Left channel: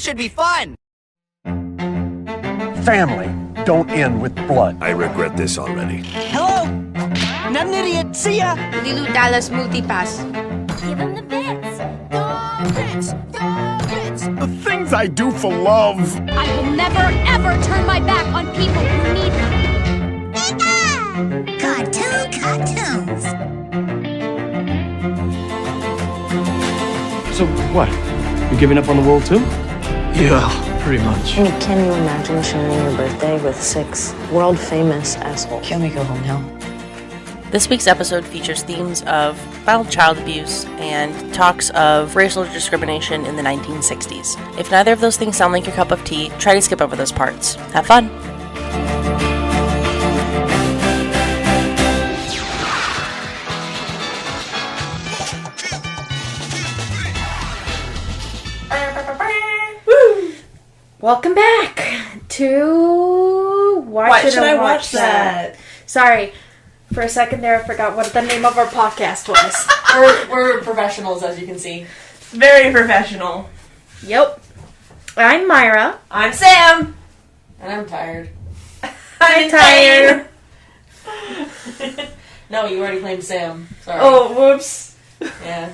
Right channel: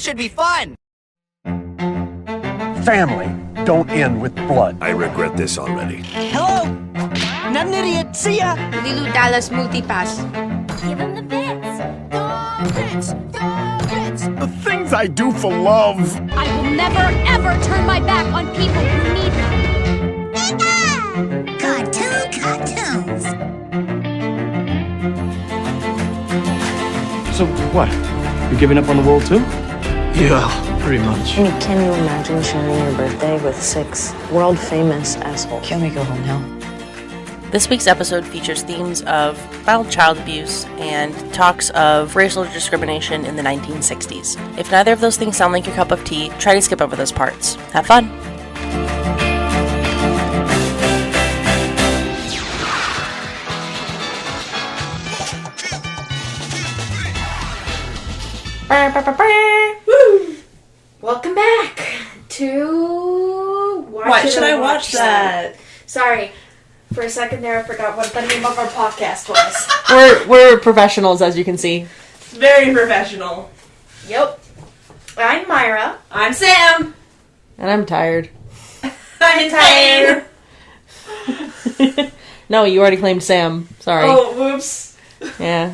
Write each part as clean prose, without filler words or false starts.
This should be fun! Family don't end with blood. I regret this already. Hello? Not an idiot. See ya! Lilu Dallas Multipass. Give him the bits. The bits. The bits. The things I do for love. I will never, ever turn my back on people who need me. Cartoons. So what? You giving up on the world too? Yeah, pretty much. I mean, can you imagine sharing your birthday with 6 world-famous assholes? Can we go home now? This week's episode features themes of violent child abuse and talks of racial discrimination in the 1960s. If neither of those things sound like your cup of tea, try to skip over those parts. Have fun! Welcome back to Why Should I Watch That? Sorry, for a second there I forgot what the name of our podcast was. We're professionals, as you can see. Very professional. Yep. I'm Mayra. I'm Sam. And I'm tired. I'm tired. No, you already claimed Sam. Sorry. Oh, whoops. Yeah.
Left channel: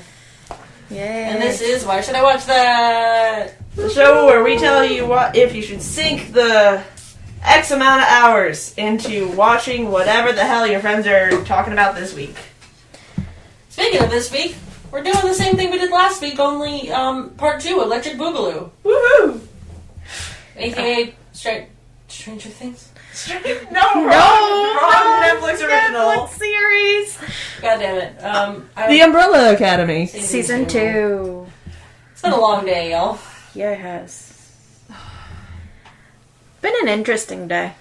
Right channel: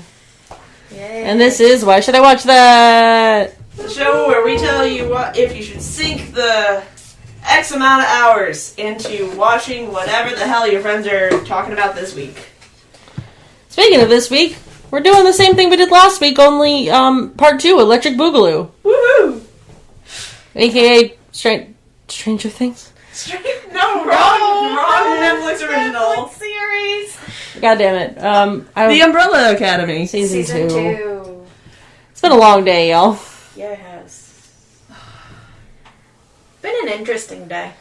Yay. And this is Why Should I Watch That? The show where we tell you what if you should sink the X amount of hours into watching whatever the hell your friends are talking about this week. Speaking of this week, we're doing the same thing we did last week, only part 2, Electric Boogaloo. Woohoo! AKA Stranger Things. Wrong Netflix original. Netflix series. God damn it. The Umbrella Academy. Season 2. It's been a long day, y'all. Yeah, it has. Been an interesting day.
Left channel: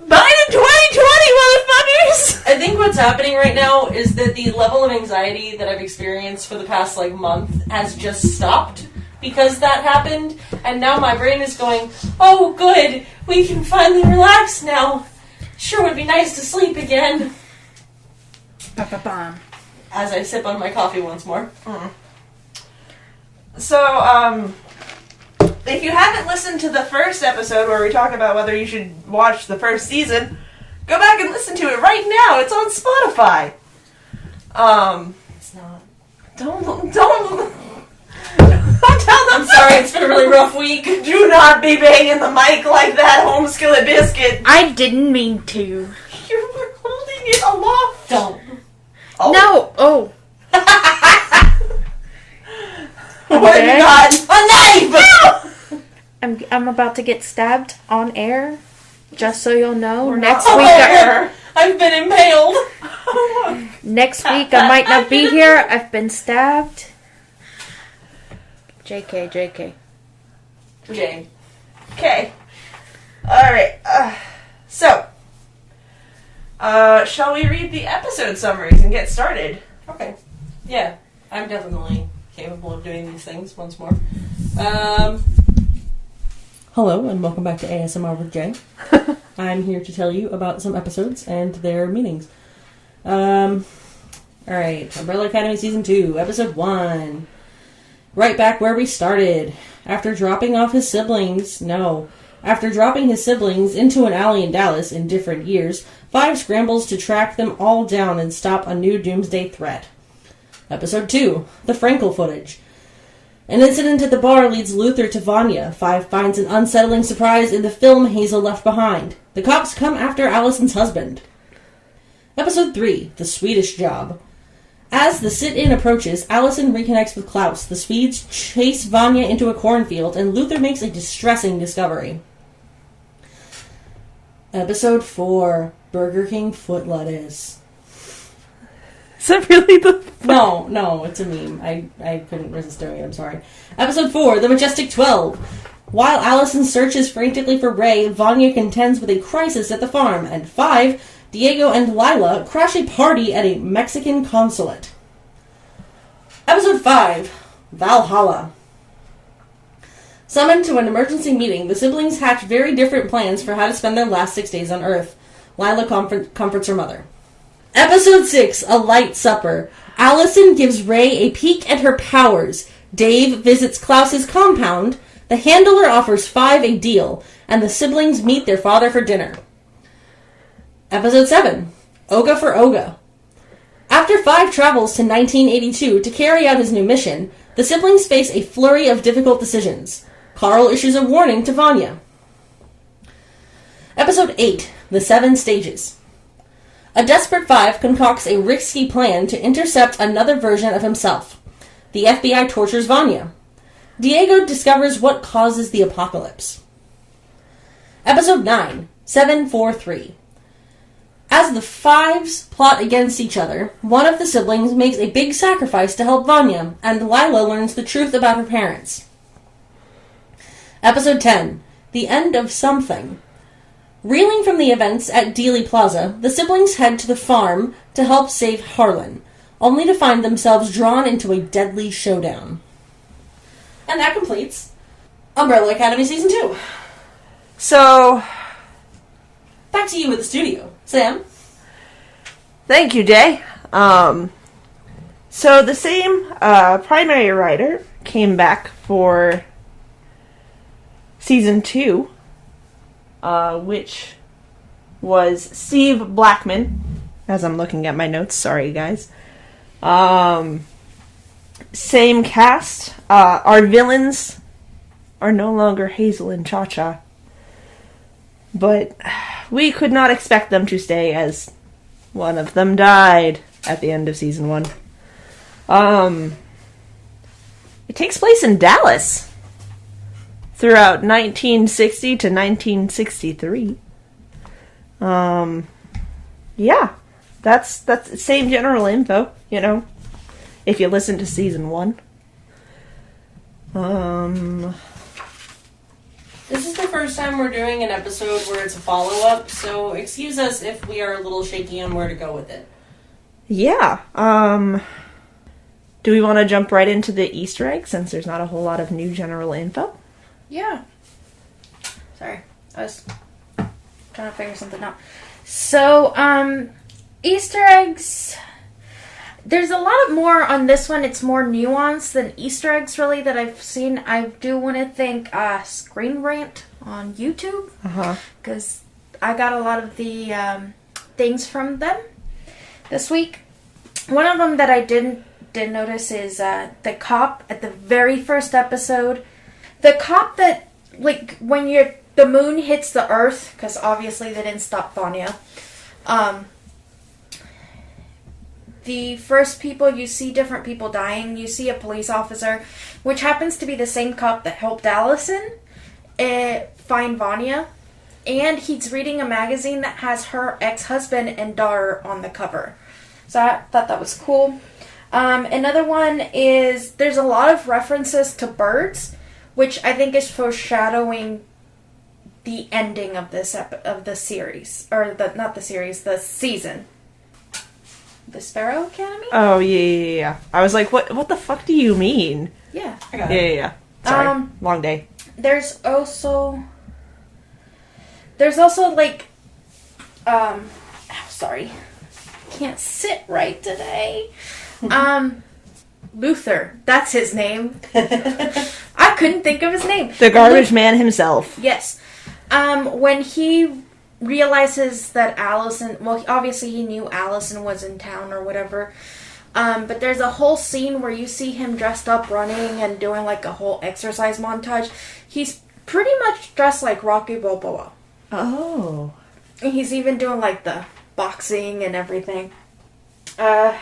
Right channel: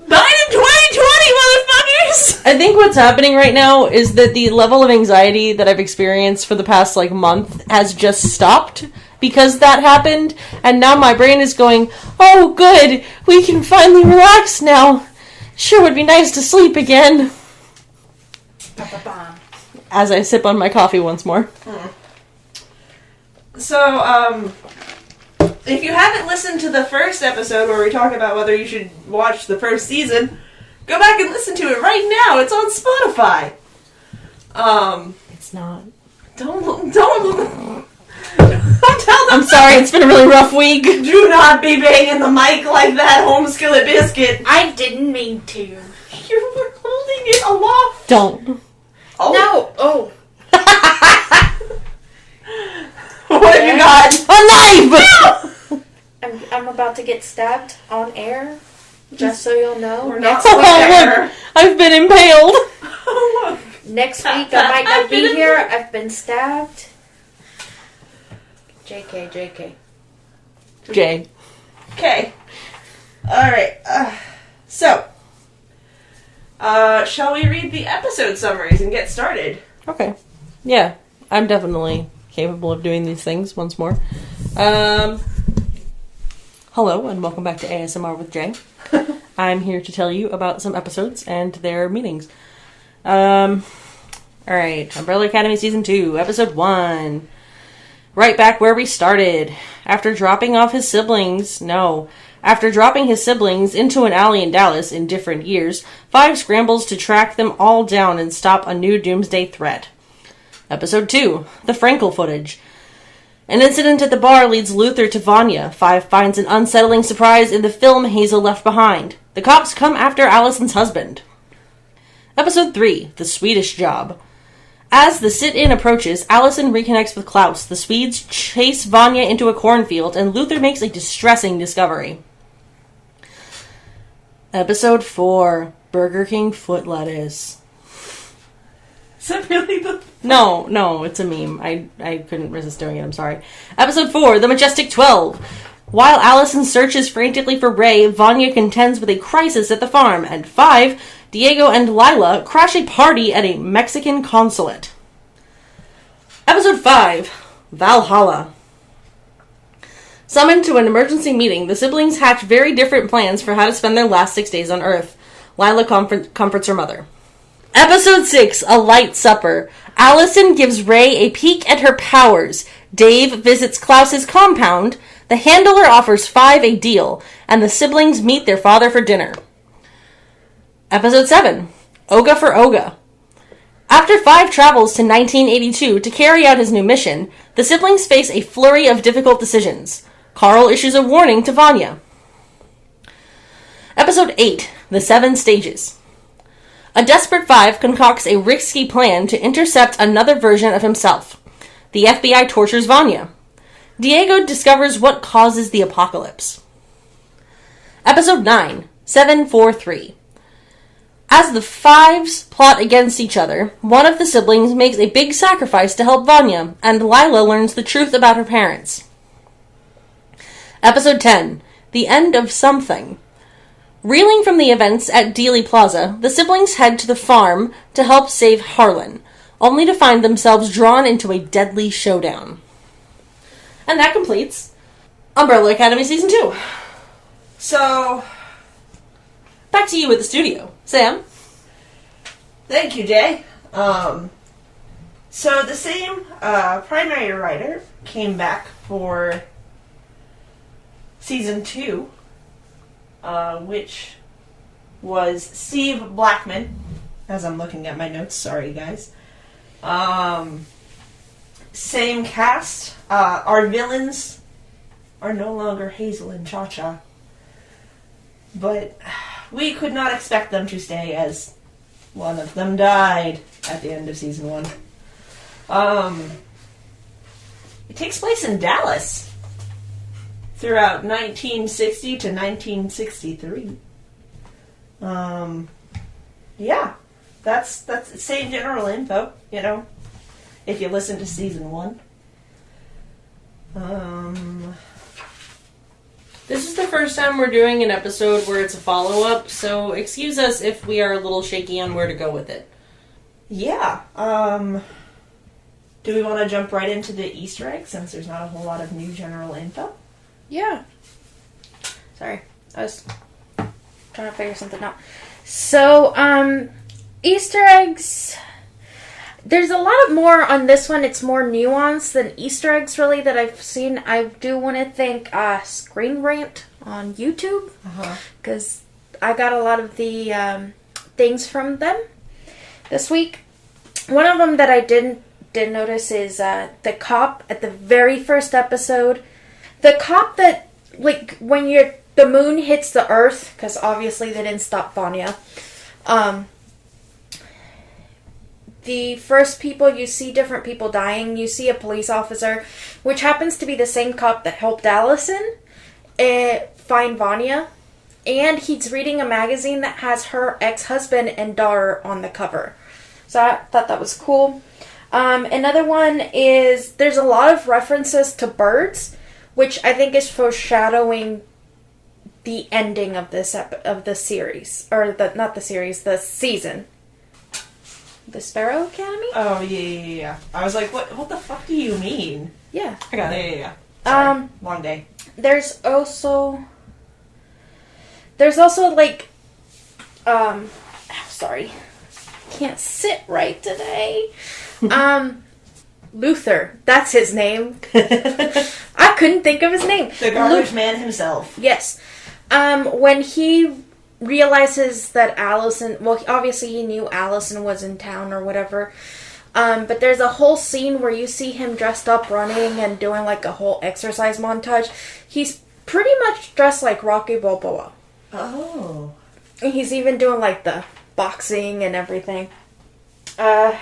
Biden 2020, motherfuckers! I think what's happening right now is that the level of anxiety that I've experienced for the past, month has just stopped because that happened, and now my brain is going, oh, good, we can finally relax now. Sure would be nice to sleep again. Ba-ba-bam. As I sip on my coffee once more. So, if you haven't listened to the first episode where we talk about whether you should watch the first season, go back and listen to it right now. It's on Spotify. It's not. Don't tell them. I'm sorry, it's been a really rough week. Do not be banging the mic like that, home skillet biscuit. I didn't mean to. You were holding it aloft. Don't. Oh. No. Oh. What have you got? A knife! I'm about to get stabbed on air. Just so you'll know. We're Next not week, there. I've been impaled. next week I might not be here. I've been stabbed. JK. Jay. Okay. Alright. Shall we read the episode summaries and get started? Okay. Yeah, I'm definitely capable of doing these things once more. Hello, and welcome back to ASMR with Jay. I'm here to tell you about some episodes and their meanings. Alright, Umbrella Academy Season 2, Episode 1. Right back where we started. After dropping his siblings into an alley in Dallas in different years, 5 scrambles to track them all down and stop a new doomsday threat. Episode 2, the Frankel footage. An incident at the bar leads Luther to Vanya. 5 finds an unsettling surprise in the film Hazel left behind. The cops come after Allison's husband. Episode 3, the Swedish job. As the sit-in approaches, Allison reconnects with Klaus. The Swedes chase Vanya into a cornfield, and Luther makes a distressing discovery. Episode 4, Burger King foot lettuce. Is that really the... No, it's a meme. I couldn't resist doing it, I'm sorry. Episode 4, The Majestic 12. While Allison searches frantically for Ray, Vanya contends with a crisis at the farm. And 5, Diego and Lila crash a party at a Mexican consulate. Episode 5, Valhalla. Summoned to an emergency meeting, the siblings hatch very different plans for how to spend their last 6 days on Earth. Lila comforts her mother. Episode 6, A Light Supper. Allison gives Ray a peek at her powers. Dave visits Klaus's compound. The handler offers Five a deal, and the siblings meet their father for dinner. Episode 7, Oga for Oga. After Five travels to 1982 to carry out his new mission, the siblings face a flurry of difficult decisions. Carl issues a warning to Vanya. Episode 8, The Seven Stages. A desperate Five concocts a risky plan to intercept another version of himself. The FBI tortures Vanya. Diego discovers what causes the apocalypse. Episode 9, 743. As the Fives plot against each other, one of the siblings makes a big sacrifice to help Vanya, and Lila learns the truth about her parents. Episode 10, The End of Something. Reeling from the events at Dealey Plaza, the siblings head to the farm to help save Harlan, only to find themselves drawn into a deadly showdown. And that completes Umbrella Academy Season 2. So, back to you at the studio. Sam? thank you, Jay. So the same primary writer came back for Season 2, which was Steve Blackman, as I'm looking at my notes. Sorry, guys. Same cast. Our villains are no longer Hazel and Cha-Cha, but we could not expect them to stay, as one of them died at the end of Season 1. It takes place in Dallas throughout 1960 to 1963. Yeah, that's the same general info, you know, if you listen to Season 1. This is the first time we're doing an episode where it's a follow-up, so excuse us if we are a little shaky on where to go with it. Yeah, do we want to jump right into the Easter egg, since there's not a whole lot of new general info? Yeah. Sorry, I was trying to figure something out. So, Easter eggs. There's a lot more on this one. It's more nuanced than Easter eggs, really, that I've seen. I do want to thank Screen Rant on YouTube, because I got a lot of the things from them this week. One of them that I did notice is the cop at the very first episode. The cop that, like, when the moon hits the earth, because obviously they didn't stop Vanya. The first people, you see different people dying. You see a police officer, which happens to be the same cop that helped Allison find Vanya. And he's reading a magazine that has her ex-husband and daughter on the cover. So I thought that was cool. Another one is, there's a lot of references to birds, which I think is foreshadowing the ending of this of the series. Or, not the series, the season. The Sparrow Academy? Oh, yeah. I was like, what the fuck do you mean? Yeah. I got it. Yeah. Sorry. Long day. There's also like, sorry. Can't sit right today. Luther. That's his name. I couldn't think of his name. The garbage man himself. Yes. When he realizes that Allison, well, obviously he knew Allison was in town or whatever, but there's a whole scene where you see him dressed up running and doing like a whole exercise montage. He's pretty much dressed like Rocky Balboa. Oh. And he's even doing like the boxing and everything. But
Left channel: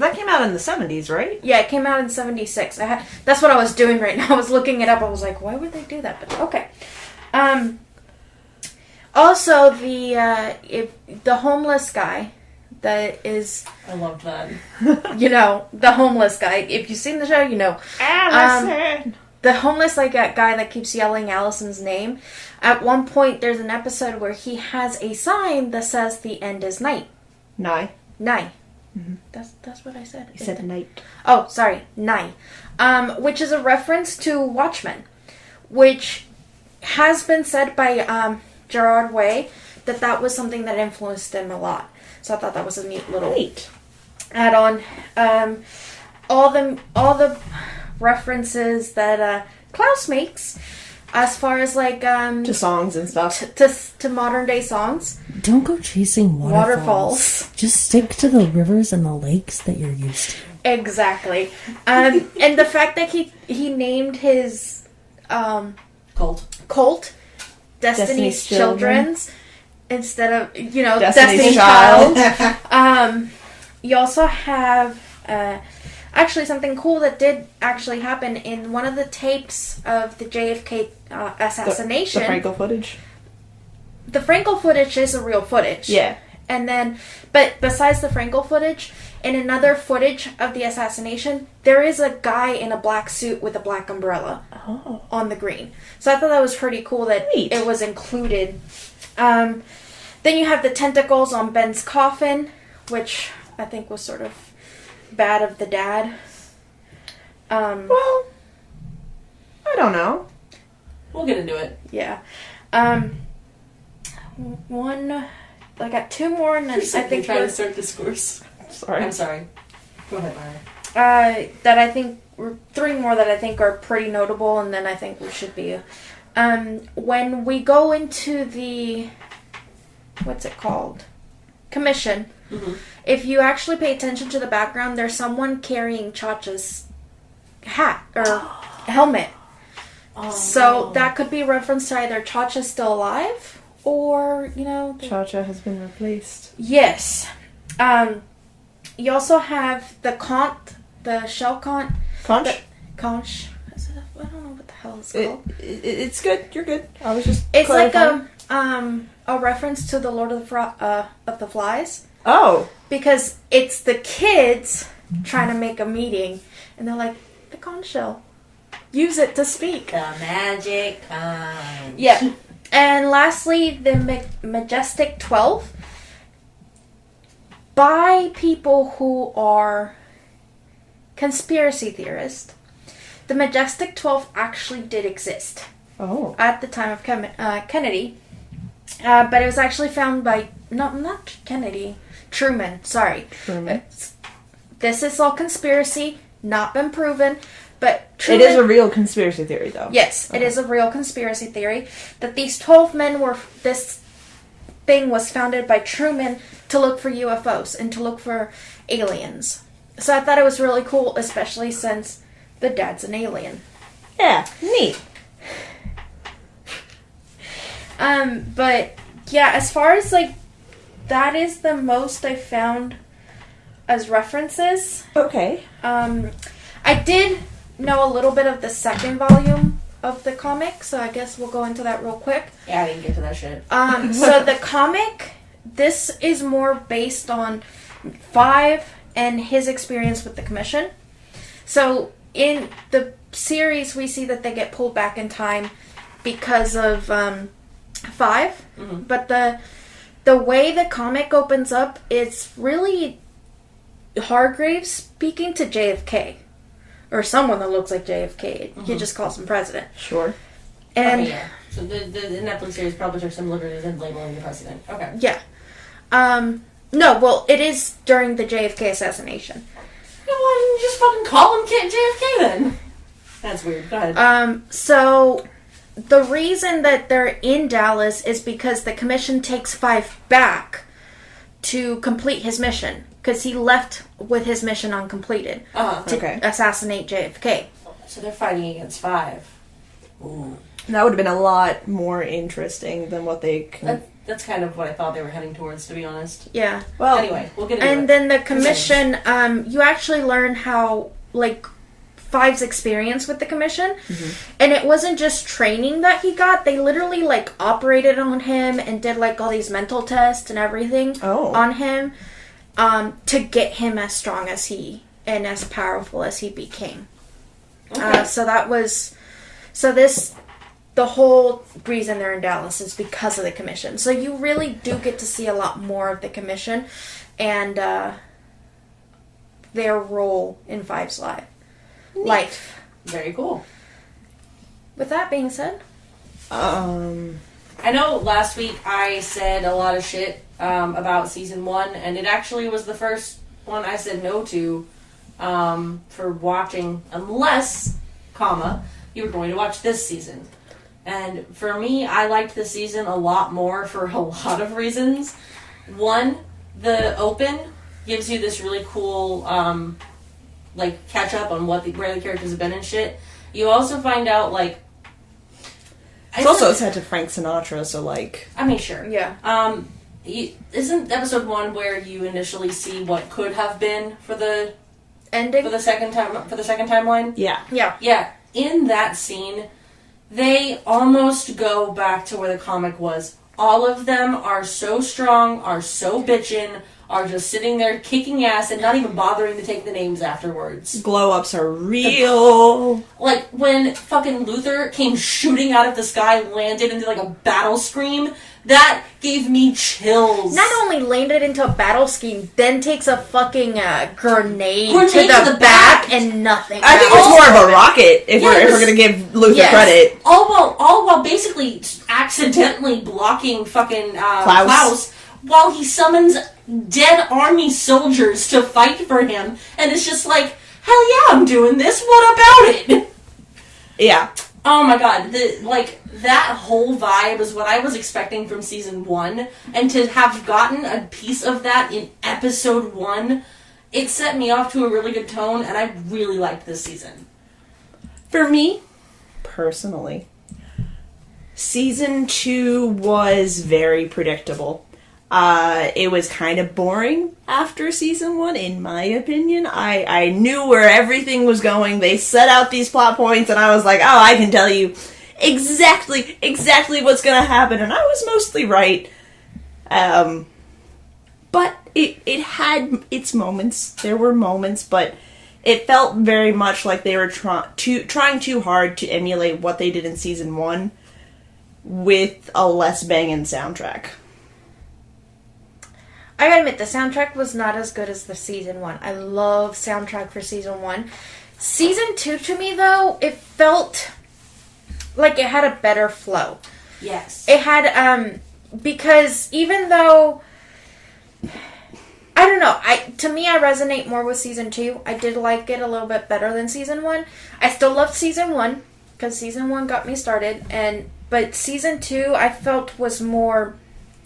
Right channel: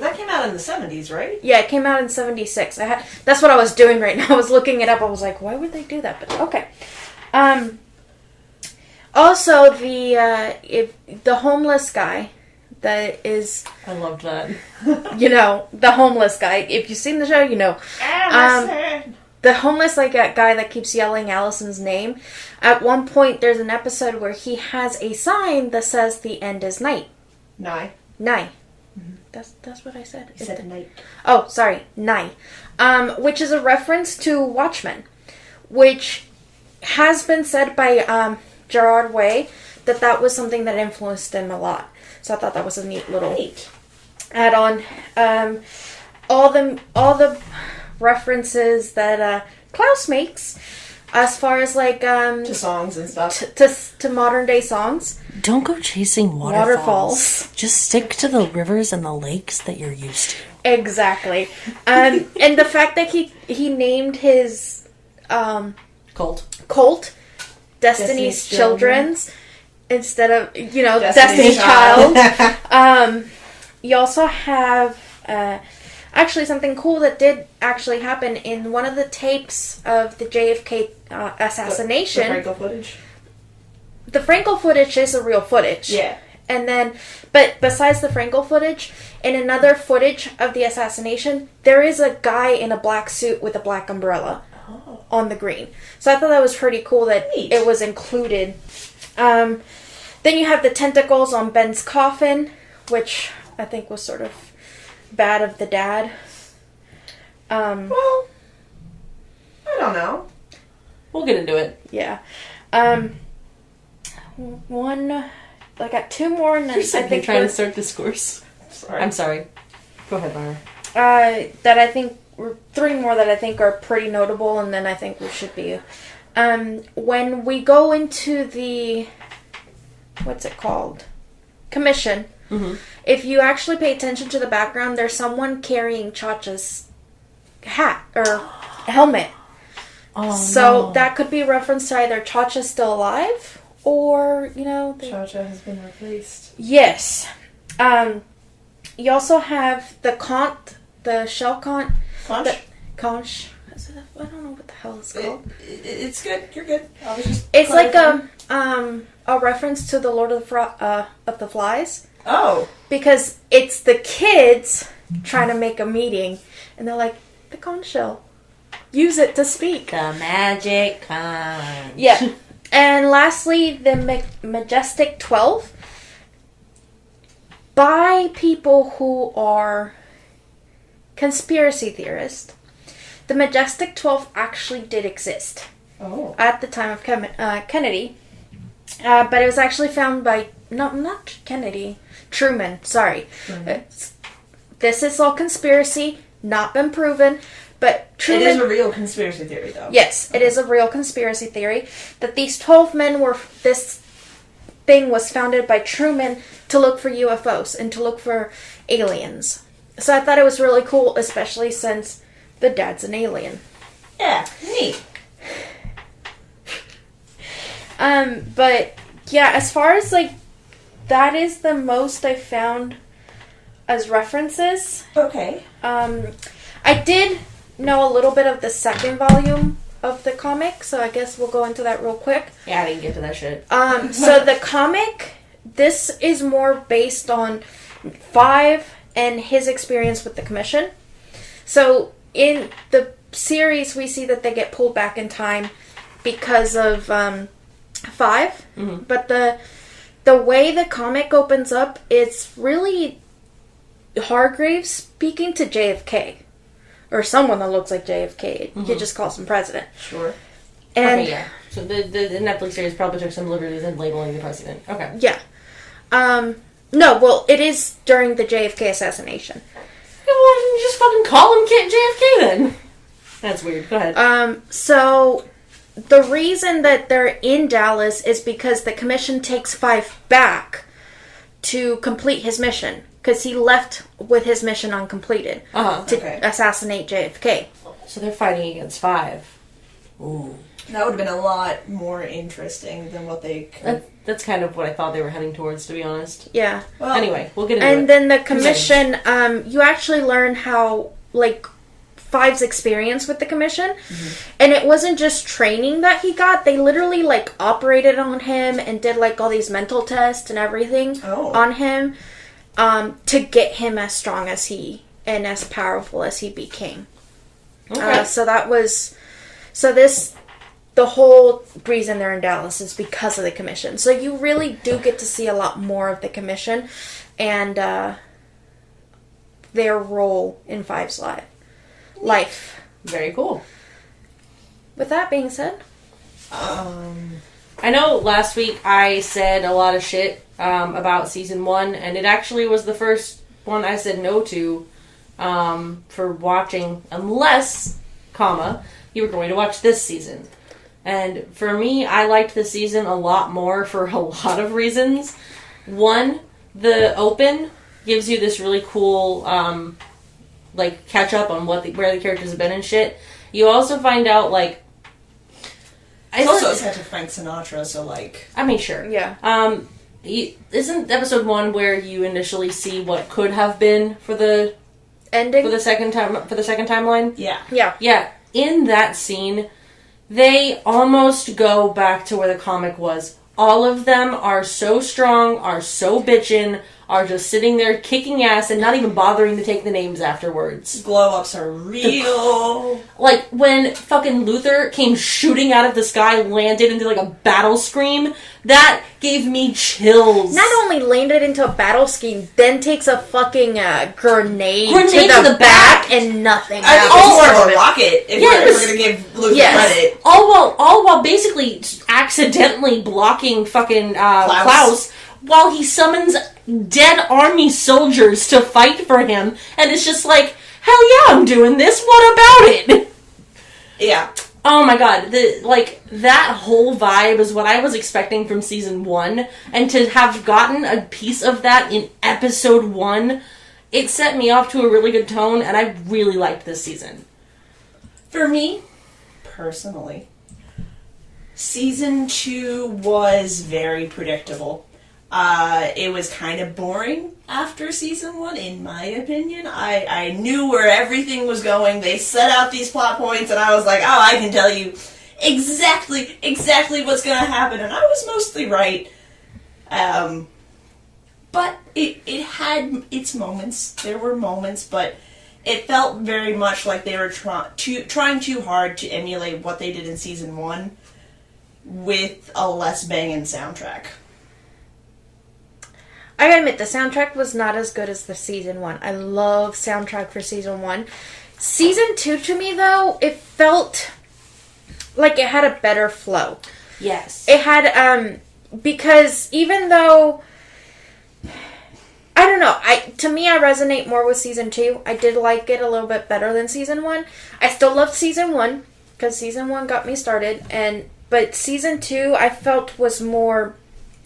that came out in the 70s, right? Yeah, it came out in 76. That's what I was doing right now. I was looking it up. I was like, why would they do that? But okay. Also, the homeless guy that is... I loved that. You know, the homeless guy. If you've seen the show, you know. The homeless guy that keeps yelling Allison's name. At one point, there's an episode where he has a sign that says the end is night. Nigh. Mm-hmm. That's what I said. You said night. Oh, sorry, Nigh. Which is a reference to Watchmen, which has been said by Gerard Way that was something that influenced him a lot. So I thought that was a neat little add-on. All the references that Klaus makes, as far as like to songs and stuff, to modern day songs. Don't go chasing waterfalls. Just stick to the rivers and the lakes that you're used to. Exactly. And the fact that he named his Colt Destiny's Children's instead of, Destiny's Child. You also have actually something cool that did actually happen in one of the tapes of the JFK assassination. The Frankel footage? The Frankel footage is a real footage. Yeah. And then, but besides the Frankel footage, in another footage of the assassination, there is a guy in a black suit with a black umbrella on the green. So I thought that was pretty cool that it was included. Then you have the tentacles on Ben's coffin, which I think was sort of bad of the dad. Well, I don't know. We'll get into it. Yeah. I got two more, and then I think trying to start discourse. Sorry. I'm sorry. Go ahead, Mayra. That I think three more that I think are pretty notable, and then I think we should be. When we go into the what's it called? Commission. Mm-hmm. If you actually pay attention to the background, there's someone carrying Chacha's hat or helmet. So that could be a reference to either Chacha's still alive or, Chacha has been replaced. Yes. You also have the shell conch. Conch. I don't know what the hell it's called. It's good. You're good. I was just. It's like a reference to the Lord of the Flies. Oh. Because it's the kids trying to make a meeting, and they're like, the conch shell. Use it to speak. The magic conch. Yeah. And lastly, the Majestic 12. By people who are conspiracy theorists, the Majestic 12 actually did exist. Oh. At the time of Kennedy. But it was actually found by... not Kennedy. Truman. Sorry. Truman. This is all conspiracy. Not been proven. But Truman... It is a real conspiracy theory, though. Yes, it is a real conspiracy theory. That these 12 men were... This thing was founded by Truman to look for UFOs and to look for aliens. So I thought it was really cool, especially since the dad's an alien. Yeah, neat. But yeah, as far as that is the most I found as references. Okay. I did know a little bit of the second volume of the comic, so I guess we'll go into that real quick. Yeah, I didn't get to that shit. So the comic, this is more based on Five and his experience with the Commission. So in the series, we see that they get pulled back in time because of Five. Mm-hmm. But the way the comic opens up, it's really Hargraves speaking to JFK. Or someone that looks like JFK. Mm-hmm. He just calls him president. Sure. And okay, yeah. So the Netflix series probably took some liberties in labeling the president. Okay. Yeah. No, well, it is during the JFK assassination. Yeah, well, you just fucking call him JFK then. That's weird. Go ahead. So the reason that they're in Dallas is because the commission takes Five back to complete his mission. Because he left with his mission uncompleted to assassinate JFK. So they're fighting against Five. Ooh. That would have been a lot more interesting than what they could... That's kind of what I thought they were heading towards, to be honest. Yeah. Well, anyway, we'll get into it. And then the commission, you actually learn how, Five's experience with the commission. Mm-hmm. And it wasn't just training that he got. They literally, operated on him and did, all these mental tests and everything on him. To get him as strong as he and as powerful as he became. Okay. The whole reason they're in Dallas is because of the commission. So you really do get to see a lot more of the commission and their role in Five's life. Very cool. With that being said, I know last week I said a lot of shit about season 1, and it actually was the first one I said no to for watching, unless, you were going to watch this season. And for me, I liked this season a lot more for a lot of reasons. One, the open gives you this really cool, catch up on where the characters have been and shit. You also find out, It's also set to Frank Sinatra, so I mean, sure. Yeah. Isn't episode 1 where you initially see what could have been for the ending for the second timeline? Yeah. Yeah. In that scene, they almost go back to where the comic was. All of them are so strong, are so bitchin', are just sitting there kicking ass and not even bothering to take the names afterwards. Glow-ups are real. Like, when fucking Luther came shooting out of the sky, landed into, a battle scream, that gave me chills. Not only landed into a battle scheme, then takes a fucking grenade to the back and nothing. I think it's more of a rocket, if we're going to give Luther credit. All while basically accidentally blocking fucking Klaus, while he summons dead army soldiers to fight for him, and it's just hell yeah, I'm doing this, what about it? Yeah. Oh my god, that whole vibe is what I was expecting from season 1, and to have gotten a piece of that in episode 1, it set me off to a really good tone, and I really liked this season. For me, personally, season 2 was very predictable. It was kind of boring after season 1, in my opinion. I knew where everything was going. They set out these plot points, and I was like, oh, I can tell you exactly what's going to happen, and I was mostly right. But it had its moments. There were moments, but it felt very much like they were trying too hard to emulate what they did in season 1 with a less banging soundtrack. I gotta admit, the soundtrack was not as good as the season 1. I love soundtrack for season 1. Season 2, to me, though, it felt like it had a better flow. Yes. It had, because even though, I don't know, to me, I resonate more with season 2. I did like it a little bit better than season 1. I still loved season 1, because season 1 got me started, but season 2, I felt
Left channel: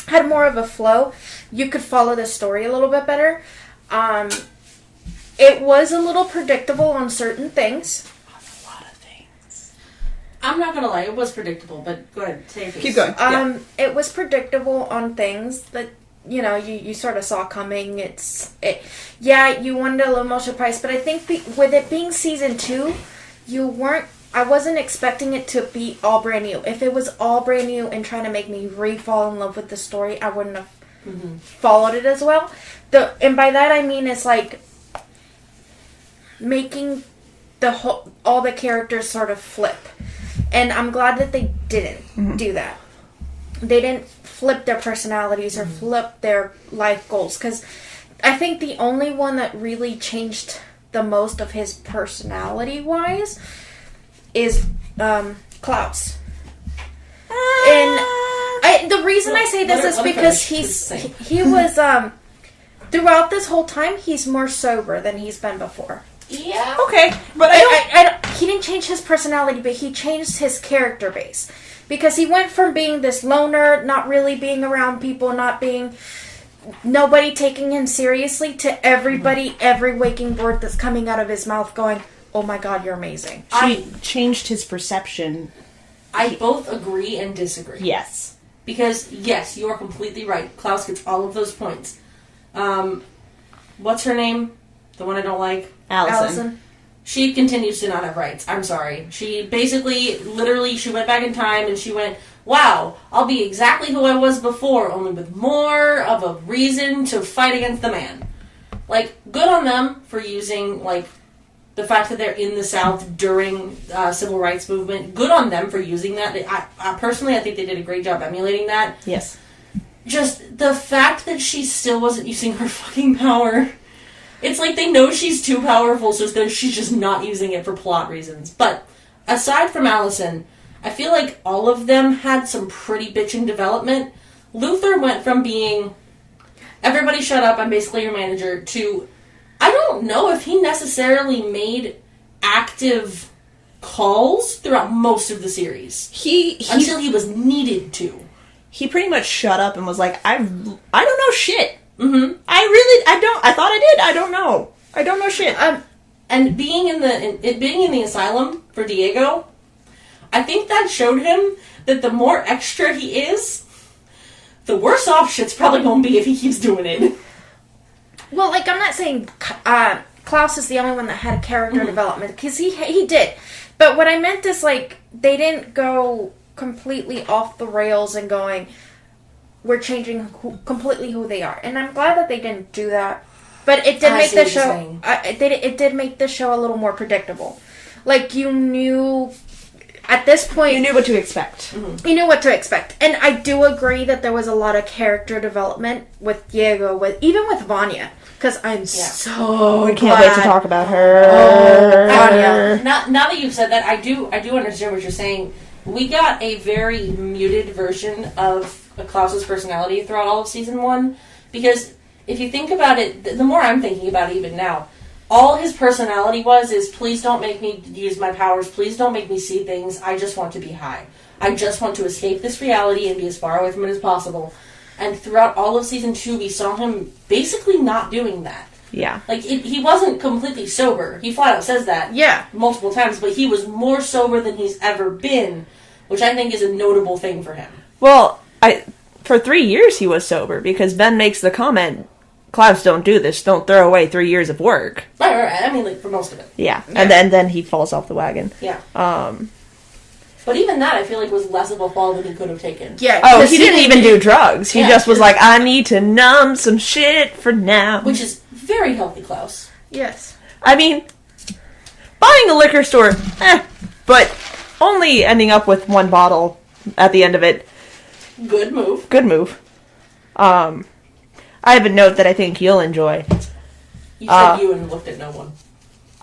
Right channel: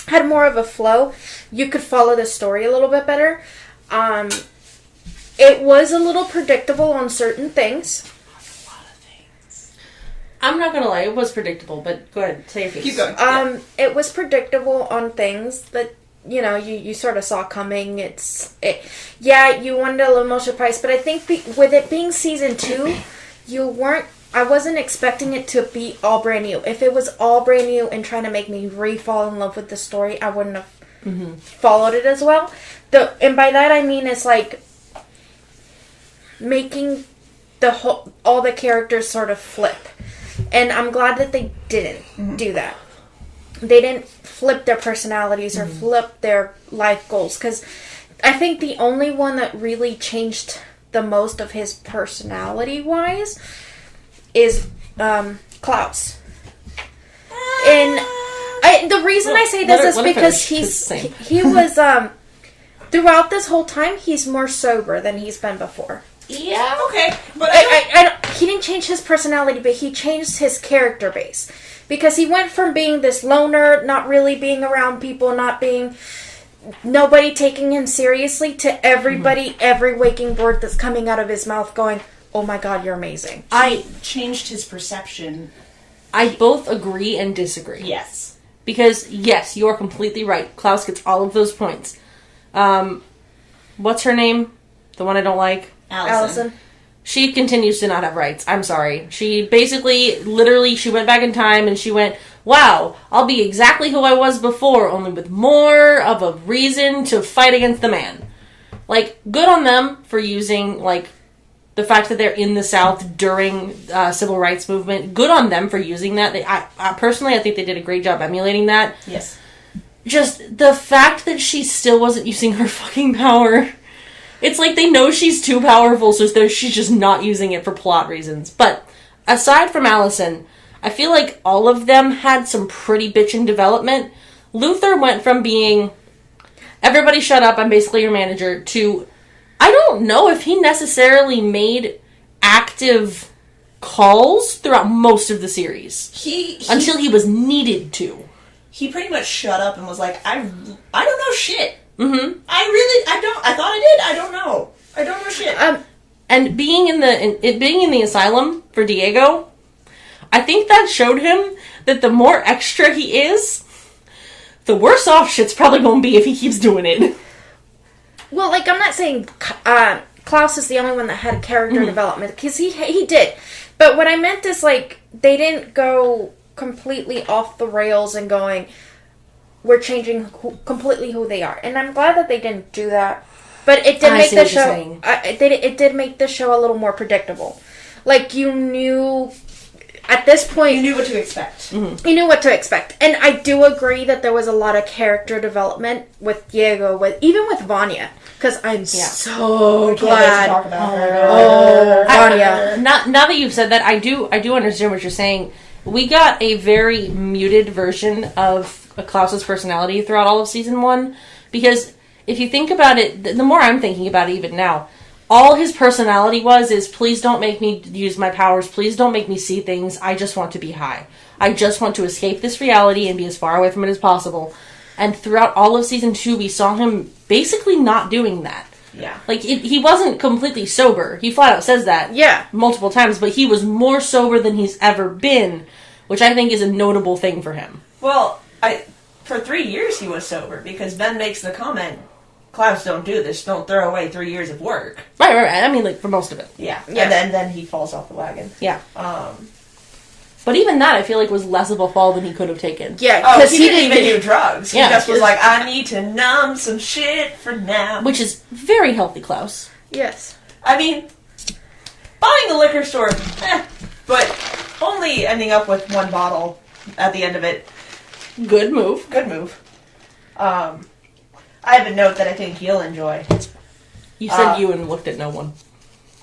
had more of a flow. You could follow the story a little bit better. It was a little predictable on certain things. A lot of things. I'm not gonna lie, it was predictable, but go ahead, say your piece. Keep going. It was predictable on things that, you sort of saw coming. You wanted a little more surprise, but I think with it being season 2, I wasn't expecting it to be all brand new. If it was all brand new and trying to make me fall in love with the story, I wouldn't have followed it as well. And by that I mean it's making all the characters sort of flip. And I'm glad that they didn't do that. They didn't flip their personalities or flip their life goals. Because I think the only one that really changed the most of his personality-wise is Klaus. And the reason I say this is because he was throughout this whole time he's more sober than he's been before. Yeah. Okay. But he didn't change his personality, but he changed his character base. Because he went from being this loner, not really being around people, nobody taking him seriously, to everybody, every waking word that's coming out of his mouth going, oh my god, you're amazing. I changed his perception. I both agree and disagree. Yes. Because, yes, you are completely right. Klaus gets all of those points. What's her name? The one I don't like? Allison. She continues to not have rights. I'm sorry. She basically, literally, she went back in time and she went, wow, I'll be exactly who I was before, only with more of a reason to fight against the man. Good on them for using, the fact that they're in the South during civil rights movement. Good on them for using that. Personally, I think they did a great job emulating that. Yes. Just the fact that she still wasn't using her fucking power. It's like they know she's too powerful, so she's just not using it for plot reasons. But aside from Allison, I feel like all of them had some pretty bitchin' development. Luther went from being, everybody shut up, I'm basically your manager, to, I don't know if he necessarily made active calls throughout most of the series. Until he was needed to. He pretty much shut up and was like, I don't know shit. Mm-hmm. I thought I did. I don't know. I don't know shit. And being in the asylum for Diego, I think that showed him that the more extra he is, the worse off shit's probably going to be if he keeps doing it. Well, like, I'm not saying Klaus is the only one that had a character development, because he did. But what I meant is, like, they didn't go completely off the rails and going, we're changing completely who they are. And I'm glad that they didn't do that. But it did make the show, it did make the show a little more predictable. Like, you knew, at this point... You knew what to expect. Mm-hmm. You knew what to expect. And I do agree that there was a lot of character development with Diego, even with Vanya. Because I'm so glad. Can't wait to talk about her. Oh, Vanya. Now that you've said that, I do understand what you're saying. We got a very muted version of Klaus's personality throughout all of season 1. Because if you think about it, the more I'm thinking about it even now, all his personality is please don't make me use my powers, please don't make me see things, I just want to be high. I just want to escape this reality and be as far away from it as possible. And throughout all of season 2, we saw him basically not doing that. Yeah. Like, he wasn't completely sober. He flat out says that multiple times, but he was more sober than he's ever been, which I think is a notable thing for him. Well, for 3 years he was sober, because Ben makes the comment, Klaus, don't do this. Don't throw away 3 years of work. Right. I mean, like, for most of it. Yeah. And then he falls off the wagon. Yeah. But even that, I feel like, was less of a fall than he could have taken. Yeah. Oh, he didn't even do drugs. He just was like, I need to numb some shit for now. Which is very healthy, Klaus. Yes. I mean, buying a liquor store, but only ending up with one bottle at the end of it. Good move. I have a note that I think you'll enjoy. You said you and looked at no one.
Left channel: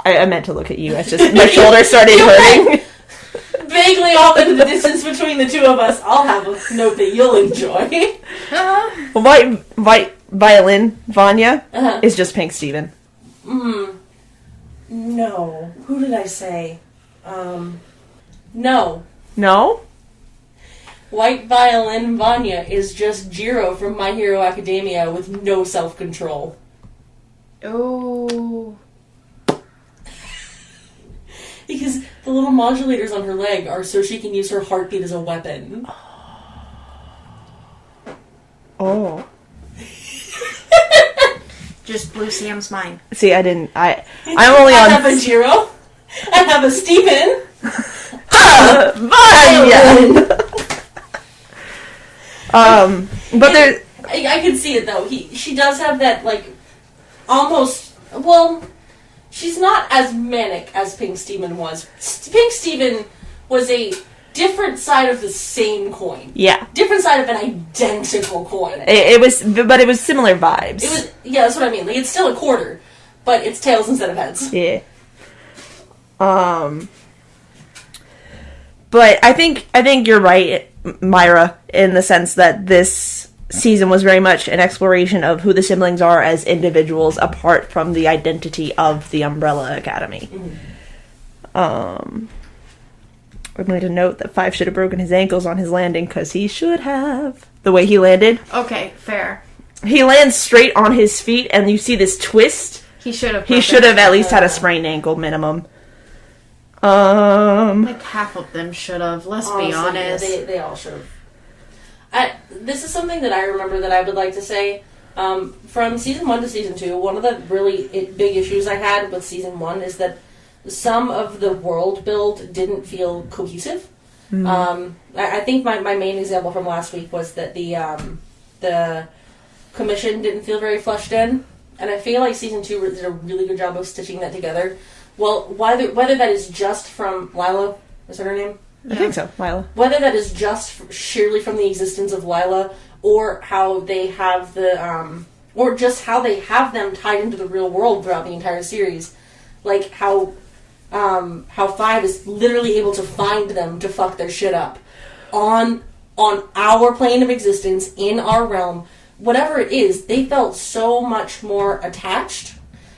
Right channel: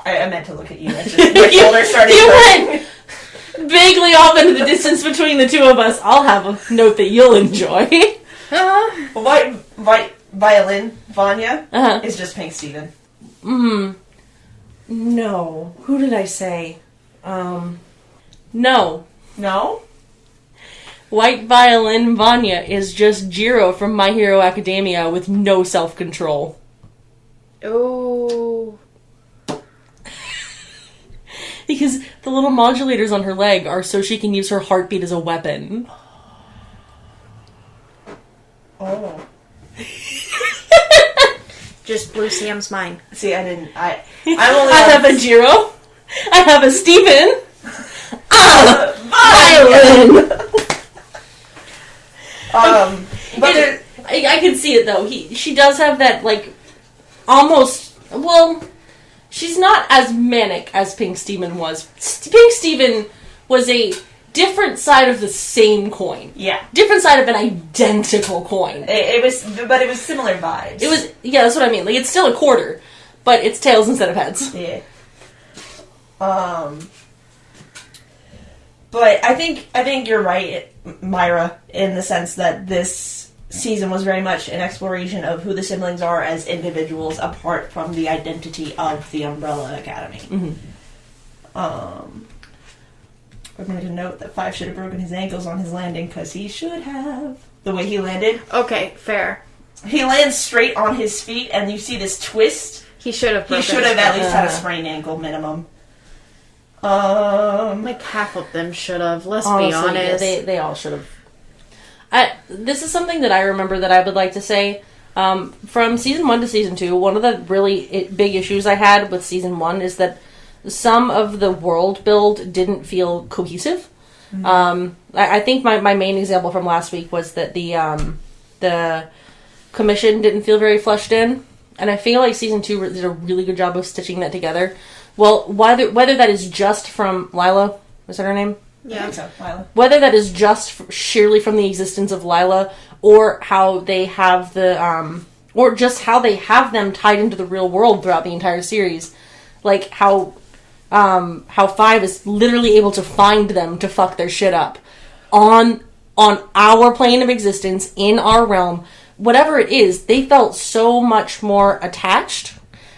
I meant to look at you. It's just my shoulders started hurting. Vaguely off into the distance between the two of us. I'll have a note that you'll enjoy. White violin Vanya is just Pink Steven. No. Who did I say? No. No? White violin Vanya is just Jiro from My Hero Academia with no self-control. Oh. Because the little modulators on her leg are so she can use her heartbeat as a weapon. Oh. Just blew Sam's mind. See, I'm only I have a Jiro. I have a Steven. Violin! But there... I can see it, though. She does have that, like, almost... Well... She's not as manic as Pink Steven was. Pink Steven was a different side of the same coin. Yeah. Different side of an identical coin. It was similar vibes. It was, yeah, that's what I mean. Like, it's still a quarter, but it's tails instead of heads. Yeah. But I think you're right, Mayra, in the sense that this season was very much an exploration of who the siblings are as individuals apart from the identity of the Umbrella Academy. We're going to note that Five should have broken his ankles on his landing, because he should have. The way he landed. Okay, fair. He lands straight on his feet, and you see this twist. He should have at least had a sprained ankle minimum. Like half of them should have, let's be honest. They all should have. This is something that I remember that I would like to say. From season 1 to season 2, one of the really big issues I had with season 1 is that some of the world build didn't feel cohesive. I think my main example from last week was that the commission didn't feel very fleshed in, and I feel like season 2 did a really good job of stitching that together. Well, whether that is just from Lila, is that her name? I think so, Lila. Whether that is just sheerly from the existence of Lila, or how they have or just how they have them tied into the real world throughout the entire series, like how how 5 is literally able to find them to fuck their shit up on our plane of existence, in our realm, whatever it is. They felt so much more attached,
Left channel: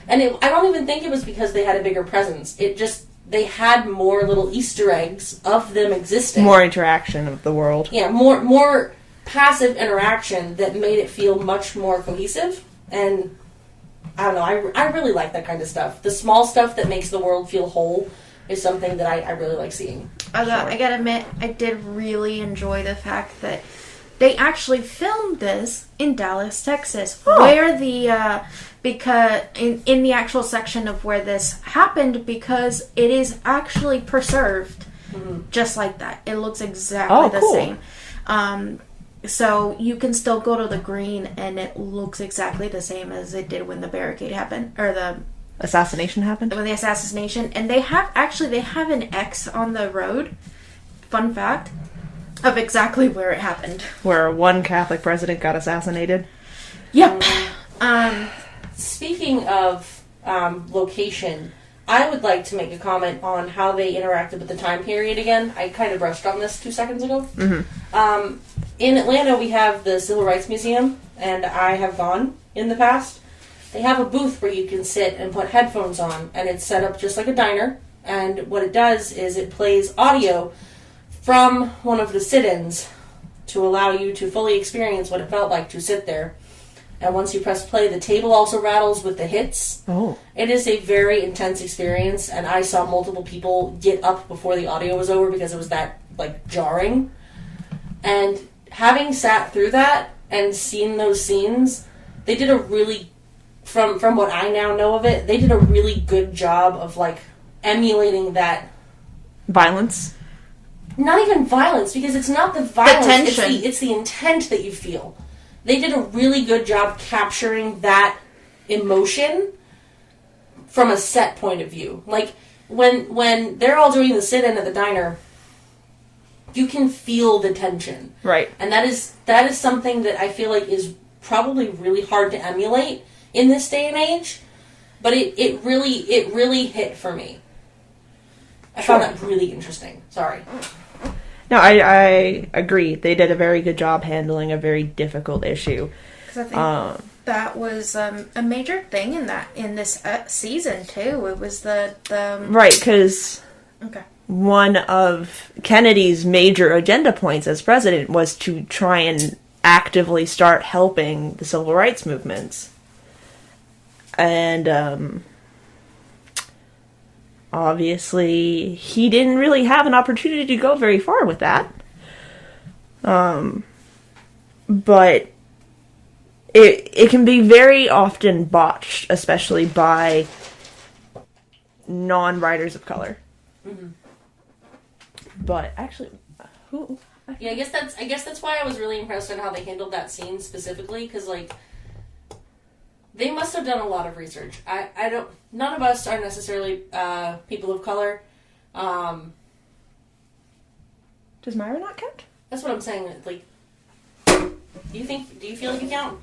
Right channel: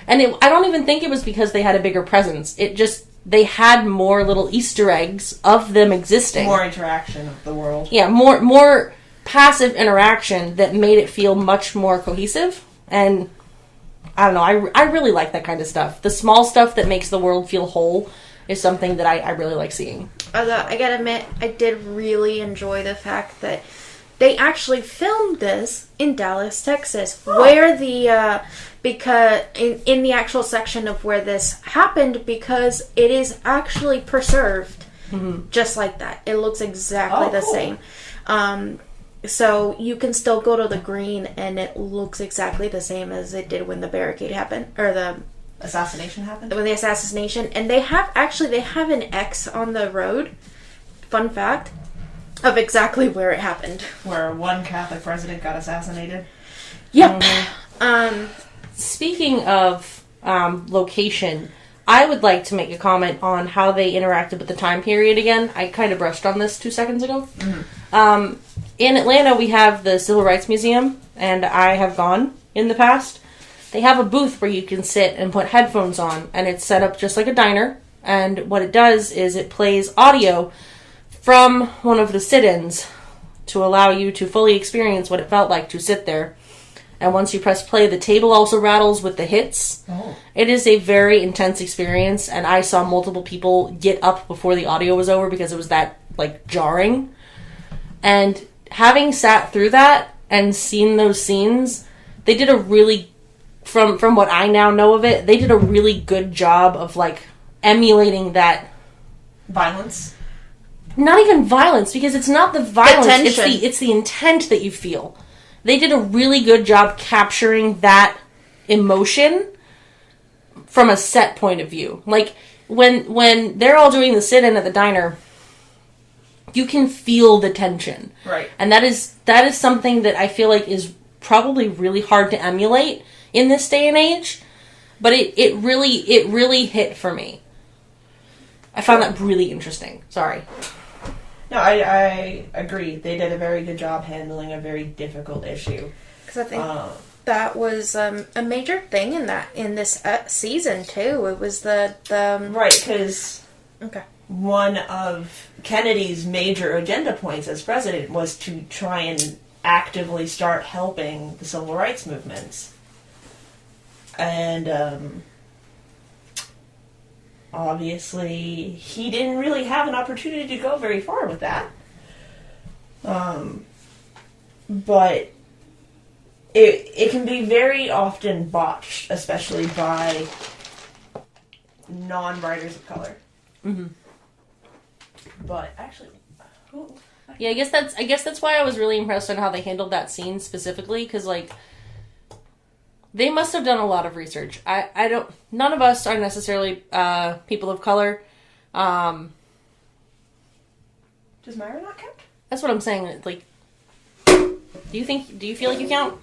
and I don't even think it was because they had a bigger presence. It just, they had more little Easter eggs of them existing, More interaction of the world. yeah, more passive interaction that made it feel much more cohesive. And I don't know, I really like that kind of stuff. The small stuff that makes the world feel whole is something that I really like seeing. Although, I gotta admit, I did really enjoy the fact that they actually filmed this in Dallas, Texas, where the, because, in the actual section of where this happened, because it is actually preserved just like that. It looks exactly the same. So you can still go to the green and it looks exactly the same as it did when the barricade happened, or the Assassination happened? when the assassination. And they have an X on the road, fun fact, of exactly where it happened. Where one Catholic president got assassinated? Yep. Speaking of location, I would like to make a comment on how they interacted with the time period again. I kind of brushed on this 2 seconds ago. In Atlanta, we have the Civil Rights Museum, and I have gone in the past. They have a booth where you can sit and put headphones on, and it's set up just like a diner. And what it does is it plays audio from one of the sit-ins to allow you to fully experience what it felt like to sit there. And once you press play, the table also rattles with the hits. Oh. It is a very intense experience, and I saw multiple people get up before the audio was over because it was that, like, jarring. And having sat through that and seen those scenes, they did a really, from what I now know of it, they did a really good job of, like, emulating that. Violence? Not even violence, because it's not the violence, tension. it's the intent that you feel. They did a really good job capturing that emotion from a set point of view. Like, when they're all doing the sit-in at the diner, you can feel the tension. Right. And that is something that I feel like is probably really hard to emulate in this day and age. But it really hit for me. I found that really interesting. Sorry. No, I agree. They did a very good job handling a very difficult issue. Because I think that was a major thing in this season too. It was the Right, because okay. one of Kennedy's major agenda points as president was to try and actively start helping the civil rights movements. And obviously, he didn't really have an opportunity to go very far with that. But it can be very often botched, especially by non-writers of color. Mm-hmm. But actually, who? Yeah, I guess that's why I was really impressed on how they handled that scene specifically, because, like, they must have done a lot of research. I don't. None of us are necessarily people of color. Does Mayra not count? That's what I'm saying. Like, do you feel like you count?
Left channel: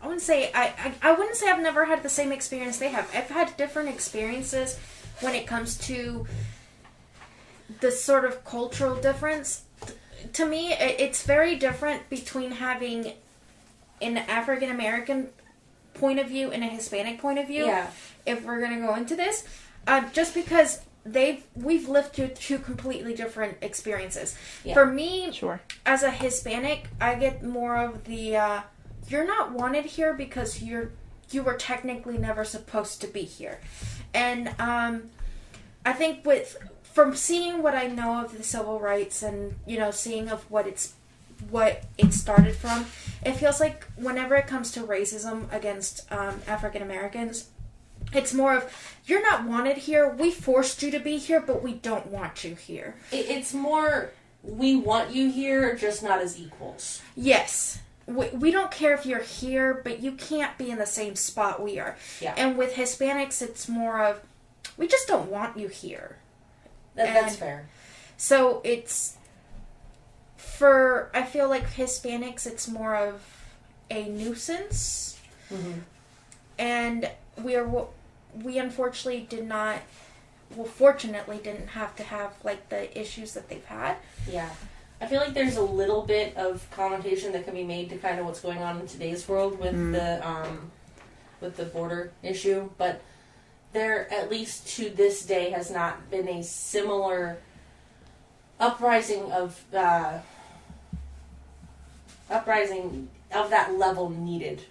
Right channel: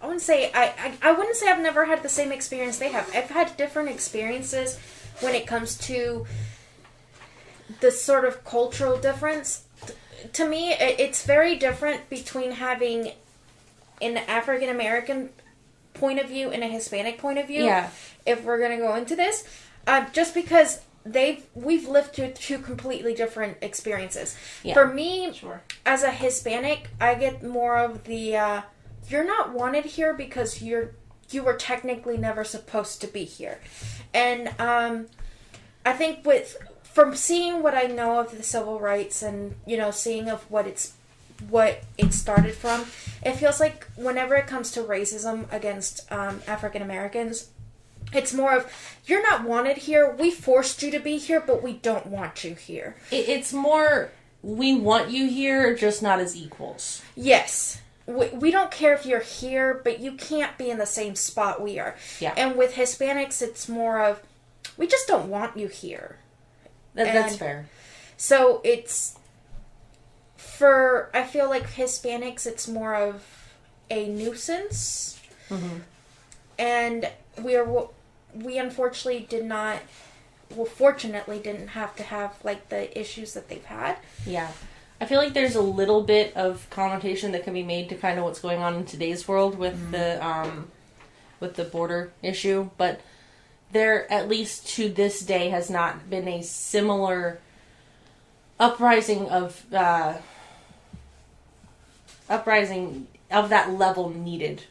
I wouldn't say I wouldn't say I've never had the same experience they have. I've had different experiences when it comes to the sort of cultural difference. To me, it's very different between having an African American point of view and a Hispanic point of view. Yeah. If we're gonna go into this, just because we've lived through two completely different experiences. Yeah. For me, Sure. as a Hispanic, I get more of the you're not wanted here because you were technically never supposed to be here, and I think from seeing what I know of the civil rights and seeing of what it started from, it feels like whenever it comes to racism against African Americans, it's more of, you're not wanted here, we forced you to be here, but we don't want you here. It's more, we want you here, just not as equals. Yes. We don't care if you're here, but you can't be in the same spot we are. Yeah. And with Hispanics, it's more of, we just don't want you here. That's fair. So it's, I feel like Hispanics, it's more of a nuisance. Mm-hmm. And we unfortunately did not fortunately didn't have to have, like, the issues that they've had. Yeah. I feel like there's a little bit of connotation that can be made to kind of what's going on in today's world with the border issue, but there, at least to this day, has not been a similar uprising of that level needed.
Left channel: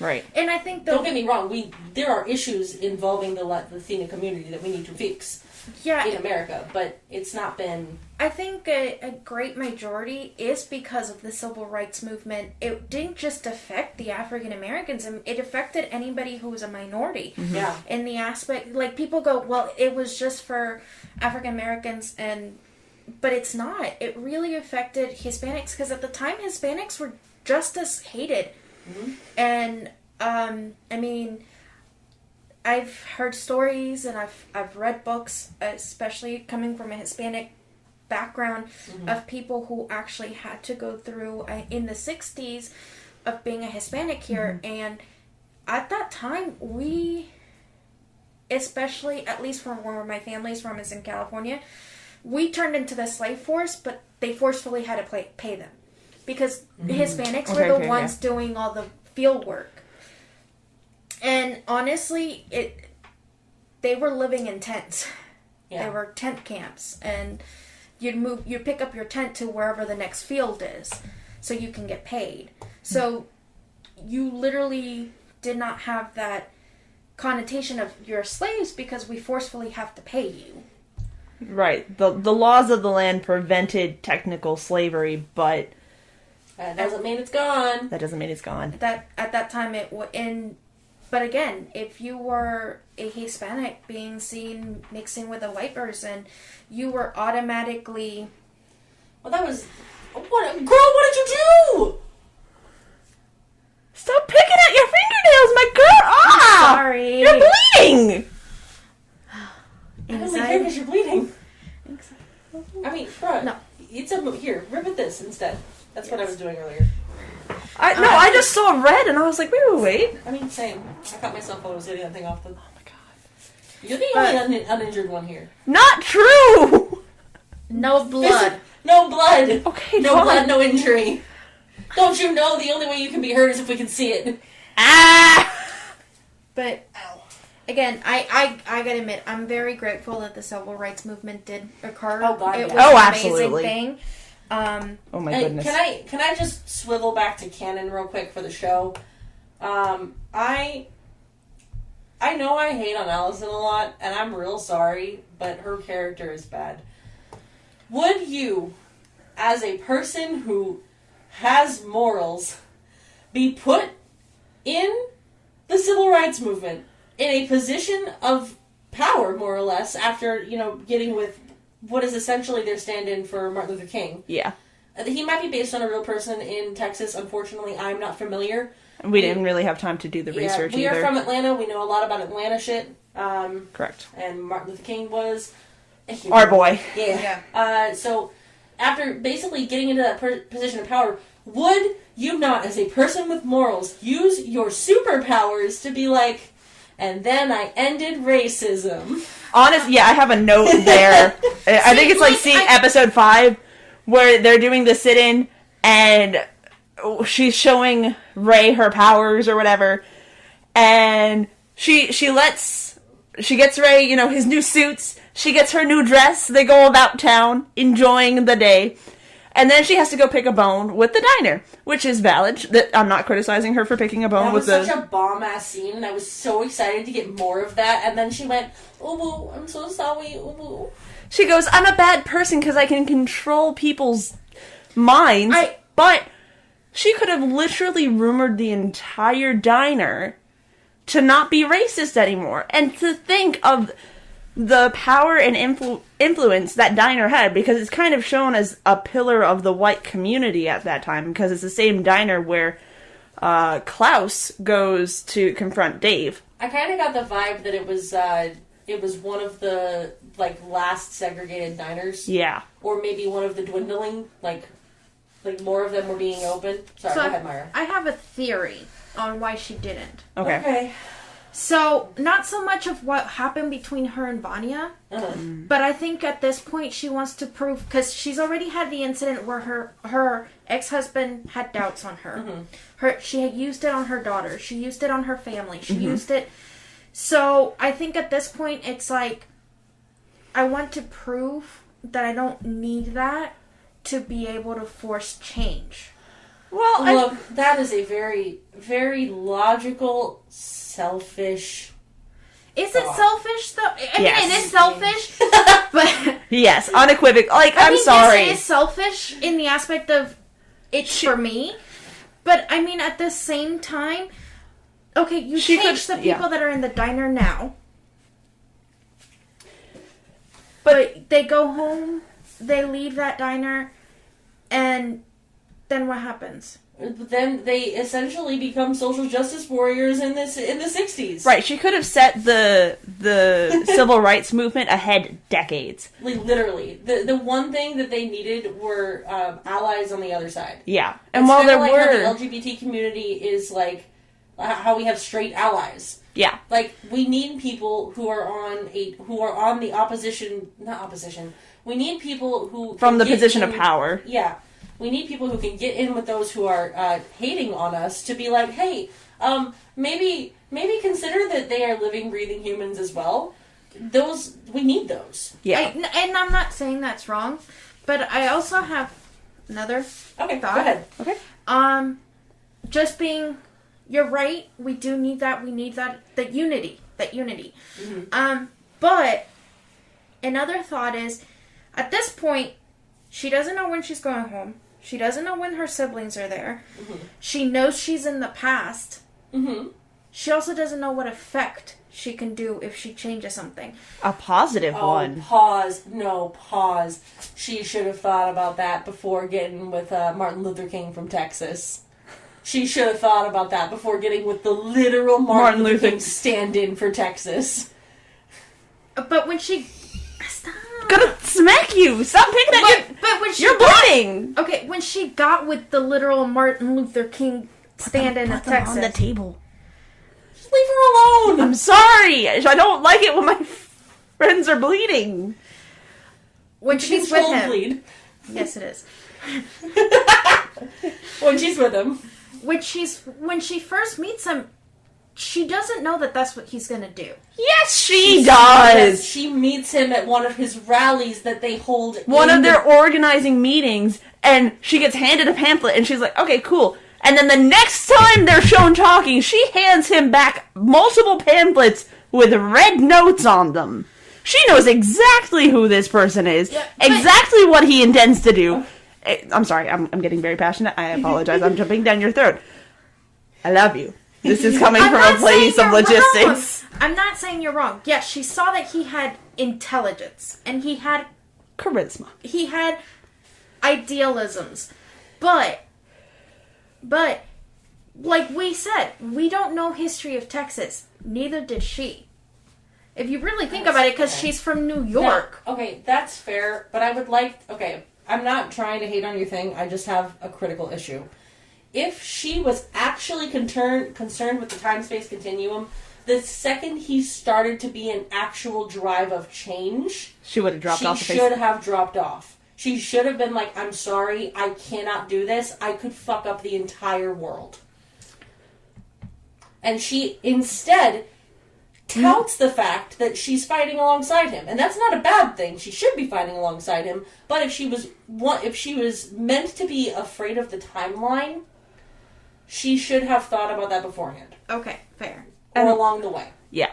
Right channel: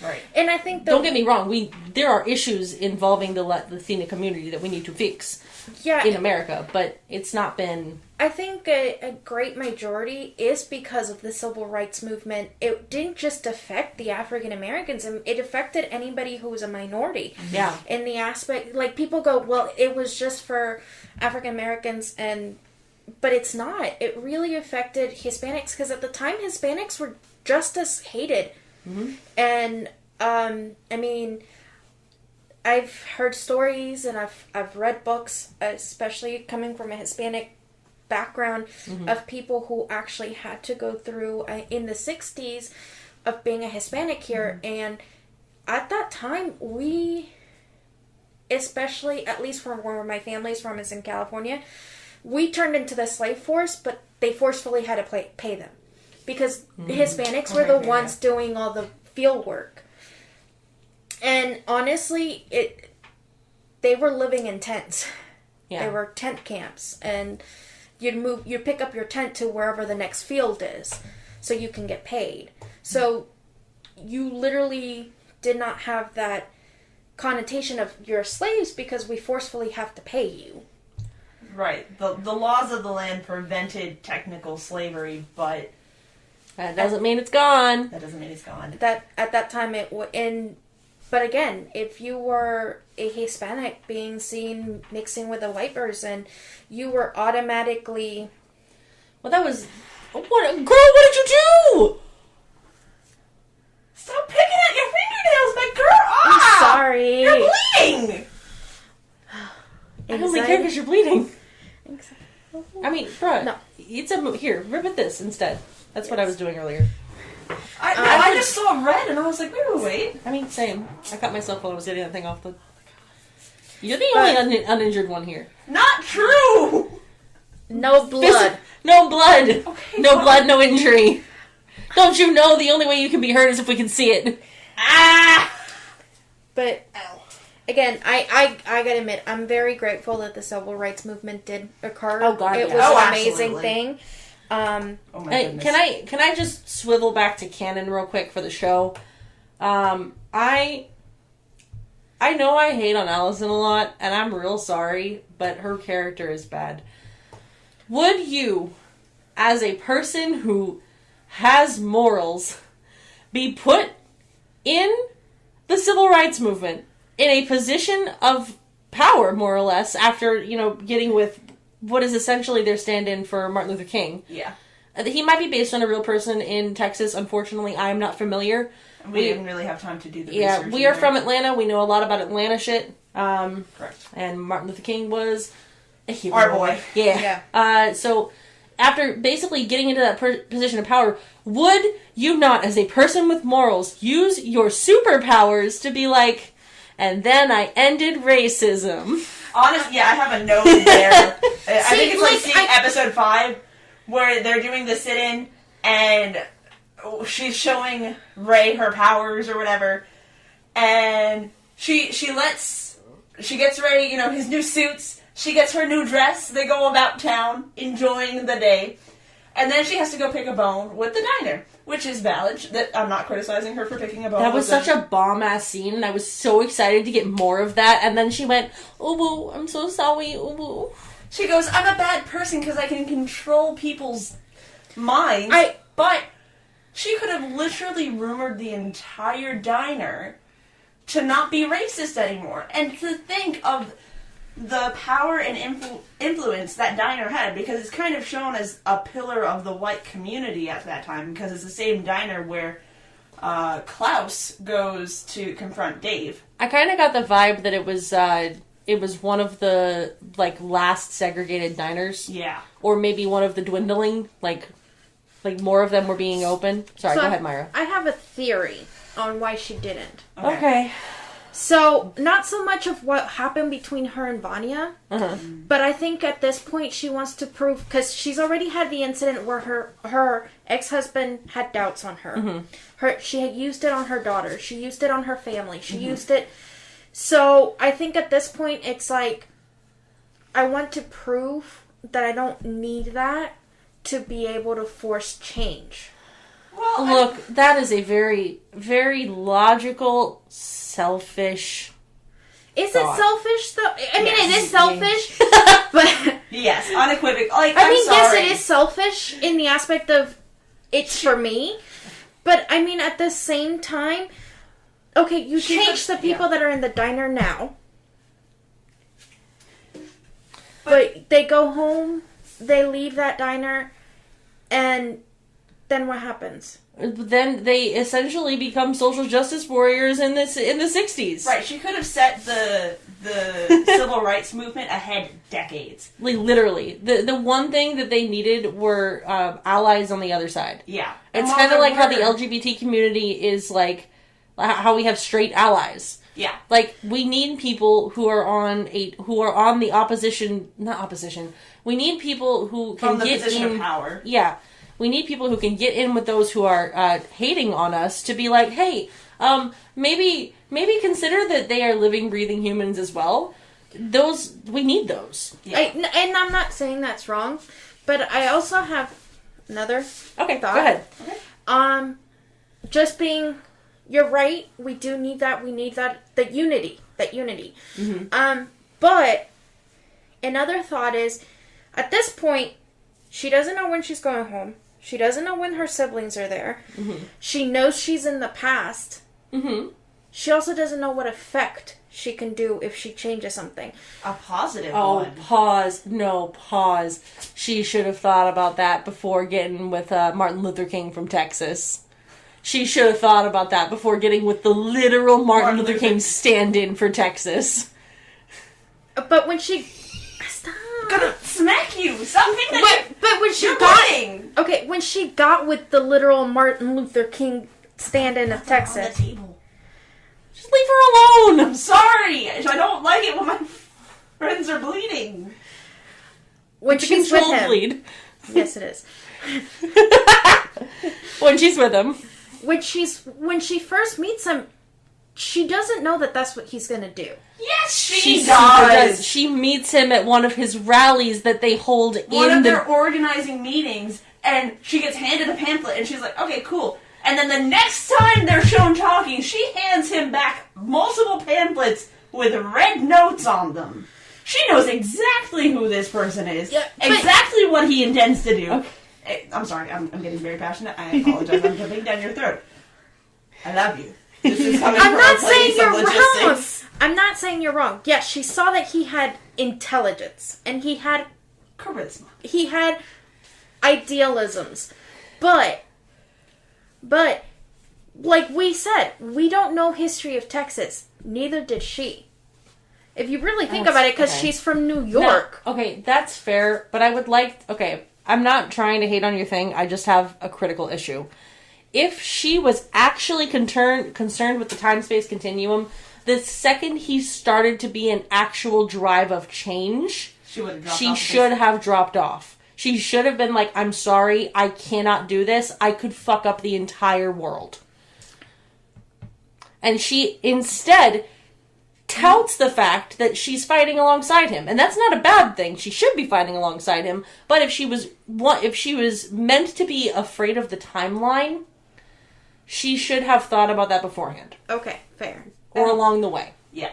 Right. And I think don't get me wrong, there are issues involving the Latina community that we need to fix in America, but it's not been... I think a great majority is because of the civil rights movement. It didn't just affect the African Americans, it affected anybody who was a minority. Yeah. In the aspect, like, people go, well, it was just for African Americans, but it's not. It really affected Hispanics, because at the time Hispanics were just as hated. Mm-hmm. And I mean, I've heard stories and I've read books, especially coming from a Hispanic background, of people who actually had to go through in the 60s of being a Hispanic here. And at that time, we, especially at least from where my family's from, is in California, we turned into the slave force, but they forcefully had to pay them. Because Hispanics were the ones doing all the field work. And honestly, they were living in tents. Yeah. They were tent camps. And you'd pick up your tent to wherever the next field is so you can get paid. So you literally did not have that connotation of you're slaves because we forcefully have to pay you. Right. The laws of the land prevented technical slavery, but... That doesn't mean it's gone. That doesn't mean it's gone. That at that time but again, if you were a Hispanic being seen mixing with a white person, you were automatically. Well, that was girl. What did you do? Stop picking at your fingernails, my girl. I'm sorry. You're bleeding. I only care because you're bleeding. I mean, bro. No. Here, rip at this instead. That's what I was doing earlier. I just saw red and I was like, wait. I mean, same. I cut myself while I was getting that thing off the... Oh my god. You're the only uninjured one here. Not true! No blood. No blood. Okay, no blood, no injury. Don't you know the only way you can be hurt is if we can see it? But... Again, I gotta admit, I'm very grateful that the civil rights movement did occur. Oh god, it was an amazing thing. Oh my goodness. Can I just swivel back to canon real quick for the show? I know I hate on Allison a lot, and I'm real sorry, but her character is bad. Would you, as a person who has morals, be put in the civil rights movement in a position of power, more or less, after, getting with what is essentially their stand-in for Martin Luther King? Yeah. He might be based on a real person in Texas. Unfortunately, I'm not familiar. We didn't really have time to do the research. We are from Atlanta. We know a lot about Atlanta shit. Correct. And Martin Luther King was a hero. Our boy. Yeah. So, after basically getting into that position of power, would you not, as a person with morals, use your superpowers to be like... And then I ended racism. Honestly, I have a note there. I think it's like episode 5, where they're doing the sit-in, and she's showing Ray her powers or whatever, and she gets Ray, his new suits, she gets her new dress, they go about town, enjoying the day, and then she has to go pick a bone with the diner, which is valid. That I'm not criticizing her for picking a bone. That was such a bomb-ass scene, and I was so excited to get more of that, and then she went, "Ooh, I'm so sorry, ooh." She goes, "I'm a bad person because I can control people's minds," but she could have literally rumored the entire diner to not be racist anymore, and to think of the power and influence that diner had, because it's kind of shown as a pillar of the white community at that time, because it's the same diner where Klaus goes to confront Dave. I kind of got the vibe that it was one of the last segregated diners. Yeah. Or maybe one of the dwindling, like more of them were being open. Sorry, go ahead, Mayra. I have a theory on why she didn't. Okay. So, not so much of what happened between her and Vanya, but I think at this point she wants to prove, because she's already had the incident where her ex-husband had doubts on her. She had used it on her daughter. She used it on her family. She used it. So, I think at this point it's like, I want to prove that I don't need that to be able to force change. Well, look, that is a very, very logical, selfish. Is it selfish though? I mean, it is selfish, but yes, unequivocal. Like, I mean, sorry. yes, it is selfish in the aspect of it's for me, but I mean, at the same time, okay, you change the people that are in the diner now, but they go home, they leave that diner, and then what happens? Then they essentially become social justice warriors in the 60s. Right, she could have set the civil rights movement ahead decades. Like, literally. The one thing that they needed were allies on the other side. Yeah. It's kind of like how the LGBT community is like, how we have straight allies. Yeah. Like, we need people who are on the opposition, not opposition. We need people who can from the get position in, of power. Yeah. We need people who can get in with those who are hating on us to be like, hey, maybe consider that they are living, breathing humans as well. We need those. Yeah. And I'm not saying that's wrong, but I also have another thought. Go ahead. Okay. Just being, you're right. We do need that. We need that unity. Mm-hmm. But another thought is, at this point, she doesn't know when she's going home. She doesn't know when her siblings are there. Mm-hmm. She knows she's in the past. Mm-hmm. She also doesn't know what effect she can do if she changes something. A positive one. Pause. No, pause. She should have thought about that before getting with Martin Luther King from Texas. She should have thought about that before getting with the literal Martin Luther King stand-in for Texas. But when she... Stop. Gonna smack you. Stop hitting that. But when she you're bleeding. Okay, when she got with the literal Martin Luther King stand-in of Texas, on the table. Just leave her alone. I'm sorry. I don't like it when my friends are bleeding. When she's with him. Bleed. Yes, it is. When she's with him. When she first meets him, she doesn't know that that's what he's gonna do. Yes, she does. She meets him at one of his rallies that they hold. One of their organizing meetings, and she gets handed a pamphlet, and she's like, okay, cool. And then the next time they're shown talking, she hands him back multiple pamphlets with red notes on them. She knows exactly who this person is, exactly what he intends to do. I'm sorry, I'm getting very passionate. I apologize. I'm jumping down your throat. I love you. This is coming from a place of logistics. I'm not saying you're wrong. Yes, she saw that he had intelligence and he had charisma. He had idealisms. But like we said, we don't know history of Texas. Neither did she. If you really think about it, because she's from New York. No, okay, that's fair, but I would like... Okay, I'm not trying to hate on your thing. I just have a critical issue. If she was actually concerned with the time-space continuum, the second he started to be an actual drive of change, she would have dropped off. She should have dropped off. She should have been like, I'm sorry, I cannot do this. I could fuck up the entire world. And she instead touts the fact that she's fighting alongside him. And that's not a bad thing. She should be fighting alongside him. But if she was meant to be afraid of the timeline, she should have thought about that beforehand. Okay, fair. Or along the way. Yeah.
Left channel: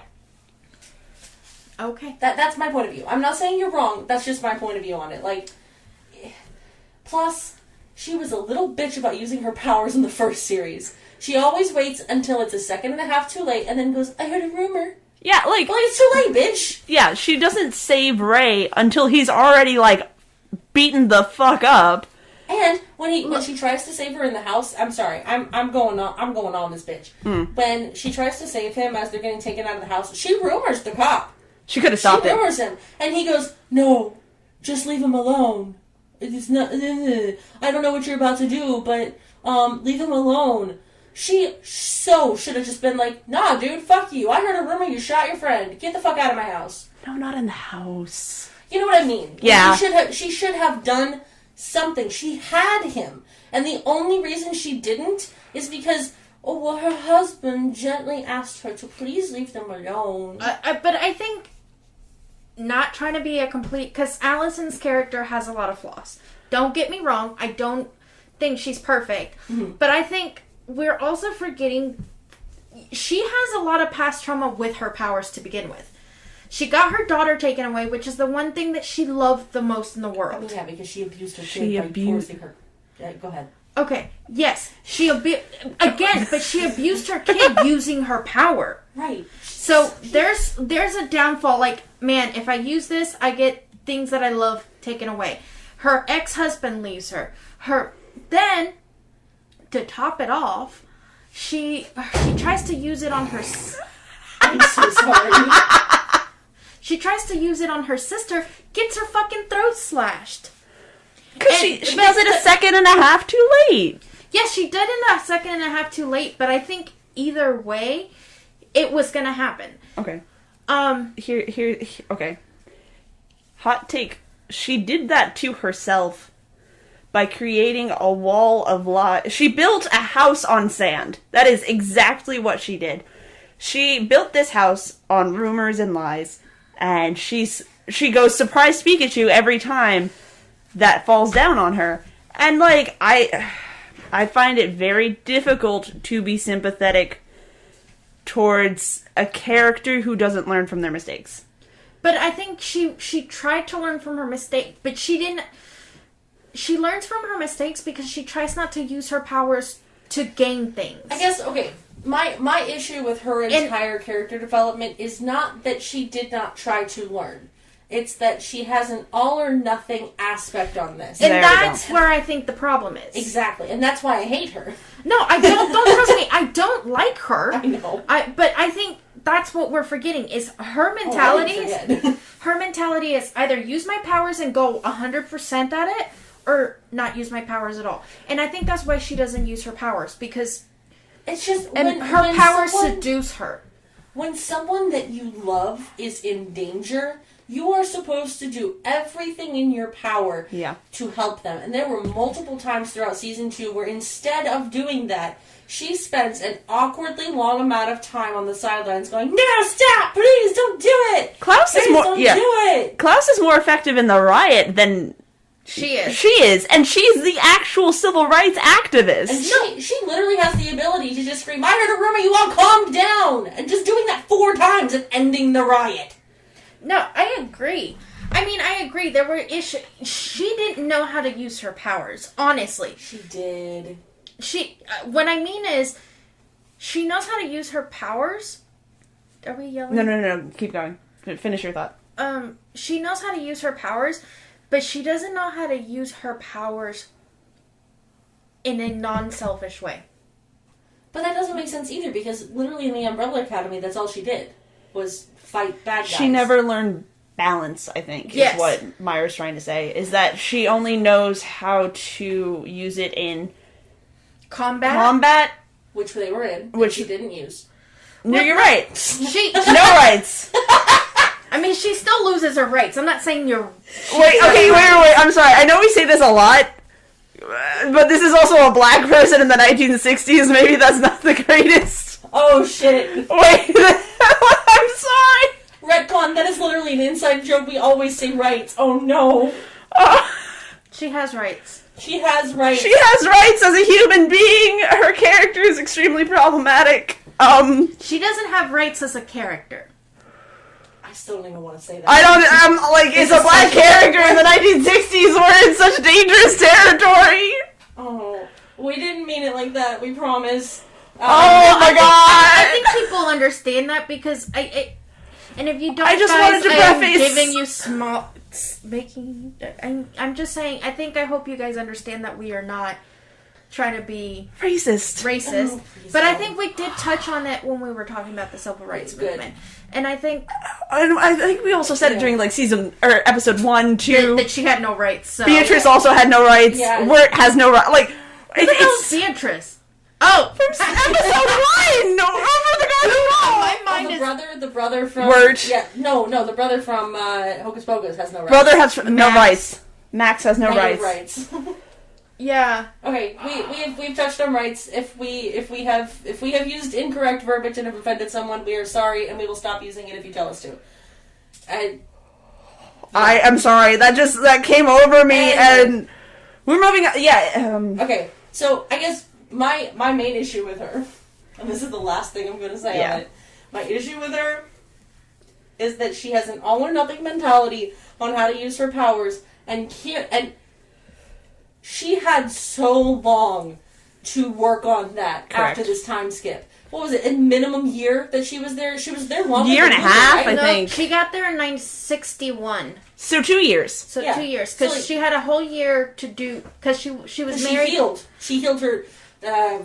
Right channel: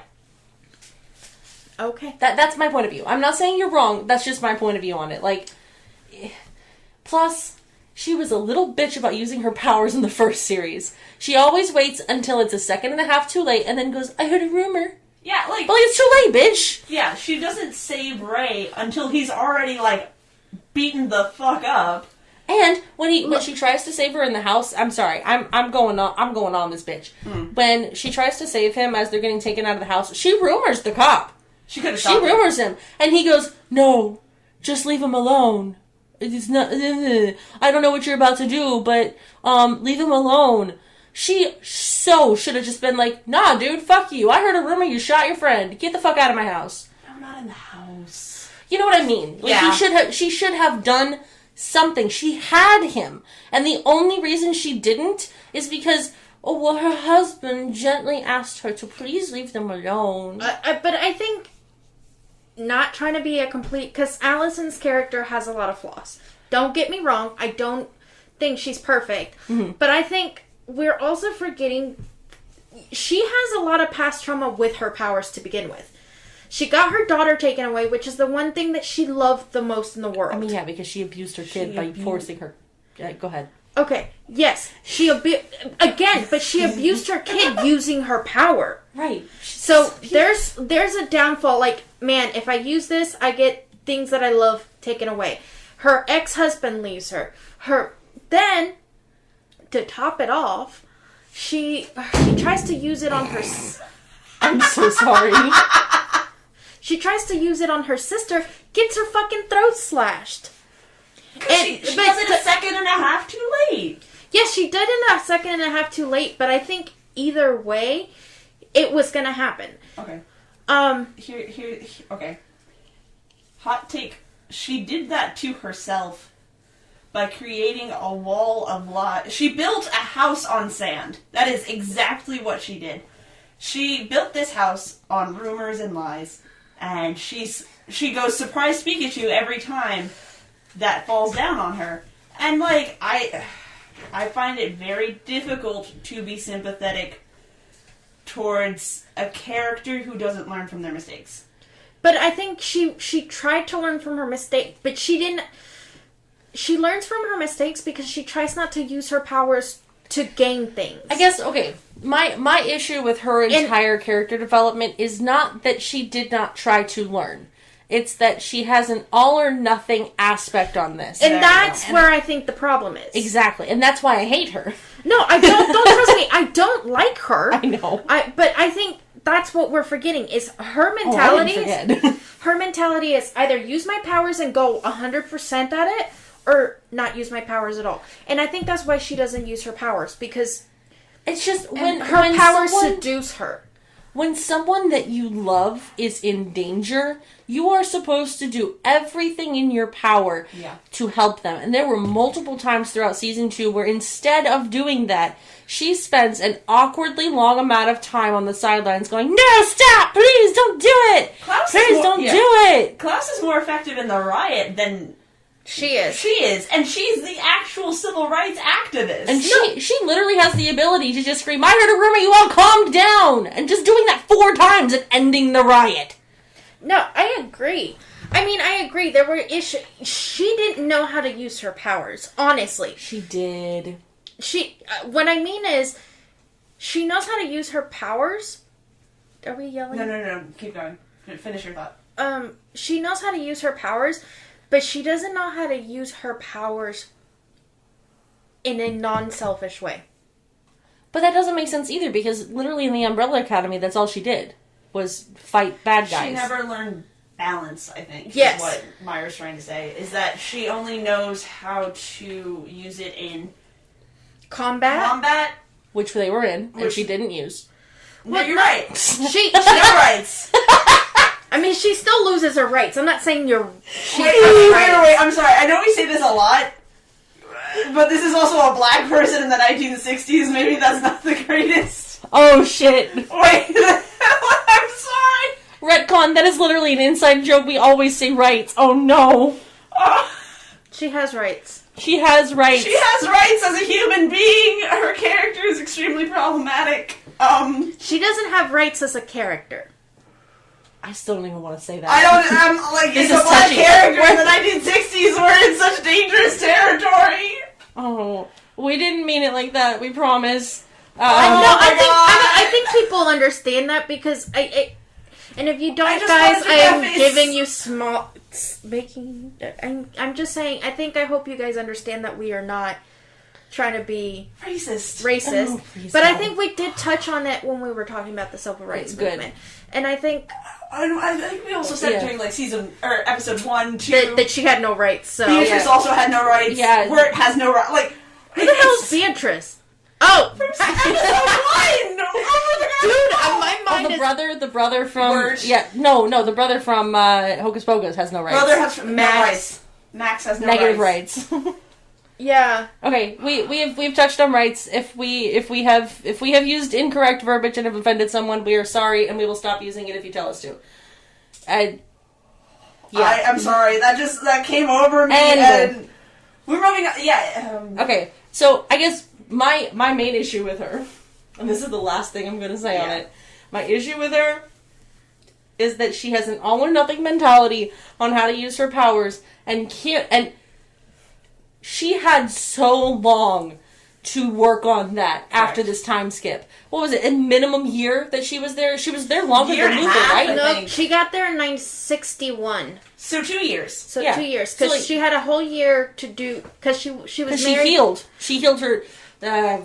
Okay. That's my point of view. I'm not saying you're wrong. That's just my point of view on it. Like, plus, she was a little bitch about using her powers in the first series. She always waits until it's a second and a half too late and then goes, I heard a rumor. Yeah, like... Well, it's too late, bitch. Yeah, she doesn't save Ray until he's already, like, beaten the fuck up. And when she tries to save her in the house, I'm sorry, I'm going on this bitch. When she tries to save him as they're getting taken out of the house, she rumors the cop. She could have stopped him. She rumors him, and he goes, "No, just leave him alone. It's not. I don't know what you're about to do, but leave him alone." She so should have just been like, nah, dude, fuck you. I heard a rumor you shot your friend. Get the fuck out of my house. No, not in the house. You know what I mean? Yeah. She should have done something. She had him. And the only reason she didn't is because, her husband gently asked her to please leave them alone. But I think, not trying to be a complete, because Allison's character has a lot of flaws. Don't get me wrong. I don't think she's perfect. Mm-hmm. But I think we're also forgetting she has a lot of past trauma with her powers to begin with. She got her daughter taken away, which is the one thing that she loved the most in the world. I mean, yeah, because she abused her kid by forcing her. Go ahead. Okay, yes. She abused her kid using her power. Right. So there's a downfall. Like, man, if I use this, I get things that I love taken away. Her ex-husband leaves her. Then, to top it off, she tries to use it on her... I'm so sorry. She tries to use it on her sister, gets her fucking throat slashed. She does it a second and a half too late. Yes, she did it a second and a half too late, but I think either way, it was gonna happen. Okay. Okay. Hot take. She did that to herself by creating a wall of lies. She built a house on sand. That is exactly what she did. She built this house on rumors and lies, and she goes surprise Pikachu every time that falls down on her. And like I find it very difficult to be sympathetic towards a character who doesn't learn from their mistakes. But I think she tried to learn from her mistake, but she didn't. She learns from her mistakes because she tries not to use her powers to gain things. I guess, okay, my issue with her entire character development is not that she did not try to learn. It's that she has an all or nothing aspect on this. And that's where I think the problem is. Exactly. And that's why I hate her. No, I don't trust me. I don't like her. I know. But I think that's what we're forgetting is her mentality. Her mentality is either use my powers and go 100% at it, or not use my powers at all. And I think that's why she doesn't use her powers, because it's just when her powers seduce her. When someone that you love is in danger, you are supposed to do everything in your power to help them. And there were multiple times throughout season 2 where instead of doing that, she spends an awkwardly long amount of time on the sidelines going, "No, stop! Please don't do it! Don't do it!" Klaus is more effective in the riot than she is. She is, and she's the actual civil rights activist. And she literally has the ability to just scream, "I heard a rumor, you all calm down!" And just doing that 4 times and ending the riot. No, I agree. I mean, I agree. There were issues. She didn't know how to use her powers, honestly. She did. What I mean is, she knows how to use her powers. Are we yelling? No. Keep going. Finish your thought. She knows how to use her powers, but she doesn't know how to use her powers in a non-selfish way. But that doesn't make sense either, because literally in the Umbrella Academy, that's all she did, was fight bad guys. She never learned balance, I think, yes. is what Mayra's trying to say, is that she only knows how to use it in combat, which they were in, which she didn't use. No, you're right. She no rights. I mean, she still loses her rights. I'm not saying you're... Wait, I'm sorry. I know we say this a lot, but this is also a black person in the 1960s. Maybe that's not the greatest. Oh, shit. Wait, I'm sorry. Retcon, that is literally an inside joke. We always say rights. Oh, no. She has rights. She has rights. She has rights as a human being. Her character is extremely problematic. She doesn't have rights as a character. I still don't even want to say that. I'm like, it's a black character in the 1960s. We're in such dangerous territory. Oh, we didn't mean it like that. We promise. I think people understand that because and if you don't, I'm giving you small I'm just saying. I hope you guys understand that we are not trying to be racist. Oh, but I think we did touch on it when we were talking about the civil rights movement. And I think we also said during like season or episode 1, 2 that she had no rights. So Beatrice also had no rights. Yeah. Wirt has no rights. Like, who the hell is Beatrice? Oh! Episode 1! No, My mind is... The brother from... Word. Yeah, no, the brother from Hocus Pocus has no rights. Brother has no rights. Max has no Negative rights. Yeah. Okay, we've touched on rights. If we have used incorrect verbiage and have offended someone, we are sorry, and we will stop using it if you tell us to. I am sorry. That came over me, and we're moving on. Yeah. Okay, so I guess my main issue with her, and this is the last thing I'm going to say on it, my issue with her is that she has an all or nothing mentality on how to use her powers, and she had so long to work on that after this time skip. What was it? A minimum year that she was there? She was there longer Year than and a Luther, half, right? I No, think. she got there in 1961. So 2 years. So Yeah. 2 years. So, Because she had a whole year to do... Because she was married... She healed her...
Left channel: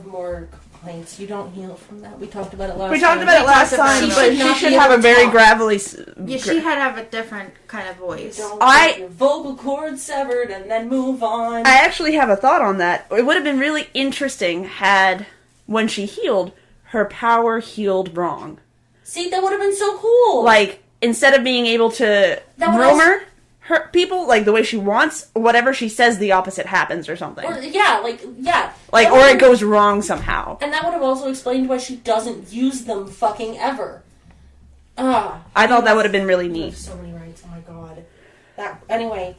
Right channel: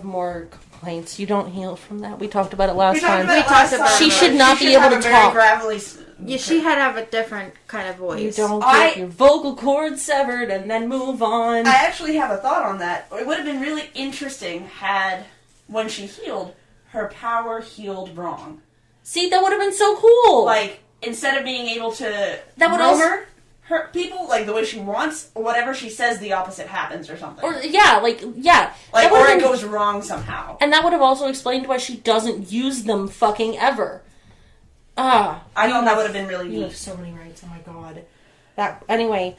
more complaints. You don't heal from that. We talked about it last We time. talked about it last time. She but should not she be should have able a to very talk. gravelly... Yeah, she had to have a different kind of You voice. don't get your vocal cords severed and then move on. I actually have a thought on that. It would have been really interesting had, when she healed, her power healed wrong. See, that would have been so cool. Like, instead of being able to That would rumor her people, like, the way she wants, whatever she says, the opposite happens or something. Or, Like, That or would've- it goes wrong somehow. And that would have also explained why she doesn't use them fucking ever. I thought that would have been really You have neat. so many rights, oh my god. Anyway.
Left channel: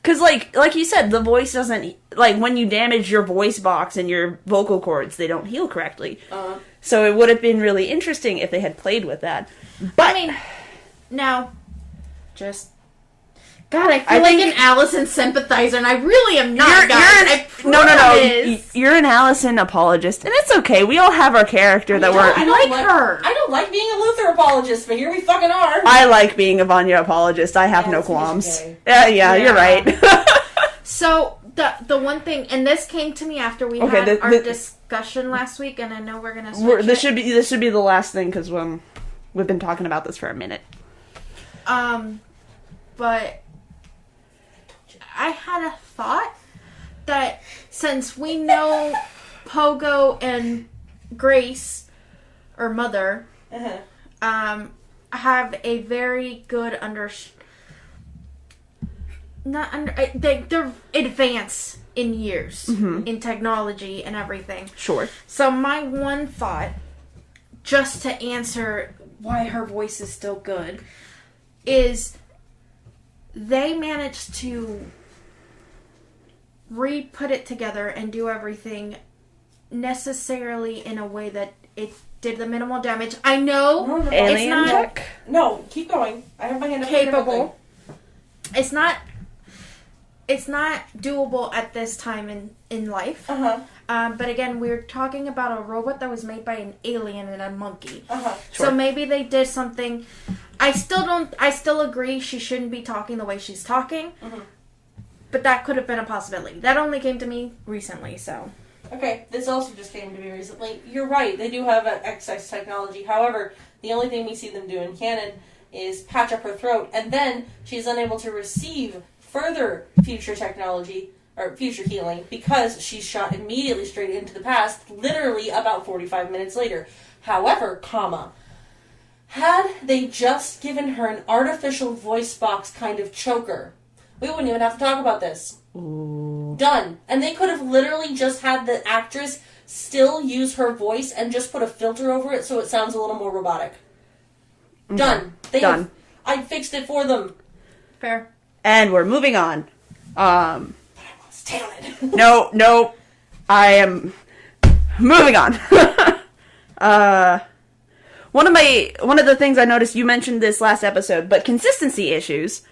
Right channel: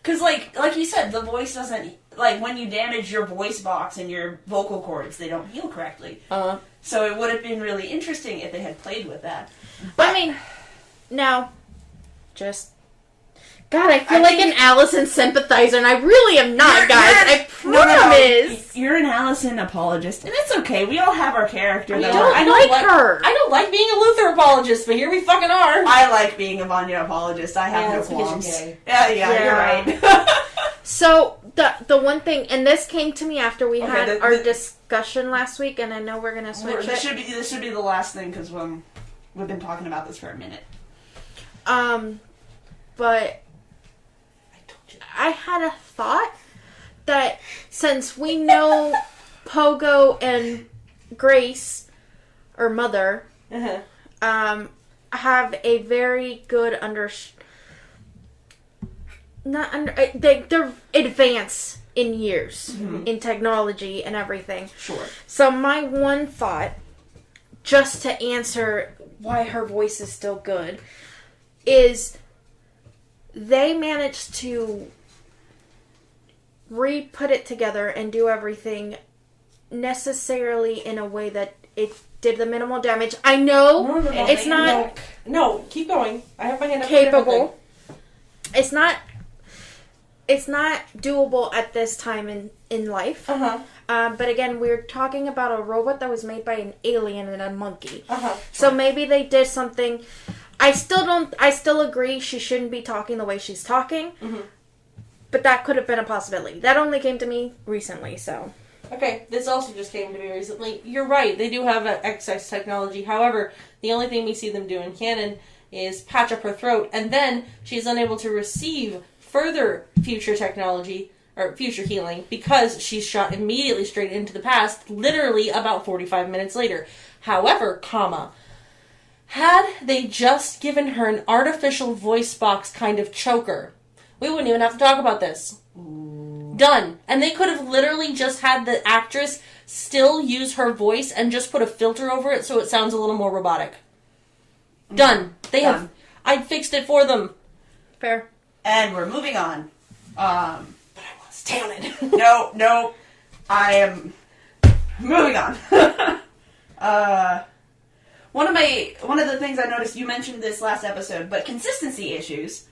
Because, like you said, the voice doesn't... Like, when you damage your voice box and your vocal cords, they don't heal correctly. So it would have been really interesting if they had played with that. But, I mean, now, just... God, I feel like an Allison sympathizer, and I really am not, guys. I promise. You're an Allison apologist, and it's okay. We all have our character that we're... I like her. I don't like being a Luther apologist, but here we fucking are. I like being a Vanya apologist. I have no that's because qualms. you're gay. Yeah, you're right. So, the one thing, and this came to me after we had the- our the- discussion last week, and I know we're going to switch this it. should be the last thing, because we've been talking about this for a minute. But I had a thought that since we know Pogo and Grace, or Mother, have a very good they're advanced in years in technology and everything. Sure. So my one thought, just to answer why her voice is still good, is they managed to re-put it together and do everything necessarily in a way that it did the minimal damage. I know it's not No, keep going. I have my hand up. capable. It's not doable at this time in life. But again, we're talking about a robot that was made by an alien and a monkey. So maybe they did something. I still agree she shouldn't be talking the way she's talking. But that could have been a possibility. That only came to me recently, so. Okay, this also just came to me recently. You're right, they do have excess technology. However, the only thing we see them do in canon is patch up her throat, and then she's unable to receive further future technology, or future healing, because she's shot immediately straight into the past, literally about 45 minutes later. However, had they just given her an artificial voice box kind of choker, we wouldn't even have to talk about this. Done. And they could have literally just had the actress still use her voice and just put a filter over it so it sounds a little more robotic. Done. Done. I fixed it for them. Fair. And we're moving on. But I want to stay on it. No. I am moving on. One of the things I noticed, you mentioned this last episode, but consistency issues.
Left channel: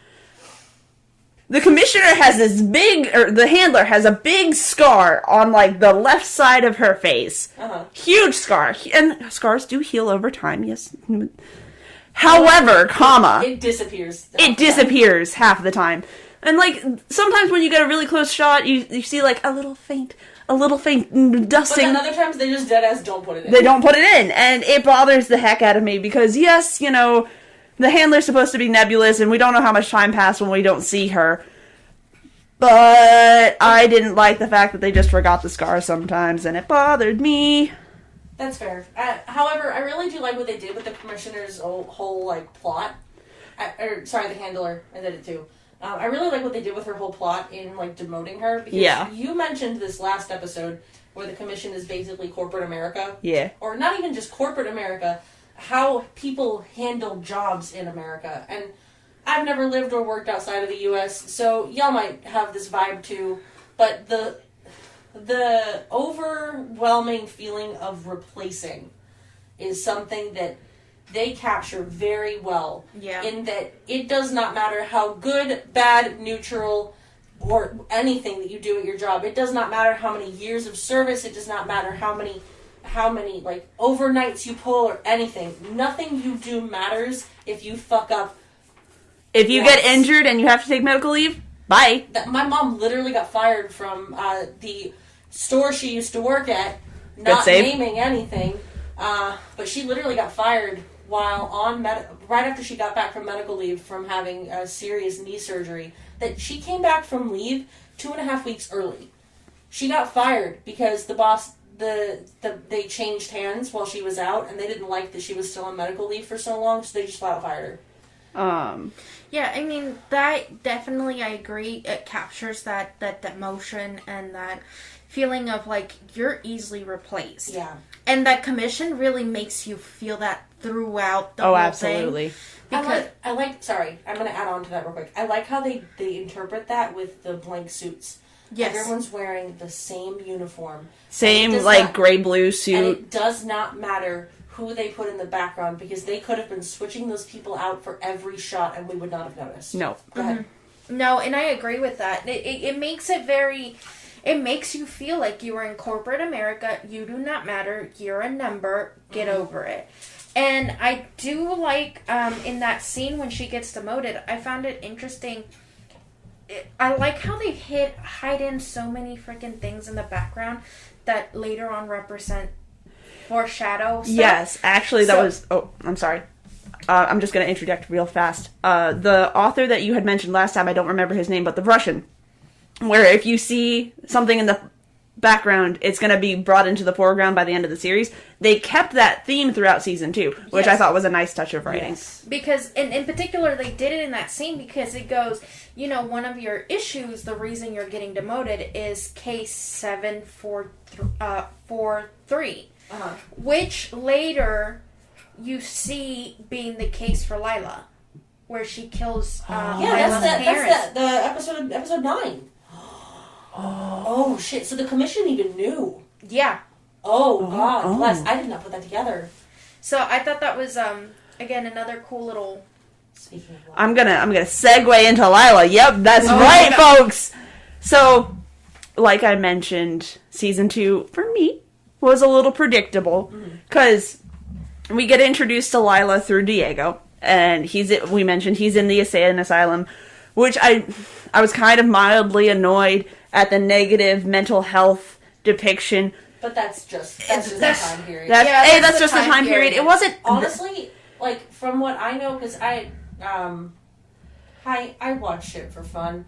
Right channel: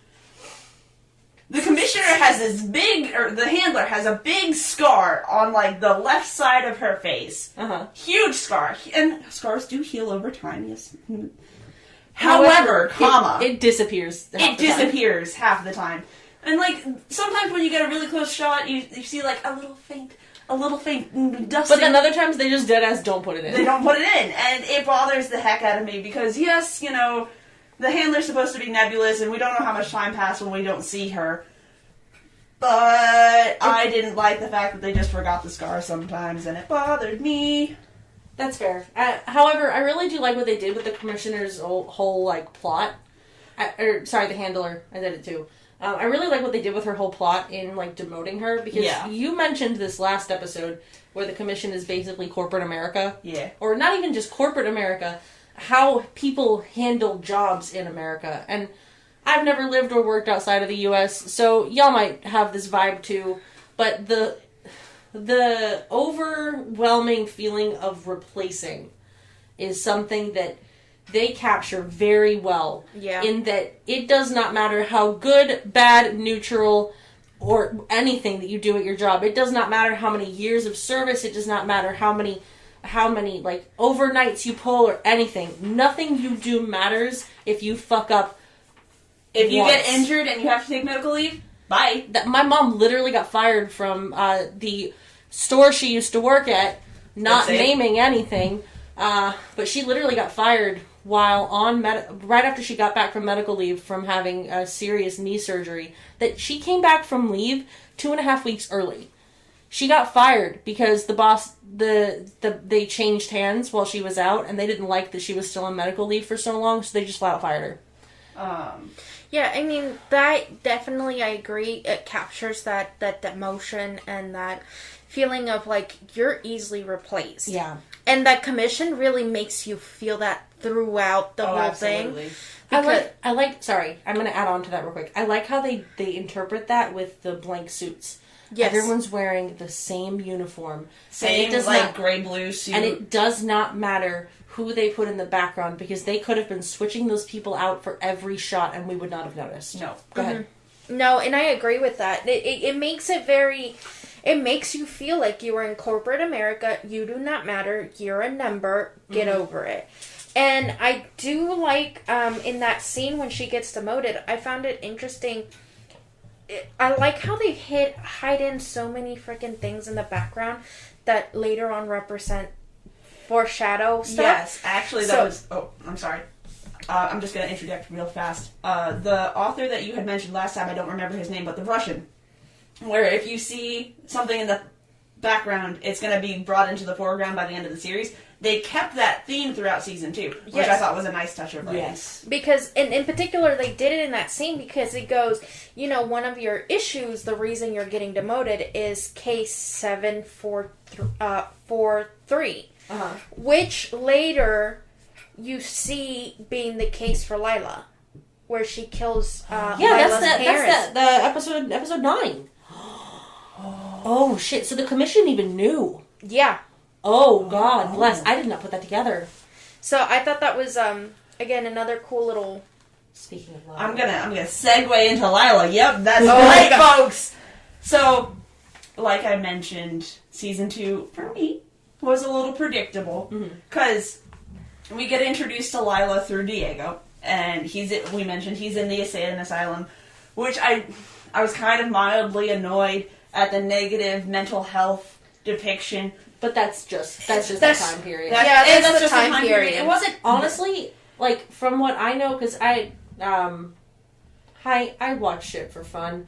The commissioner has the handler has a big scar on, like, the left side of her face. Huge scar. And scars do heal over time, yes. However, it disappears. it disappears half the time. And, like, sometimes when you get a really close shot, you see, like, a little faint dusting. But then other times they just deadass don't put it in. They don't put it in, and it bothers the heck out of me, because, yes, you know, the handler's supposed to be nebulous, and we don't know how much time passed when we don't see her. But I didn't like the fact that they just forgot the scars sometimes, and it bothered me. That's fair. However, I really do like what they did with the commissioner's whole like plot. The handler. I did it too. I really like what they did with her whole plot in like demoting her, because you mentioned this last episode where the commission is basically corporate America. Yeah. Or not even just corporate America, how people handle jobs in America. And I've never lived or worked outside of the U.S., so y'all might have this vibe too, but the overwhelming feeling of replacing is something that they capture very well. Yeah. In that it does not matter how good, bad, neutral, or anything that you do at your job. It does not matter how many years of service. It does not matter how many like overnights you pull or anything. Nothing you do matters if you fuck up. If you get injured and you have to take medical leave, bye. My mom literally got fired from the store she used to work at, not naming anything, but she literally got fired while on right after she got back from medical leave from having a serious knee surgery. That she came back from leave 2.5 weeks early. She got fired because the boss, they changed hands while she was out, and they didn't like that she was still on medical leave for so long, so they just flat out fired her. Yeah, I mean, that definitely, I agree, it captures that emotion and that feeling of, like, you're easily replaced. Yeah. And that commission really makes you feel that throughout the whole thing. Because I like, sorry, I'm going to add on to that real quick. I like how they interpret that with the blank suits. Yes. Everyone's wearing the same uniform. Same, like, gray-blue suit. And it does not matter who they put in the background, because they could have been switching those people out for every shot and we would not have noticed. No. Go ahead. No, and I agree with that. It makes it very... It makes you feel like you are in corporate America. You do not matter. You're a number. Get over it. And I do like, in that scene when she gets demoted, I found it interesting. I like how they hide in so many freaking things in the background that later on represent foreshadow stuff. Yes, actually that was... Oh, I'm sorry. I'm just going to interject real fast. The author that you had mentioned last time, I don't remember his name, but the Russian, where if you see something in the background, it's going to be brought into the foreground by the end of the series. They kept that theme throughout season 2, which I thought was a nice touch of writing. Yes. Because, in particular, they did it in that scene because it goes, you know, one of your issues, the reason you're getting demoted is case 743, which later you see being the case for Lila, where she kills Lila's parents. That's the episode 9. Oh, shit. So the commission even knew. Yeah. Oh, God bless. I did not put that together. So I thought that was, again, another cool little... Speaking of Lila. I'm gonna segue into Lila. Yep, that's right, folks! So, like I mentioned, season 2, for me, was a little predictable. Because we get introduced to Lila through Diego. And we mentioned he's in the insane asylum. Which I was kind of mildly annoyed at the negative mental health depiction. But that's just the time period. That's just the time period. It wasn't... Honestly, like, from what I know, because I watch shit for fun.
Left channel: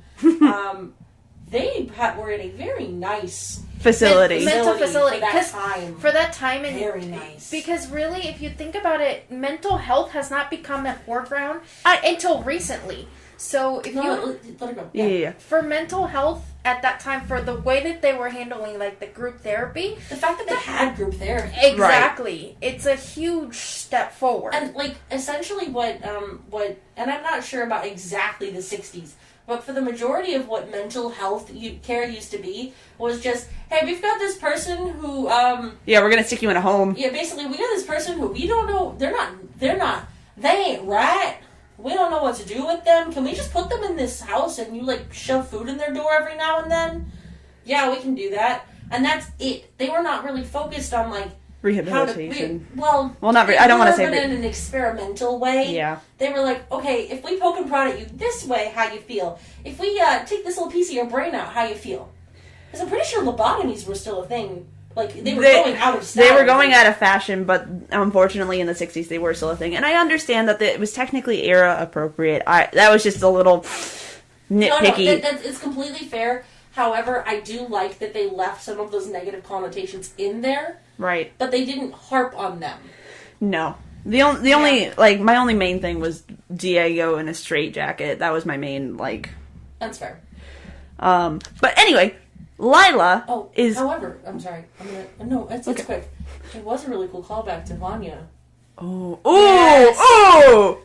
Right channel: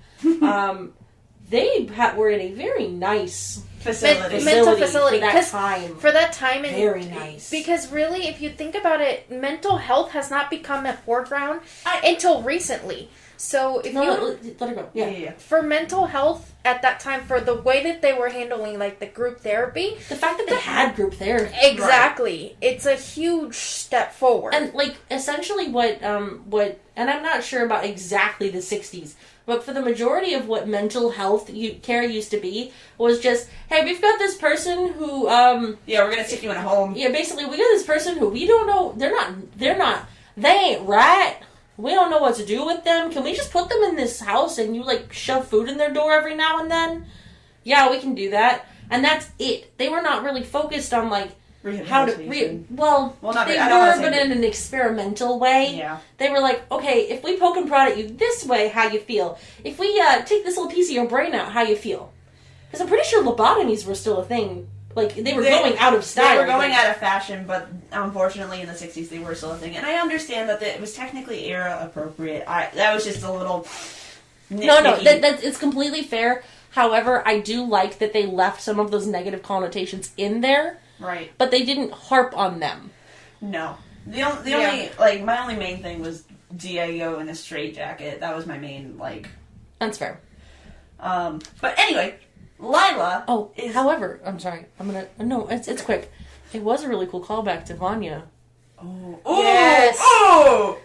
They were in a very nice mental facility for that time. For that time, and very nice. Because really, if you think about it, mental health has not become a foreground until recently. So if let it go. Yeah. For mental health at that time, for the way that they were handling like the group therapy, the fact that they had group therapy, exactly, it's a huge step forward. And like essentially what and I'm not sure about exactly the 60s, but for the majority of what mental health care used to be was just, hey, we've got this person who we're gonna stick you in a home. Yeah, basically we got this person who we don't know, they ain't right. We don't know what to do with them. Can we just put them in this house and you, like, shove food in their door every now and then? Yeah, we can do that. And that's it. They were not really focused on, like, rehabilitation. Not I don't want to say but in an experimental way. Yeah. They were like, okay, if we poke and prod at you this way, how you feel? If we take this little piece of your brain out, how you feel? Because I'm pretty sure lobotomies were still a thing. Like, they were going out of style. They were going out of fashion, but unfortunately in the 60s they were still a thing. And I understand that it was technically era appropriate. That was just a little... nitpicky. That's it's completely fair. However, I do like that they left some of those negative connotations in there. Right. But they didn't harp on them. No. The only, like, my only main thing was Diego in a straitjacket. That was my main, like... That's fair. But anyway, Lila is... However, I'm sorry. No, it's quick. It was a really cool callback to Vanya. Oh. Yes. Oh!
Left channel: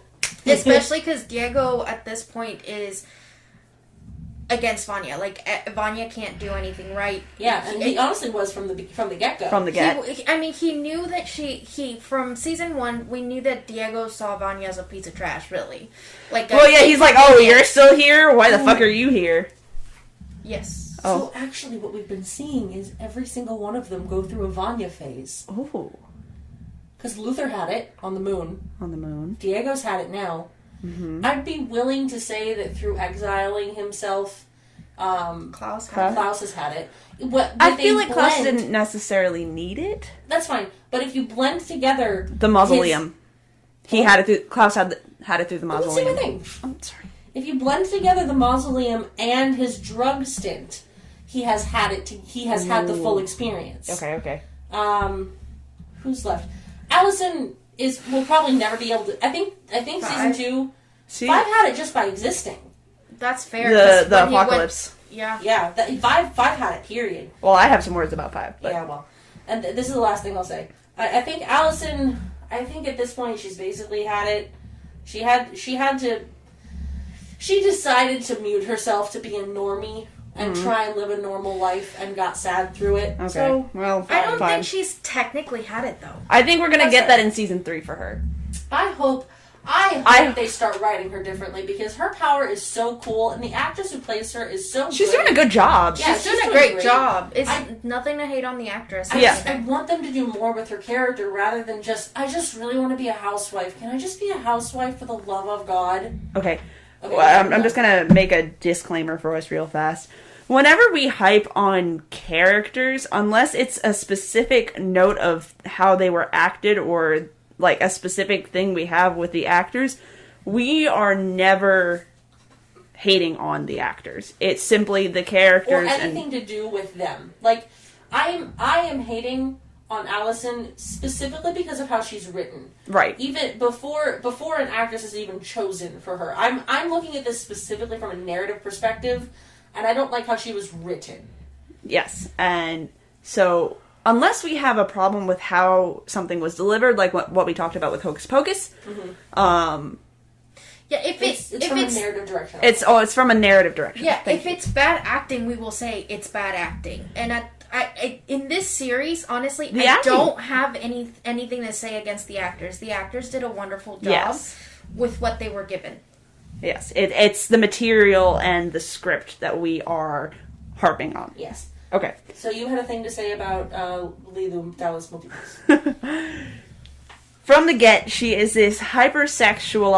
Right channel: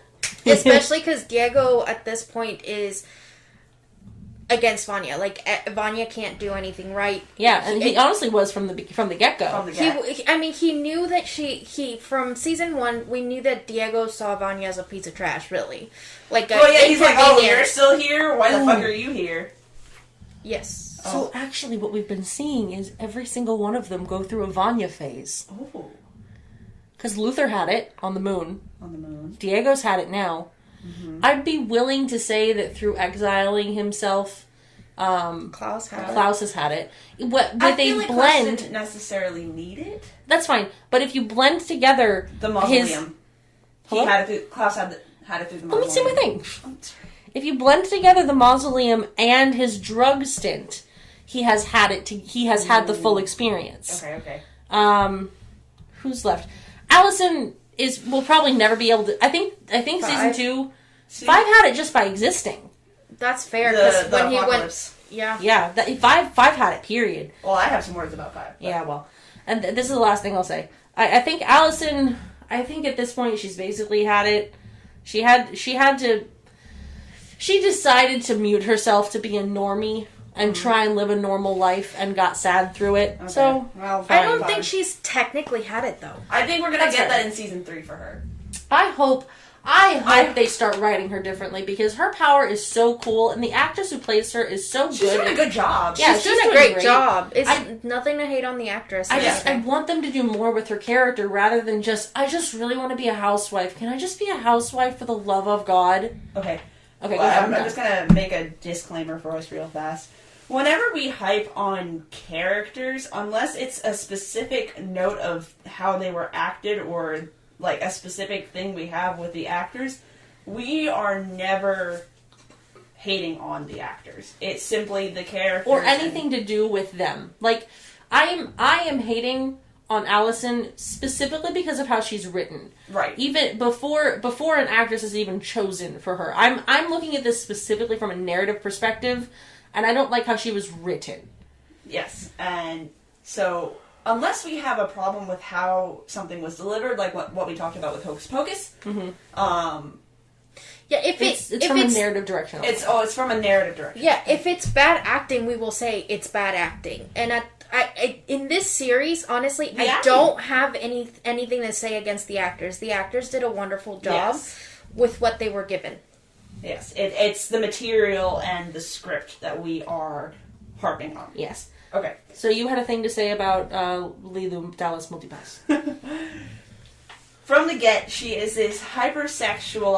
Especially because Diego at this point is against Vanya. Like, Vanya can't do anything right. Yeah, and he honestly was from the get-go. From the get. He knew that from season 1, we knew that Diego saw Vanya as a piece of trash, really. Like, he's like, oh, you're still here? Why the fuck are you here? Yes. So actually what we've been seeing is every single one of them go through a Vanya phase. Oh. Because Luther had it on the moon. On the moon. Diego's had it now. Mm-hmm. I'd be willing to say that through exiling himself, Klaus has had it. I feel like Klaus didn't necessarily need it. That's fine. But if you blend together... The mausoleum. Klaus had it through the mausoleum. Let me say my thing. Oh, sorry. If you blend together the mausoleum and his drug stint, he has had it. He has had the full experience. Okay. Who's left? Allison will probably never be able to. I think season 2, 5 had it just by existing. That's fair. The apocalypse. Yeah. 5 had it. Period. Well, I have some words about 5. But. Yeah. Well, and this is the last thing I'll say. I think Allison. I think at this point she's basically had it. She had to. She decided to mute herself to be a normie and try and live a normal life and got sad through it. Okay. So, well, I don't think she's technically had it, though. I think we're going to get that in season 3 for her. I hope they start writing her differently because her power is so cool and the actress who plays her is so good. She's doing a good job. Yeah, she's doing a great job. It's nothing to hate on the actress. I want them to do more with her character rather than I just really want to be a housewife. Can I just be a housewife for the love of God? Okay. Well, I'm just going to make a disclaimer for us real fast. Whenever we hype on characters, unless it's a specific note of how they were acted or like a specific thing we have with the actors, we are never hating on the actors. It's simply the characters. Or anything to do with them. Like, I am hating on Allison specifically because of how she's written. Right. Even before an actress is even chosen for her. I'm looking at this specifically from a narrative perspective, and I don't like how she was written. Yes, and so unless we have a problem with how something was delivered, like what we talked about with Hocus Pocus, yeah, if it's from a narrative direction. It's from a narrative direction. Yeah, if it's bad acting, we will say it's bad acting. And I in this series, honestly, I don't have anything to say against the actors. The actors did a wonderful job with what they were given. Yes, it's the material and the script that we are harping on. Yes. Okay. So you had a thing to say about Lilu Dallas Multipass. From the get, she is this hypersexual,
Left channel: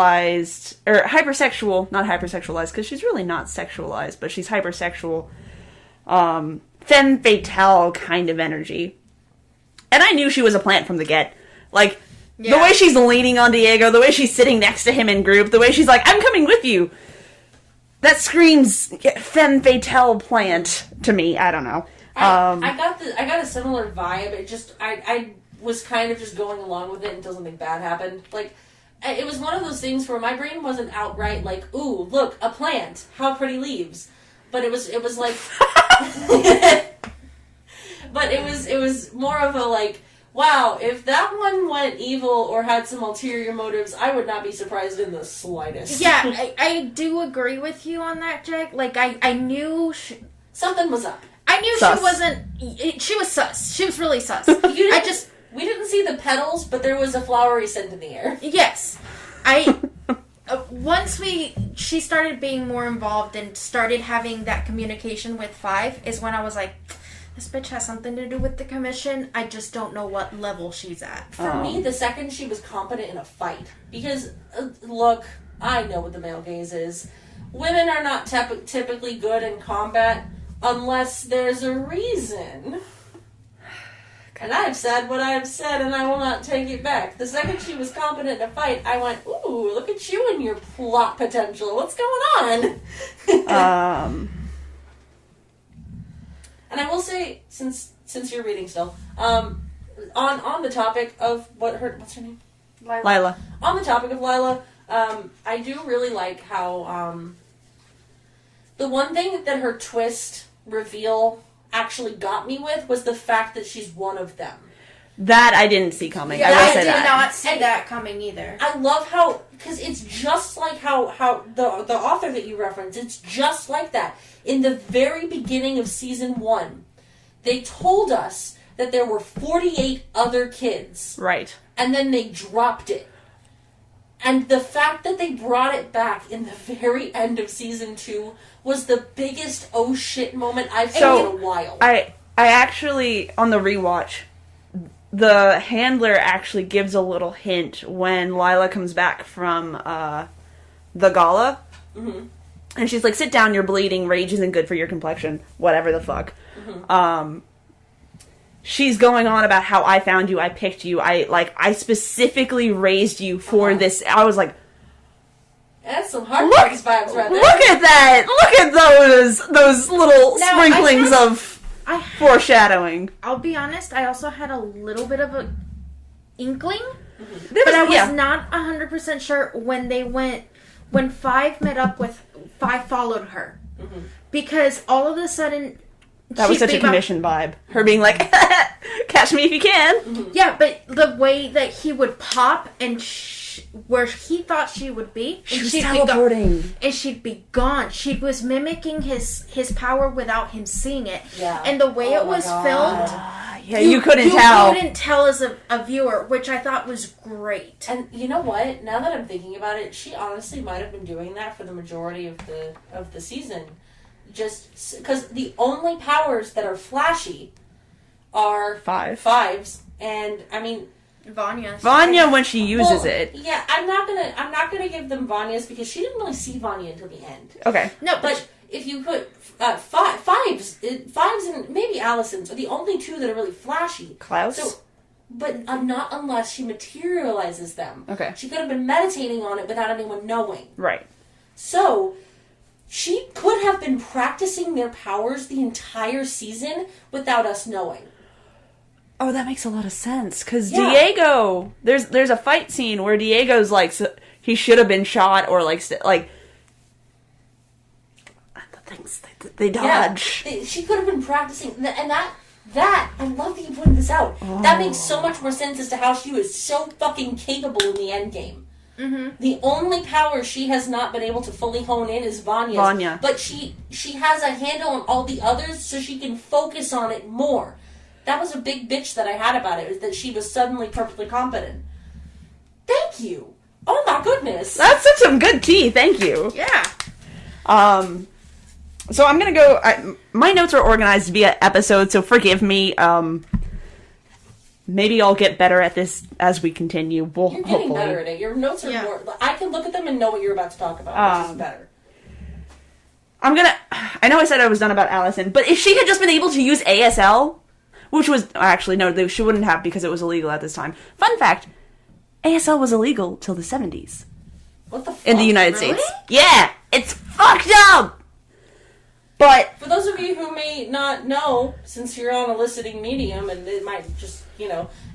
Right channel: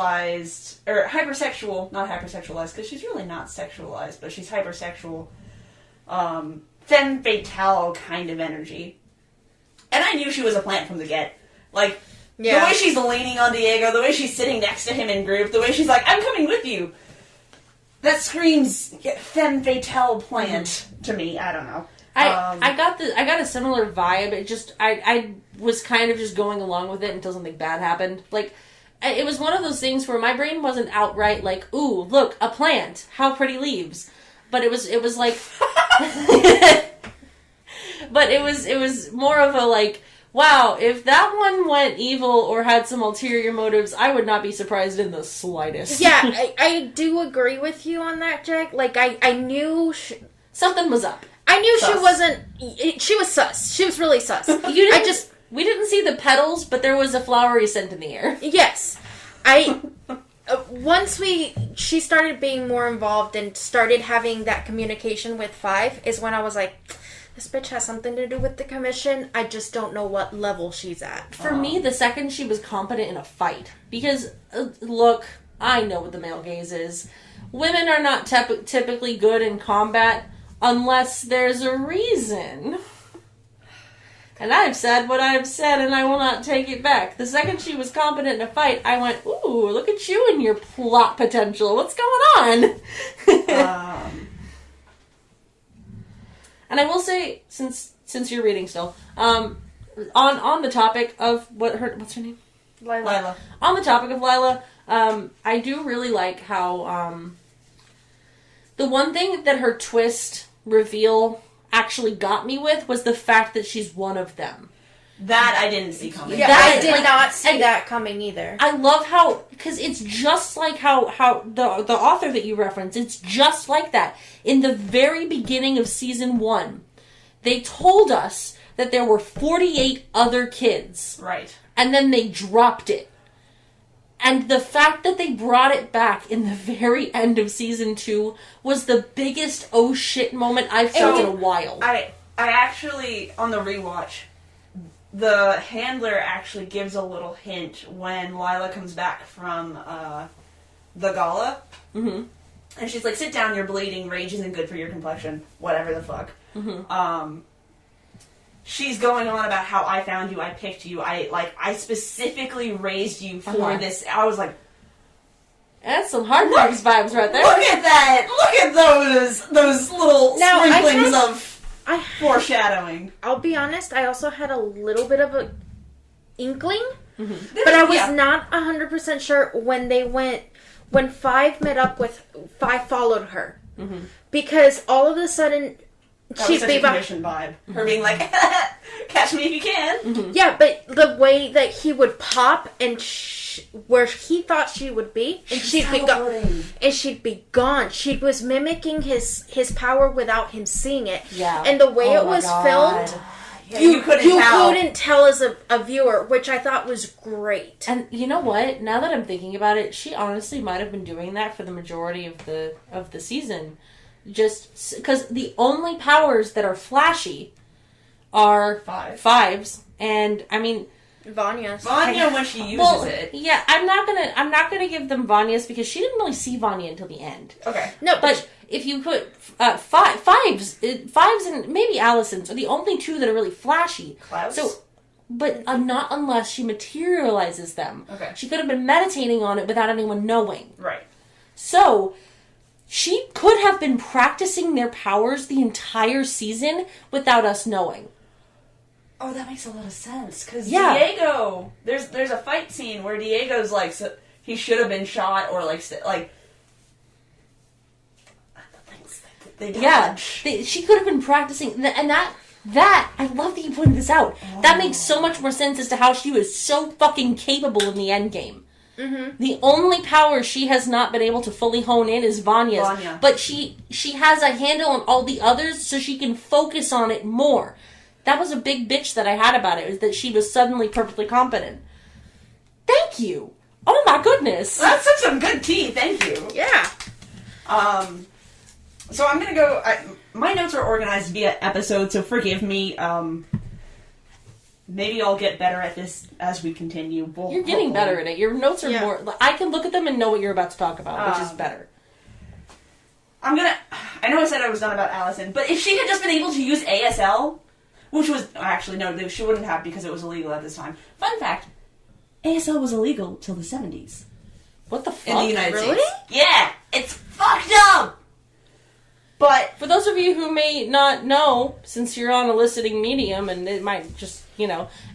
not hypersexualized, because she's really not sexualized, but she's hypersexual, femme fatale kind of energy. And I knew she was a plant from the get. Like, the way she's leaning on Diego, the way she's sitting next to him in group, the way she's like, I'm coming with you. That screams femme fatale plant to me. I don't know. I got a similar vibe. It just, I was kind of just going along with it until something bad happened. Like, it was one of those things where my brain wasn't outright like, ooh, look, a plant, how pretty leaves. But it was like, but it was more of a like, wow, if that one went evil or had some ulterior motives, I would not be surprised in the slightest. Yeah, I do agree with you on that, Jack. Like, I knew something was up. I knew sus. she wasn't. She was sus. She was really sus. We didn't see the petals, but there was a flowery scent in the air. Yes. Once she started being more involved and started having that communication with Five is when I was like, this bitch has something to do with the commission. I just don't know what level she's at. For me, the second she was competent in a fight. Because, look, I know what the male gaze is. Women are not typically good in combat unless there's a reason. And I have said what I have said, and I will not take it back. The second she was competent in a fight, I went, ooh, look at you and your plot potential. What's going on? And I will say, since you're reading still, on the topic of what's her name? Lila. On the topic of Lila, I do really like how the one thing that her twist reveal actually got me with was the fact that she's one of them. That I didn't see coming. Yeah, I did not see that coming either. I love how, because it's just like how the author that you reference, it's just like that. In the very beginning of season 1, they told us that there were 48 other kids. Right. And then they dropped it. And the fact that they brought it back in the very end of season 2 was the biggest oh shit moment I've felt in a while. I actually, on the rewatch, the handler actually gives a little hint when Lila comes back from the gala. Mm-hmm. And she's like, sit down, you're bleeding, rage isn't good for your complexion, whatever the fuck. Mm-hmm. She's going on about how I found you, I picked you, I specifically raised you for this. I was like, that's some Hard Knocks vibes right there. Look at that! Look at those little sprinklings of foreshadowing. I'll be honest, I also had a little bit of a inkling, but I was not 100% sure when Five met up with Five followed her. Mm-hmm. Because all of a sudden that was such a commission vibe. Her being like, catch me if you can. Mm-hmm. Yeah, but the way that he would pop and where he thought she would be, and she'd be gone. And she'd be gone. She was mimicking his power without him seeing it. Yeah. And the way it was filmed, yeah, you couldn't tell. You couldn't tell as a viewer, which I thought was great. And you know what? Now that I'm thinking about it, she honestly might have been doing that for the majority of the season. Just because the only powers that are flashy are fives, and I mean Vanya when she uses it. Yeah, I'm not gonna give them Vanya's because she didn't really see Vanya until the end. Okay, no, but if you put fives and maybe Allison's are the only two that are really flashy. Klaus. So, but not unless she materializes them. Okay, she could have been meditating on it without anyone knowing. Right. So. She could have been practicing their powers the entire season without us knowing. Oh, that makes a lot of sense. Because Diego, there's a fight scene where Diego's like, he should have been shot or like the things they dodge. Yeah, she could have been practicing, and that I love that you pointed this out. Oh. That makes so much more sense as to how she was so fucking capable in the end game. Mm-hmm. The only power she has not been able to fully hone in is Vanya's. But she has a handle on all the others, so she can focus on it more. That was a big bitch that I had about it, was that she was suddenly perfectly competent. Thank you. Oh my goodness. That's some good tea. Thank you. Yeah. So I'm gonna go. My notes are organized via episode, so forgive me. Maybe I'll get better at this as we continue. You're getting better at it. Your notes are more... I can look at them and know what you're about to talk about, which is better. I know I said I was done about Allison, but if she had just been able to use ASL, which was... Actually, no, she wouldn't have because it was illegal at this time. Fun fact, ASL was illegal till the 70s. What the fuck? In the United States. Yeah! It's fucked up! But... For those of you who may not know, since you're on a listening medium, and it might just...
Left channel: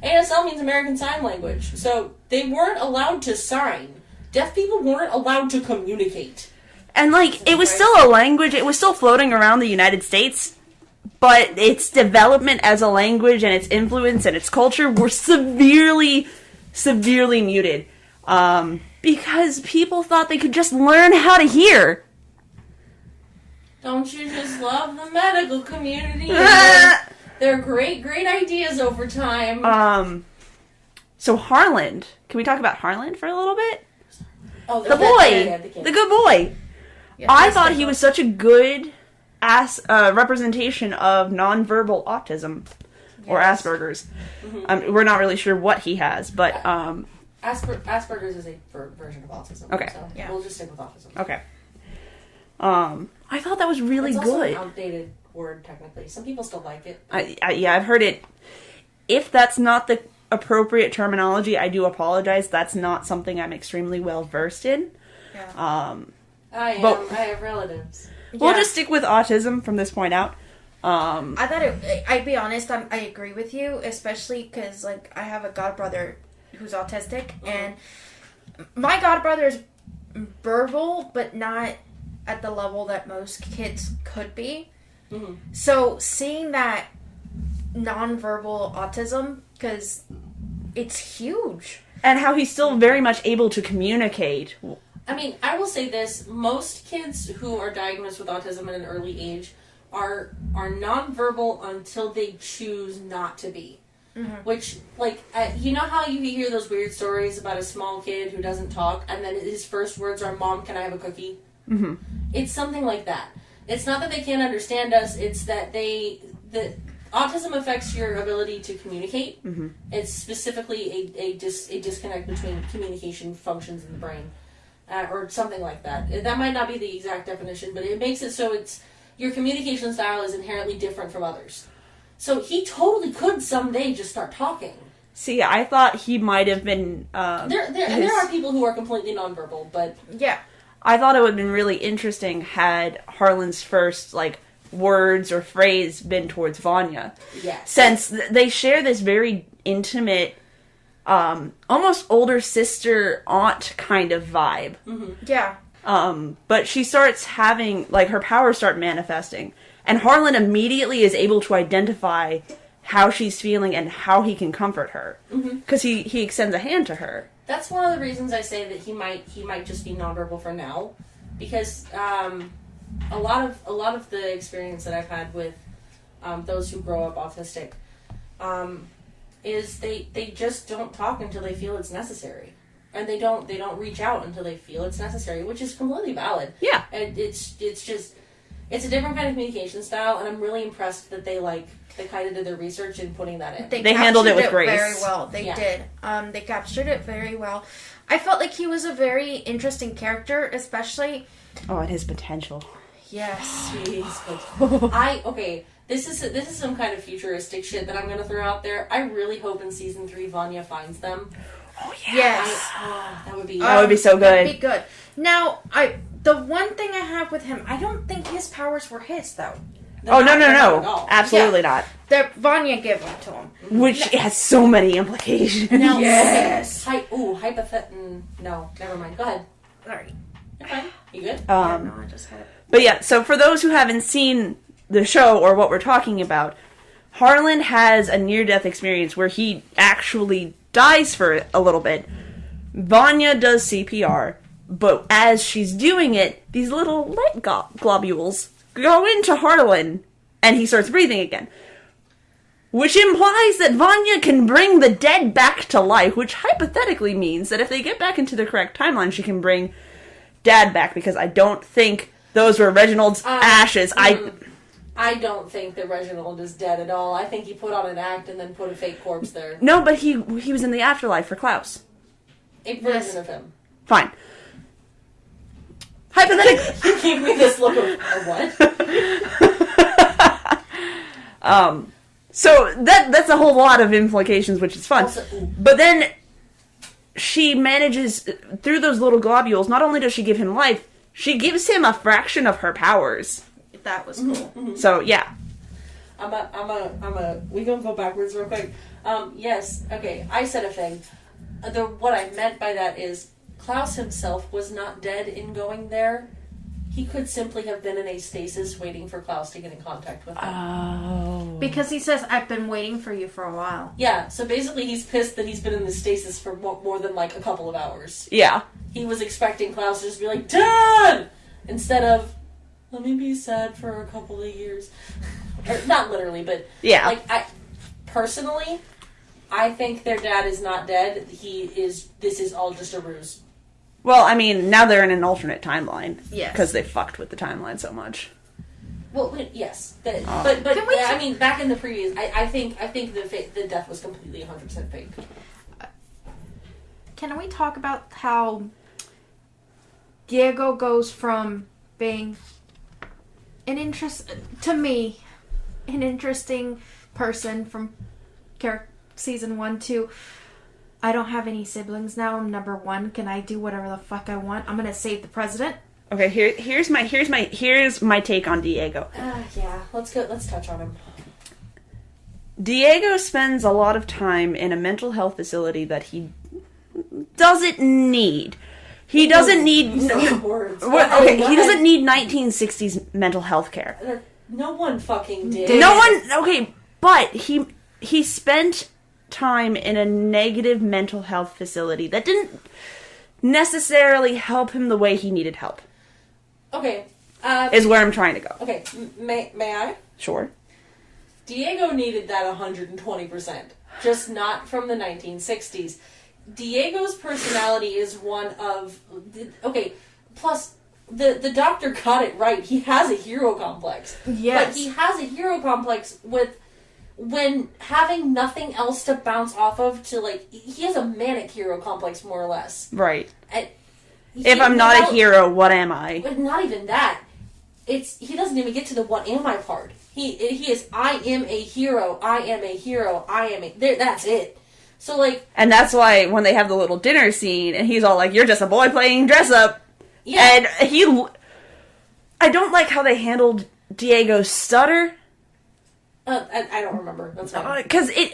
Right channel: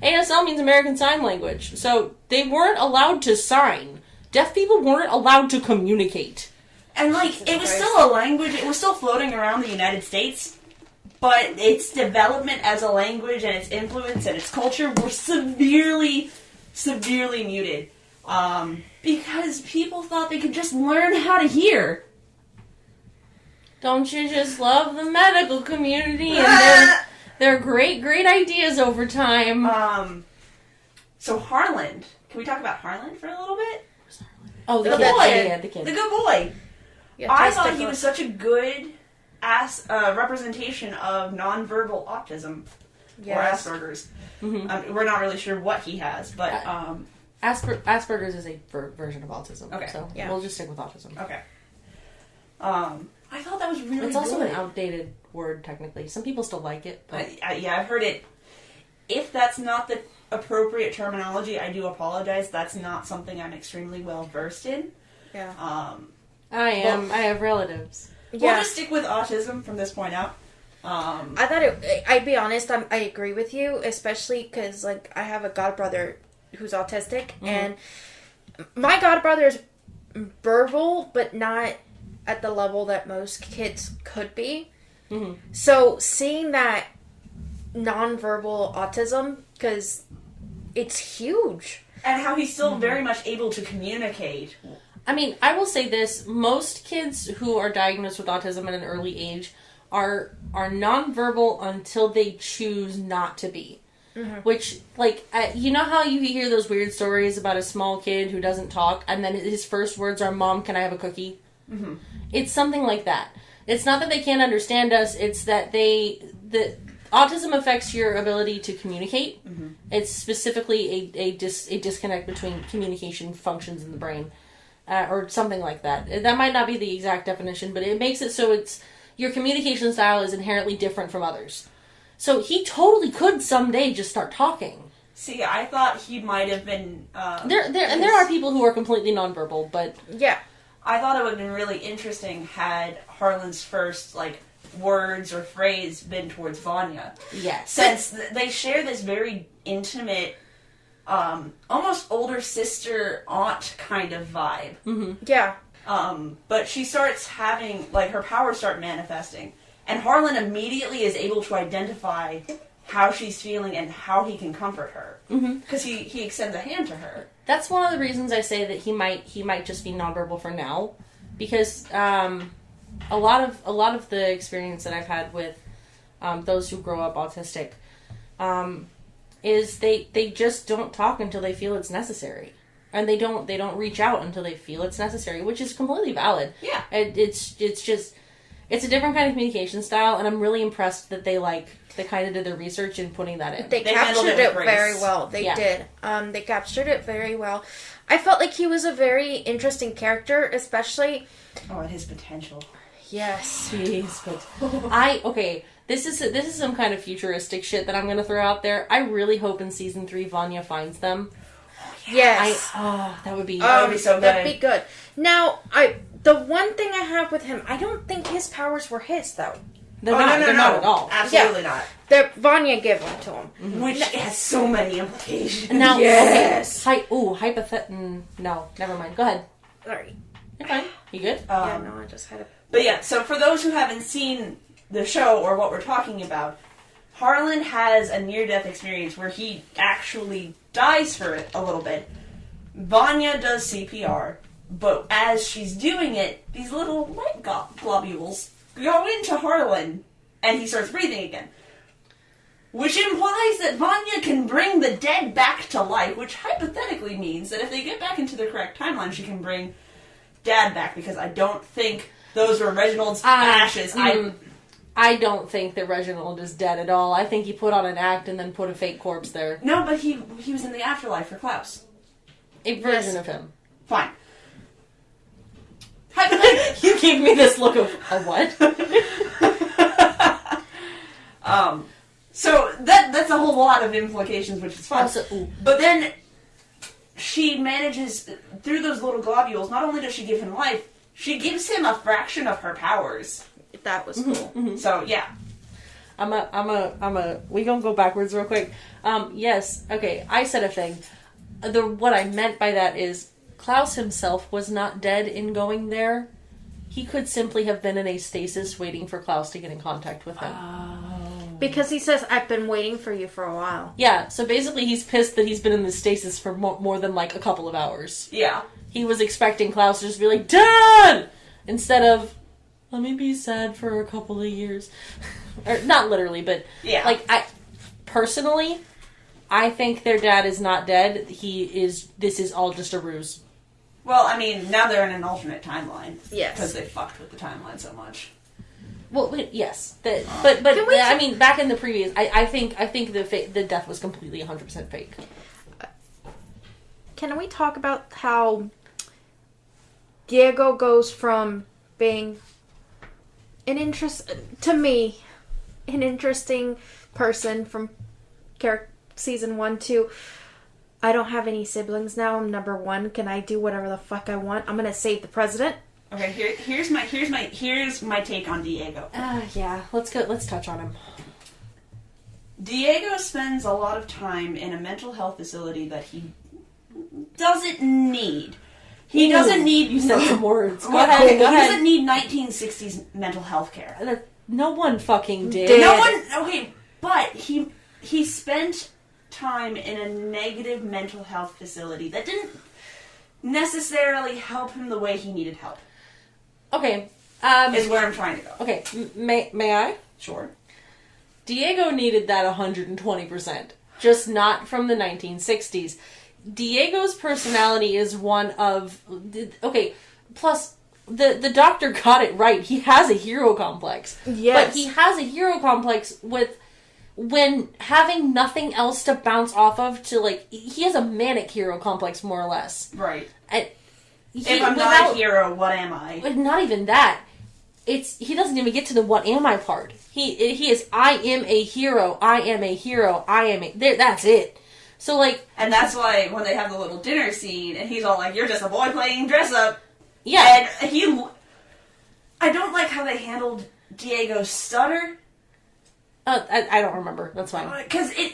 ASL means American Sign Language. So they weren't allowed to sign. Deaf people weren't allowed to communicate. And, it was still a language. It was still floating around the United States. But its development as a language and its influence and its culture were severely, severely muted. Because people thought they could just learn how to hear. Don't you just love the medical community? And they're great, great ideas over time. So Harland. Can we talk about Harland for a little bit? Oh, the boy. The good boy. Yeah, I thought he was such a good representation of nonverbal autism. Yes. Or Asperger's. Mm-hmm. We're not really sure what he has, but... Asperger's is a version of autism. Okay. So we'll just stick with autism. Okay. I thought that was really good. It's also an outdated word, technically. Some people still like it. Yeah, I've heard it. if that's not the appropriate terminology, I do apologize. That's not something I'm extremely well versed in. Yeah. I have relatives. We'll just stick with autism from this point out. I thought I'd be honest, I agree with you, especially because, like, I have a godbrother who's autistic, and my godbrother is verbal, but not at the level that most kids could be. So seeing that nonverbal autism, because it's huge. And how he's still very much able to communicate. I mean, I will say this. Most kids who are diagnosed with autism at an early age are nonverbal until they choose not to be. Which, like, you know how you hear those weird stories about a small kid who doesn't talk, and then his first words are, "Mom, can I have a cookie?" It's something like that. It's not that they can't understand us, it's that autism affects your ability to communicate. It's specifically a disconnect between communication functions in the brain. Or something like that. That might not be the exact definition, but it makes it so your communication style is inherently different from others. So he totally could someday just start talking. See, I thought he might have been... There are people who are completely nonverbal, but... Yeah. I thought it would have been really interesting had Harlan's first, like, words or phrase been towards Vanya. Yes. Since they share this very intimate, almost older sister, aunt kind of vibe. Yeah. But she starts having, like, her powers start manifesting. And Harlan immediately is able to identify how she's feeling and how he can comfort her. Because he extends a hand to her. That's one of the reasons I say that he might just be nonverbal for now, because a lot of the experience that I've had with those who grow up autistic is they just don't talk until they feel it's necessary, and they don't reach out until they feel it's necessary, which is completely valid. Yeah, it's a different kind of communication style, and I'm really impressed that they kind of did their research in putting that in. They handled it with grace. Very well. They did. They captured it very well. I felt like he was a very interesting character, especially... Oh, and his potential. Yes. Jeez, but this is some kind of futuristic shit that I'm going to throw out there. I really hope in season 3 Vanya finds them. Oh, yes. That would be so good. That'd be good. Now, the one thing I have with him, I don't think his powers were his, though. Not at all. Absolutely not. Vanya gave them to him. Which has so many implications. Now, yes. No, never mind. Go ahead. Sorry. You're fine. You good? I just had it. But yeah, so for those who haven't seen the show or what we're talking about, Harlan has a near-death experience where he actually dies for a little bit. Vanya does CPR, but as she's doing it, these little light globules go into Harlan, and he starts breathing again. Which implies that Vanya can bring the dead back to life, which hypothetically means that if they get back into the correct timeline, she can bring Dad back, because I don't think those were Reginald's ashes. I don't think that Reginald is dead at all. I think he put on an act and then put a fake corpse there. No, but he was in the afterlife for Klaus. A version of him. Fine. Hypothetically. You gave me this look of what? So that's a whole lot of implications, which is fun. Also, but then she manages, through those little globules, not only does she give him life, she gives him a fraction of her powers. That was cool. So, yeah. We gonna go backwards real quick. Yes, okay, I said a thing. What I meant by that is, Klaus himself was not dead in going there. He could simply have been in a stasis waiting for Klaus to get in contact with him. Oh. Because he says, I've been waiting for you for a while. Yeah, so basically he's pissed that he's been in the stasis for more than like a couple of hours. Yeah. He was expecting Klaus to just be like, Dad! Instead of, let me be sad for a couple of years. Or, not literally, but... Yeah. Like, personally, I think their dad is not dead. This is all just a ruse. Well, I mean, now they're in an alternate timeline. Yes. Because they fucked with the timeline so much. Well, yes. But I mean, back in the previous... I think the death was completely 100% fake. Can we talk about how Diego goes from being an interesting person from season 1 to, I don't have any siblings now, I'm number 1, can I do whatever the fuck I want? I'm gonna save the president. Okay, here's my take on Diego. Yeah, let's touch on him. Diego spends a lot of time in a mental health facility that he doesn't need. He doesn't need. You said some words. Go He ahead. doesn't need 1960s mental health care. No one fucking did. No one. Okay, but he spent time in a negative mental health facility that didn't necessarily help him the way he needed help. Okay. Is where I'm trying to go. Okay. May I? Sure. Diego needed that 120%, just not from the 1960s. Diego's personality is one of... Okay, plus, the doctor got it right. He has a hero complex. Yes. But he has a hero complex with... When having nothing else to bounce off of to, like... He has a manic hero complex, more or less. Right. If I'm not a hero, what am I? But not even that. He doesn't even get to the what am I part. He is I am a hero, I am a hero, I am a... That's it. So, like... And that's why when they have the little dinner scene, and he's all like, you're just a boy playing dress-up. Yeah. And I don't like how they handled Diego's stutter. I don't remember. That's fine. Because it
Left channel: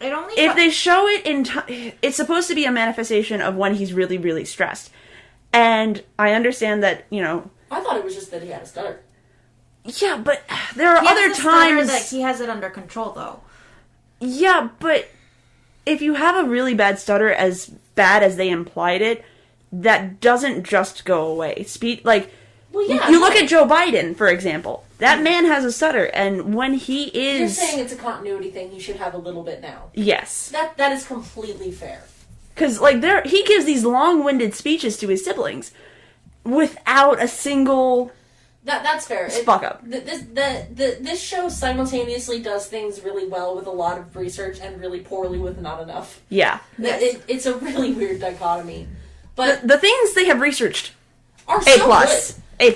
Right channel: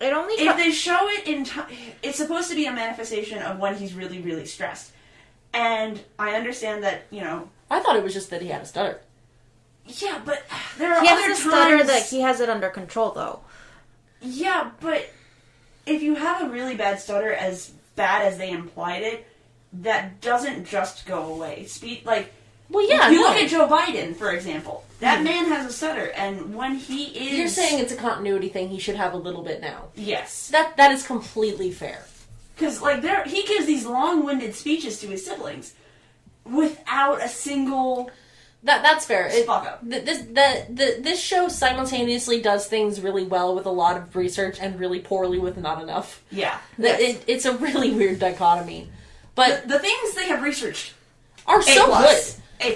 only... If they show it in time... It's supposed to be a manifestation of when he's really, really stressed. And I understand that, I thought it was just that he had a stutter. Yeah, but there are He other has a stutter times that he has it under control, though. Yeah, but if you have a really bad stutter, as bad as they implied it, that doesn't just go away. Well, yeah. You look at Joe Biden, for example. That man has a stutter, and when he is... You're saying it's a continuity thing. He should have a little bit now. Yes. That is completely fair. Because, he gives these long-winded speeches to his siblings without a single... That's fair. Fuck up. This show simultaneously does things really well with a lot of research and really poorly with not enough. Yeah. It's a really weird dichotomy. But the things they have researched are so good. A+.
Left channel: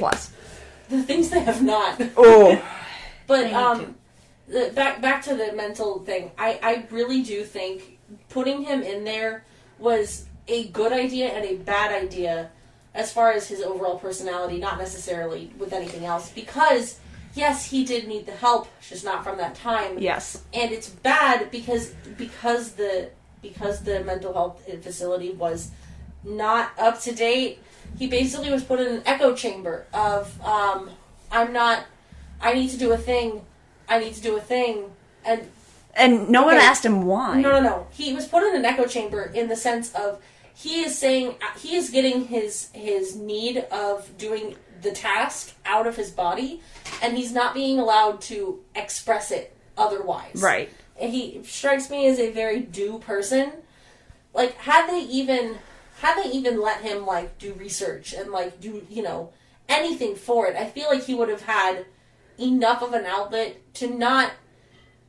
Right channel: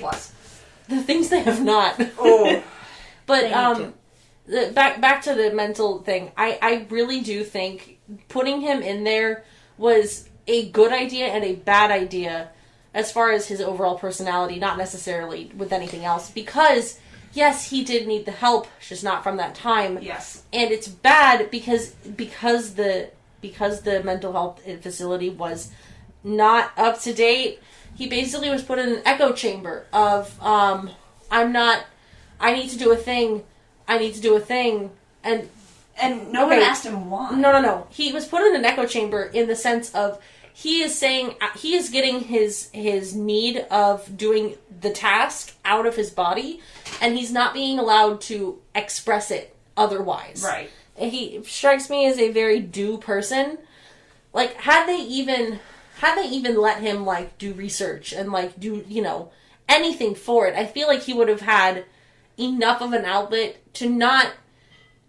The things they have not. Oh. But back to the mental thing. I really do think putting him in there was a good idea and a bad idea as far as his overall personality, not necessarily with anything else. Because, yes, he did need the help, just not from that time. Yes. And it's bad because the mental health facility was not up to date. He basically was put in an echo chamber of, I need to do a thing, and no one asked him why. No. He was put in an echo chamber in the sense of he is getting his need of doing the task out of his body, and he's not being allowed to express it otherwise. Right. He strikes me as a very do person. Like, had they even let him, like, do research and, like, do, anything for it, I feel like he would have had enough of an outlet to not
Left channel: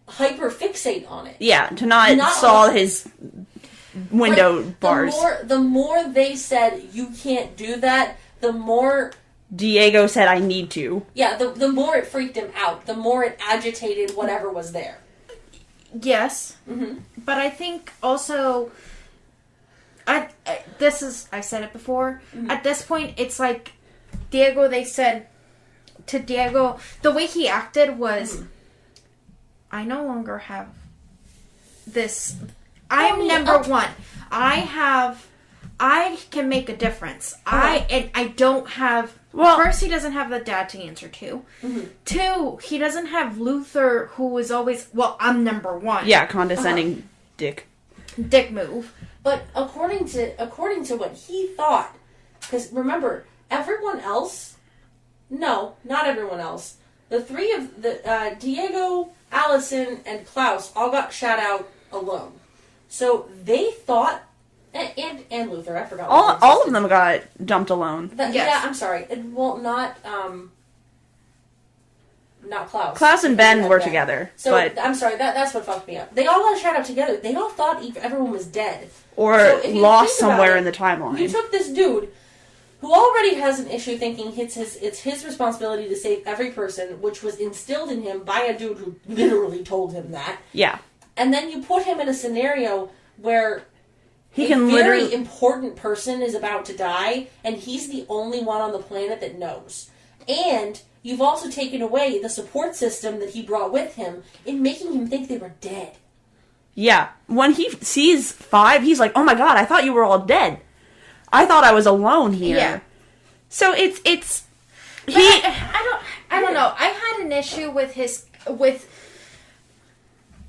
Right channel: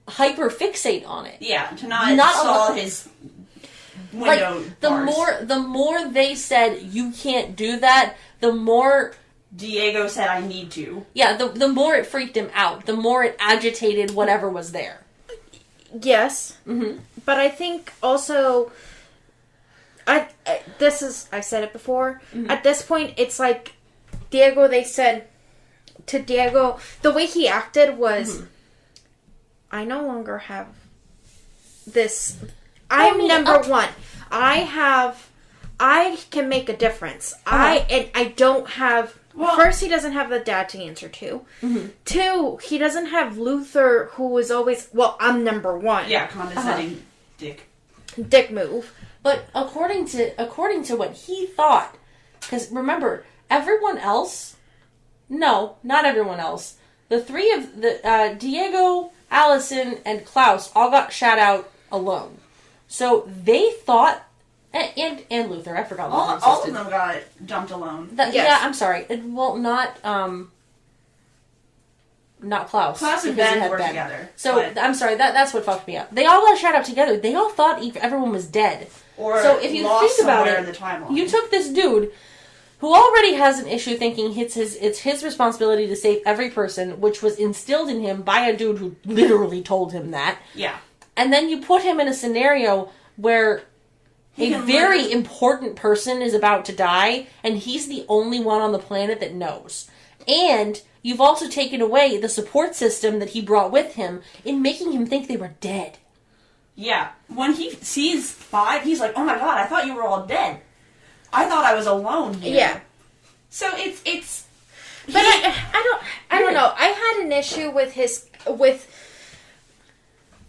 hyper-fixate on it. Yeah, to not saw his window bars. The more they said, you can't do that, the more... Diego said, I need to. Yeah, the more it freaked him out, the more it agitated whatever was there. Yes. Mm-hmm. But I think also... I've said it before. Mm-hmm. At this point, it's like Diego, they said to Diego, the way he acted was, I no longer have this. I'm number one. I can make a difference. I don't have, first, he doesn't have the dad to answer to. Mm-hmm. 2, he doesn't have Luther, who was always, I'm number one. Yeah, condescending dick move. But according to what he thought, because remember, everyone else, no, not everyone else, the three of Diego, Allison, and Klaus all got shot out alone. So they thought, and Luther, I forgot. All of them got dumped alone. Yes. Yeah, I'm sorry. Not Klaus. Klaus and Ben were together. So, I'm sorry, that's what fucked me up. They all got shot out together. They all thought everyone was dead. Or lost somewhere in the timeline. You took this dude who already has an issue thinking it's his responsibility to save every person, which was instilled in him by a dude who literally told him that. Yeah. And then you put him in a scenario where a very important person is about to die, and he's the only one on the planet that knows. And you've also taken away the support system that he brought with him in making him think they were dead. Yeah. When he sees 5, he's like, oh my god, I thought you were all dead. I thought I was alone here. Yeah. So it's... But I don't know. I had an issue with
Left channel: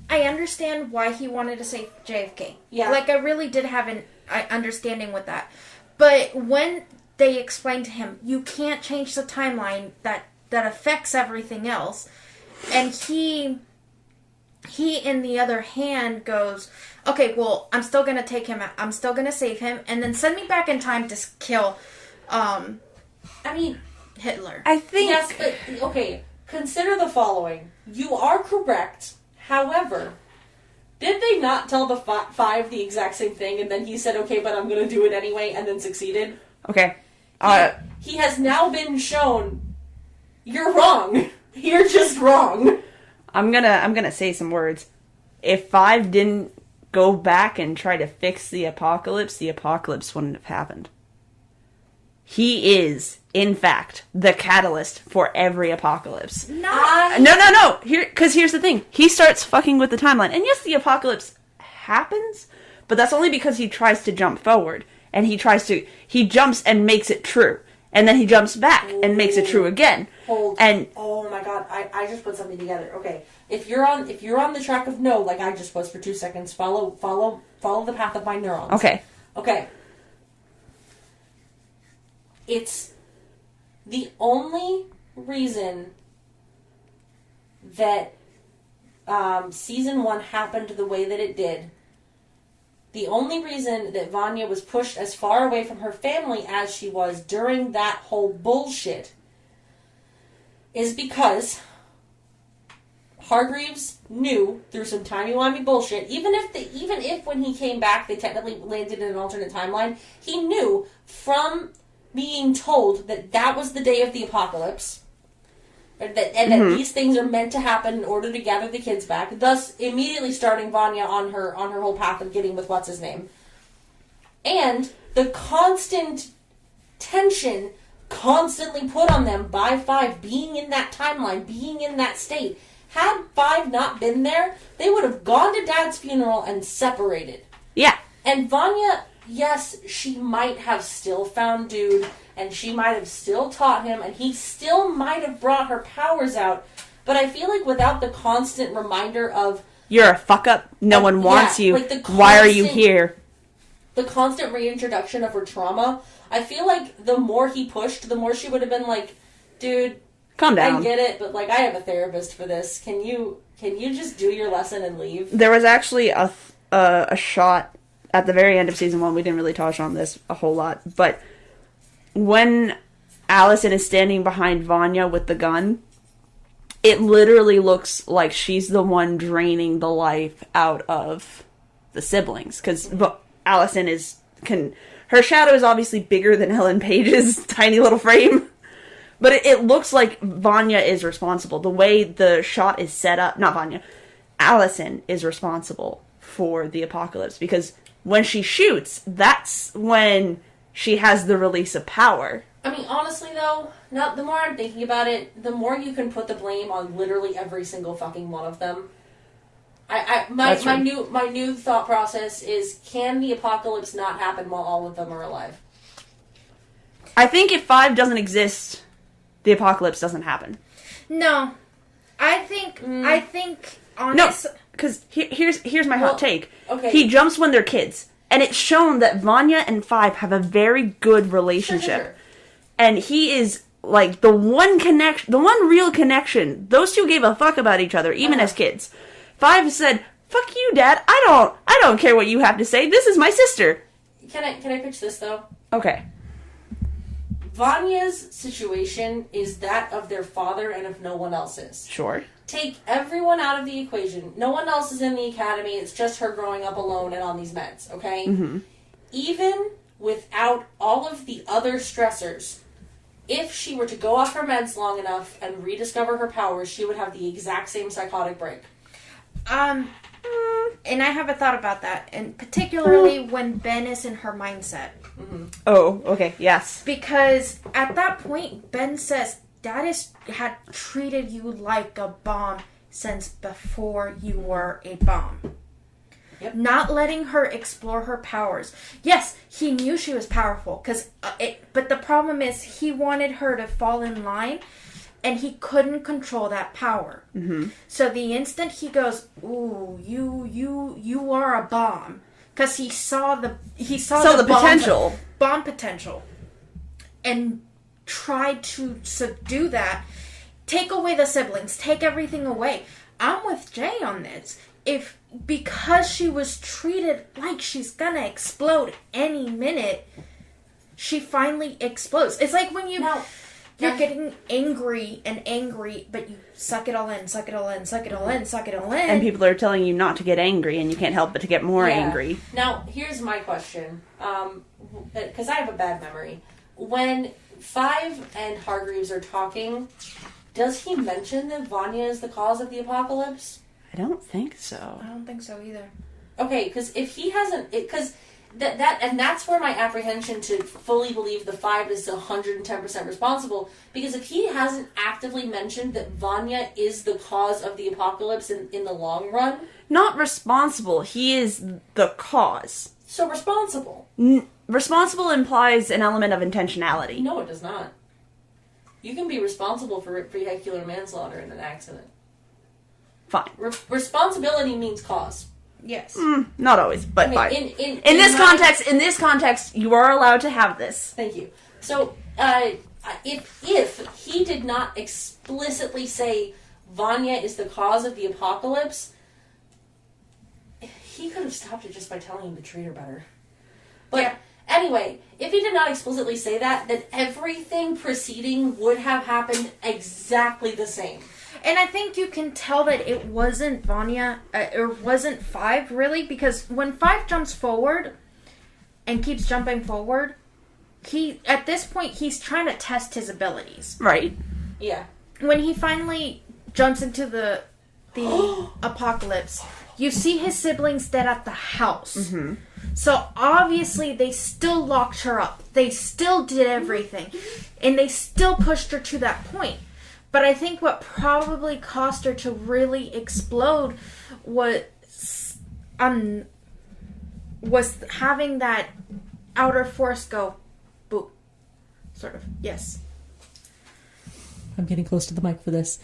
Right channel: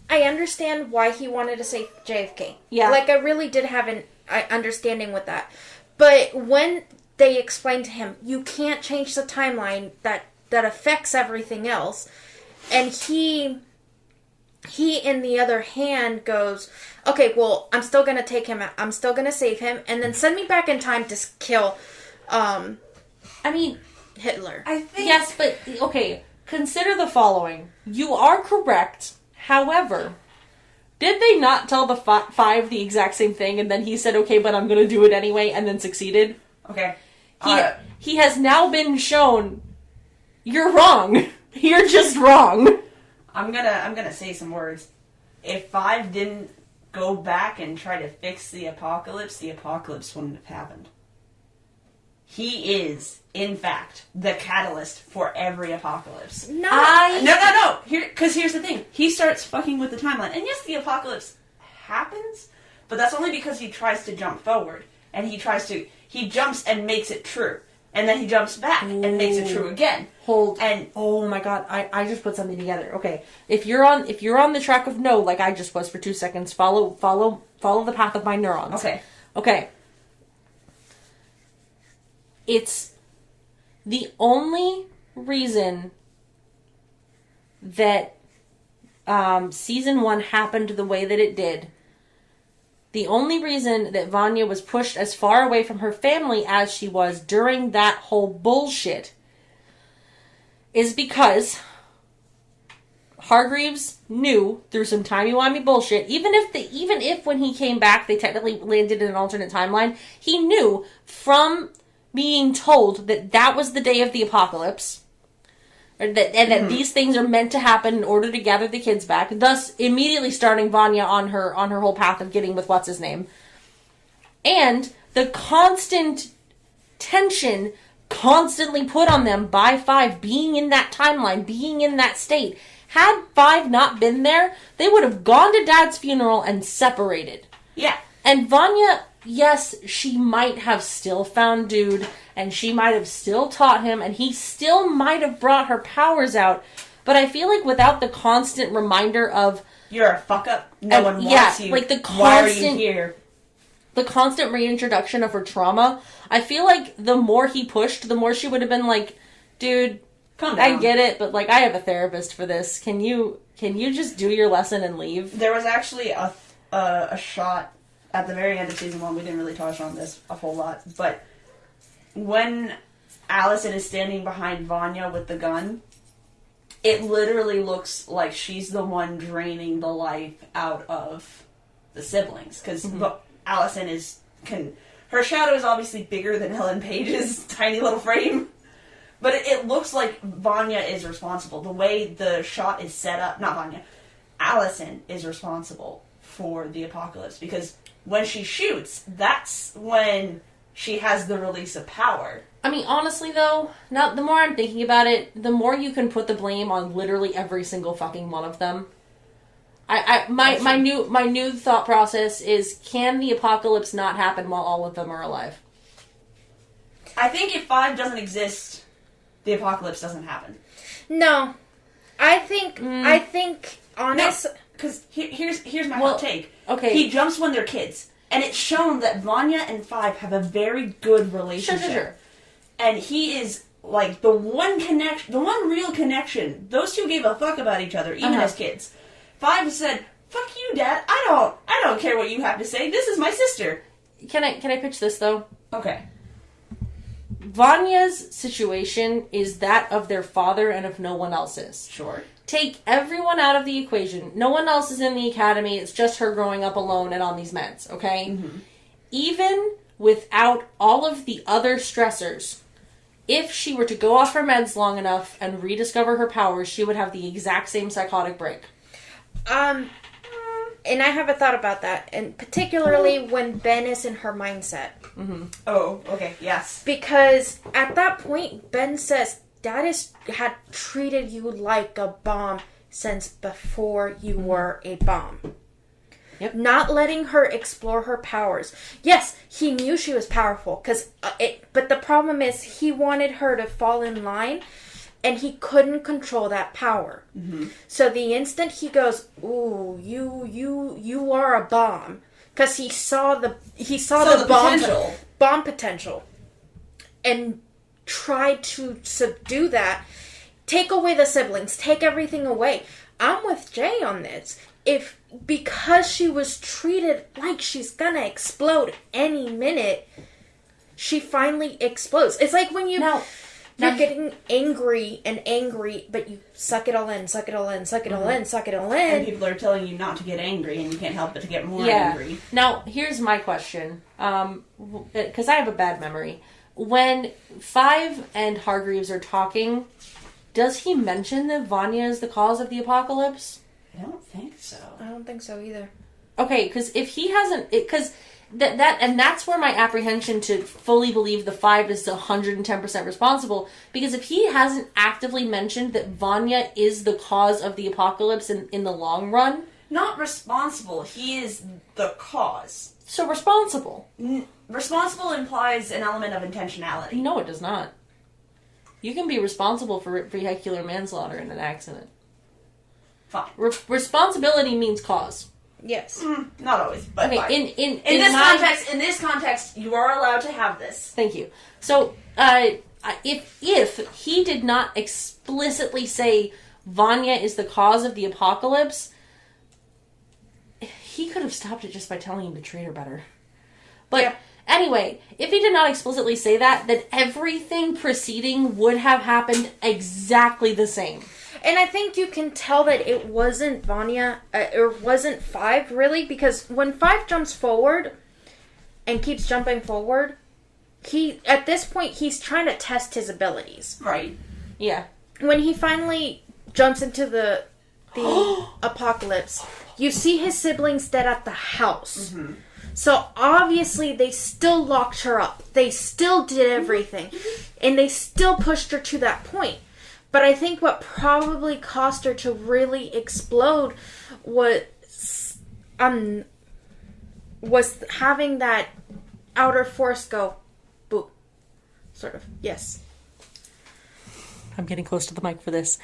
I understand why he wanted to save JFK. Yeah. Like, I really did have an understanding with that. But when they explained to him, you can't change the timeline that affects everything else, and he in the other hand goes, okay, well, I'm still going to take him out. I'm still going to save him, and then send me back in time to kill, Hitler. I think... Yes, but, okay, consider the following. You are correct. However, did they not tell the 5 the exact same thing, and then he said, okay, but I'm going to do it anyway, and then succeeded? Okay. He has now been shown, you're wrong. You're just wrong. I'm gonna say some words. If 5 didn't go back and try to fix the apocalypse wouldn't have happened. He is, in fact, the catalyst for every apocalypse. No. Here's the thing. He starts fucking with the timeline. And yes, the apocalypse happens, but that's only because he tries to jump forward. And he jumps and makes it true. And then he jumps back and makes it true again. Oh my god, I just put something together. Okay. If you're on the track of no, like I just was for 2 seconds, follow the path of my neurons. Okay. It's the only reason that season 1 happened the way that it did. The only reason that Vanya was pushed as far away from her family as she was during that whole bullshit is because Hargreaves knew through some timey-wimey bullshit, even if when he came back they technically landed in an alternate timeline, he knew from being told that was the day of the apocalypse, and that these things are meant to happen in order to gather the kids back, thus immediately starting Vanya on her whole path of getting with what's his name. And the constant tension constantly put on them by 5 being in that timeline, being in that state. Had 5 not been there, they would have gone to Dad's funeral and separated. Yeah. And Vanya, yes, she might have still found Dude, and she might have still taught him, and he still might have brought her powers out, but I feel like without the constant reminder of... You're a fuck-up, no one wants you, like why are you here? The constant reintroduction of her trauma, I feel like the more he pushed, the more she would have been like, dude, calm down. I get it, but like I have a therapist for this. Can you just do your lesson and leave? There was actually a shot at the very end of season 1, we didn't really touch on this a whole lot, but when Allison is standing behind Vanya with the gun, it literally looks like she's the one draining the life out of the siblings, because Allison her shadow is obviously bigger than Ellen Page's tiny little frame, but it looks like Vanya is responsible. The way the shot is set up, not Vanya, Allison is responsible for the apocalypse, because when she shoots, that's when she has the release of power. I mean, honestly, though, now the more I'm thinking about it, the more you can put the blame on literally every single fucking one of them. My new thought process is, can the apocalypse not happen while all of them are alive? I think if 5 doesn't exist, the apocalypse doesn't happen. No. I think honest... No, because here's my hot take. Okay. He jumps when they're kids. And it's shown that Vanya and 5 have a very good relationship. Sure. And he is, like, the one real connection. Those two gave a fuck about each other, even as kids. 5 said, fuck you, Dad. I don't care what you have to say. This is my sister. Can I pitch this, though? Okay. Vanya's situation is that of their father and of no one else's. Sure. Take everyone out of the equation. No one else is in the academy. It's just her growing up alone and on these meds, okay? Mm-hmm. Even without all of the other stressors, if she were to go off her meds long enough and rediscover her powers, she would have the exact same psychotic break. And I have a thought about that, and particularly when Ben is in her mindset. Oh, okay, yes. Because at that point, Ben says, Dad had treated you like a bomb since before you were a bomb. Yep. Not letting her explore her powers. Yes, he knew she was powerful, but the problem is he wanted her to fall in line, and he couldn't control that power. Mm-hmm. So the instant he goes, "Ooh, you are a bomb," because he saw the bomb potential, and tried to subdue that. Take away the siblings. Take everything away. I'm with Jay on this. Because she was treated like she's gonna explode any minute, she finally explodes. It's like when you're getting angry, but you suck it all in, suck it all in, suck it all in, suck it all in. And people are telling you not to get angry, and you can't help but to get more angry. Now, here's my question, because I have a bad memory. When Five and Hargreaves are talking, does he mention that Vanya is the cause of the apocalypse? I don't think so. I don't think so either. Okay, because if he hasn't, because that's where my apprehension to fully believe the Five is 110% responsible. Because if he hasn't actively mentioned that Vanya is the cause of the apocalypse in the long run, not responsible. He is the cause. So responsible. Responsible implies an element of intentionality. No, it does not. You can be responsible for vehicular manslaughter in an accident. Fine. Responsibility means cause. Yes. Not always, but okay, fine. In this context, you are allowed to have this. Thank you. So, if he did not explicitly say Vanya is the cause of the apocalypse, he could have stopped it just by telling him to treat her better. But anyway, if he did not explicitly say that, then everything preceding would have happened exactly the same. And I think you can tell that it wasn't Vanya, or wasn't Five, really, because when Five jumps forward and keeps jumping forward, at this point, he's trying to test his abilities. Right. Yeah. When he finally jumps into the apocalypse, you see his siblings dead at the house. Mm-hmm. So obviously they still locked her up. They still did everything. And they still pushed her to that point. But I think what probably caused her to really explode was having that outer force go boop. Sort of. Yes. I'm getting close to the mic for this.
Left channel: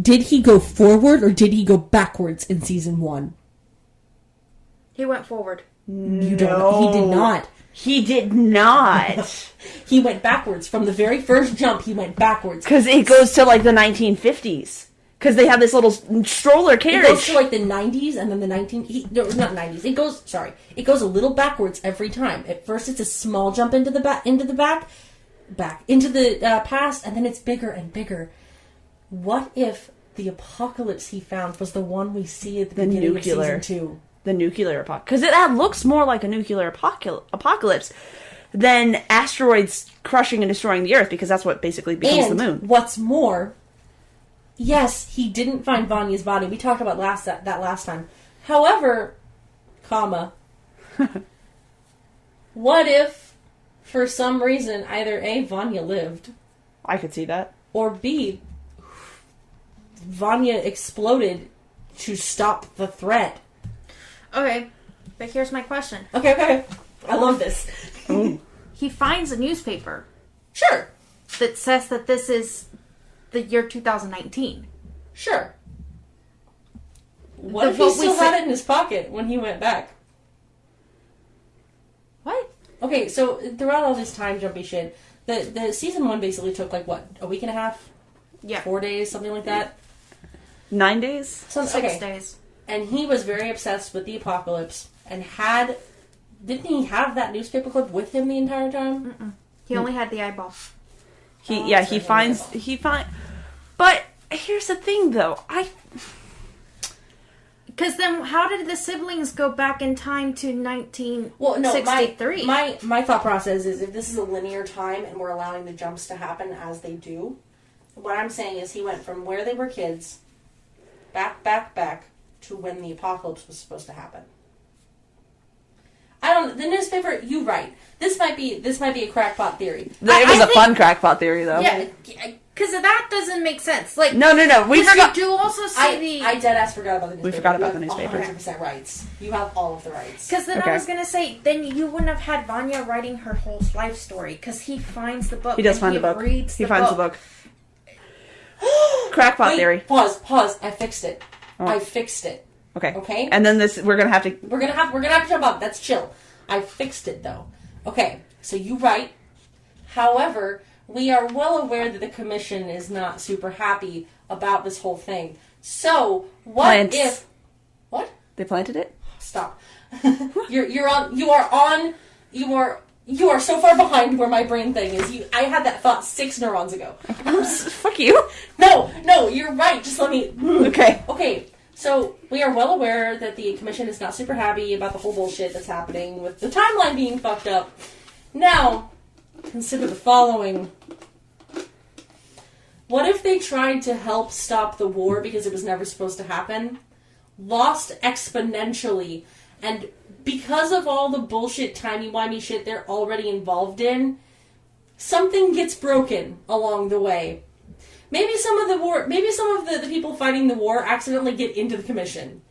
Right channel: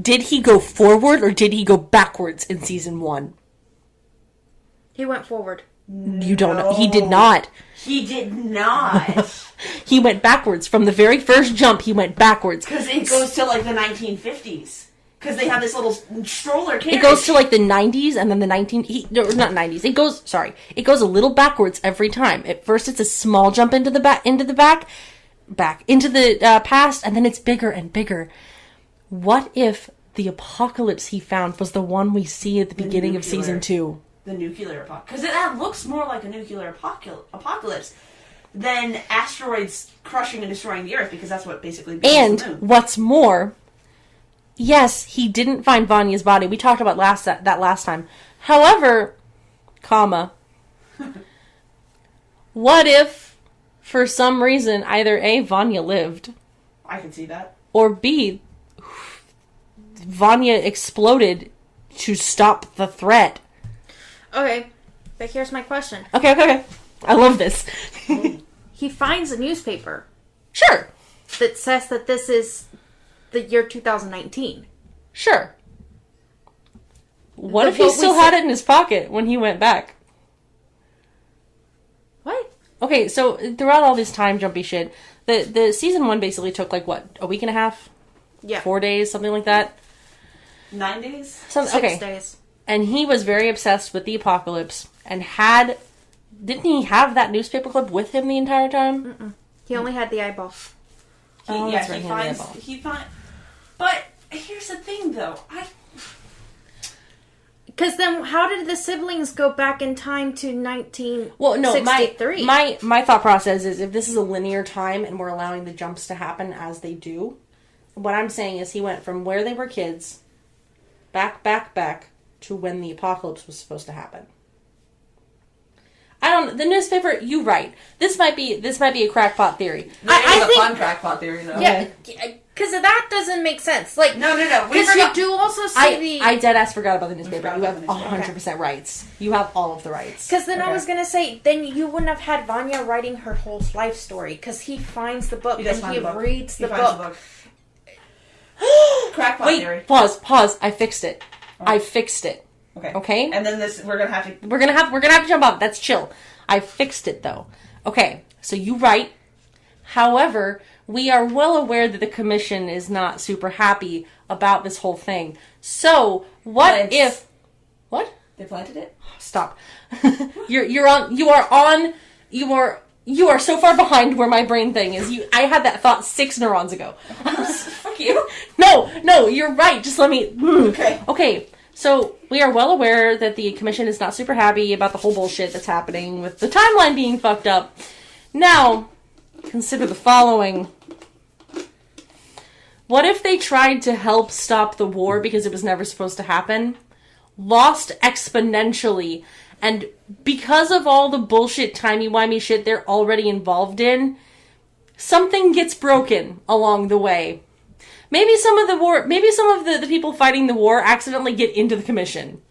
Did he go forward or did he go backwards in season 1? He went forward. You don't know. He did not. He did not. He went backwards. From the very first jump, he went backwards. Because it goes to like the 1950s. Because they have this little stroller carriage. It goes to like the 90s and then the not 90s. It goes a little backwards every time. At first it's a small jump into the past, and then it's bigger and bigger. What if the apocalypse he found was the one we see at the beginning of season 2? The nuclear apocalypse. Because that looks more like a nuclear apocalypse than asteroids crushing and destroying the Earth, because that's what basically becomes the moon. And what's more, yes, he didn't find Vanya's body. We talked about that last time. However, what if, for some reason, either A, Vanya lived, I could see that, or B, Vanya exploded to stop the threat. Okay, but here's my question. Okay. I love this. He finds a newspaper. Sure. That says that this is the year 2019. Sure. What if he still had it in his pocket when he went back? What? Okay, so throughout all this time jumpy shit, the season 1 basically took like what, a week and a half? Yeah. 4 days, something like that? 9 days? 6 days. And he was very obsessed with the apocalypse and didn't he have that newspaper clip with him the entire time? Mm-mm. He only had the eyeball. He finds. But here's the thing, though. Because then, how did the siblings go back in time to 1963? Well, no, my thought process is if this is a linear time and we're allowing the jumps to happen as they do, what I'm saying is he went from where they were kids, back, to when the apocalypse was supposed to happen. I don't. The newspaper. You right. This might be a crackpot theory. It was a fun crackpot theory, though. Yeah, because that doesn't make sense. Like no. We Because forgot. you do also see I dead ass forgot about the newspaper. We forgot about You the have newspaper. 100% rights. You have all of the rights. Because then I Okay. was going to say, then you wouldn't have had Vanya writing her whole life story. Because he finds the book He does and find he the book. reads He the finds book. the book. Crackpot Wait, theory. pause. I fixed it. Oh. I fixed it. Okay. Okay? And then we're gonna have to. We're gonna have to jump up. That's chill. I fixed it though. Okay, so you right. However, we are well aware that the commission is not super happy about this whole thing. So what Plants. if what? They planted it. Stop. You are so far behind where my brain thing is. I had that thought 6 neurons ago. Fuck you. No, you're right. Just let me. Okay. Okay. So, we are well aware that the commission is not super happy about the whole bullshit that's happening with the timeline being fucked up. Now, consider the following. What if they tried to help stop the war because it was never supposed to happen? Lost exponentially, and because of all the bullshit timey-wimey shit they're already involved in, something gets broken along the way. Maybe some of the people fighting the war accidentally get into the commission.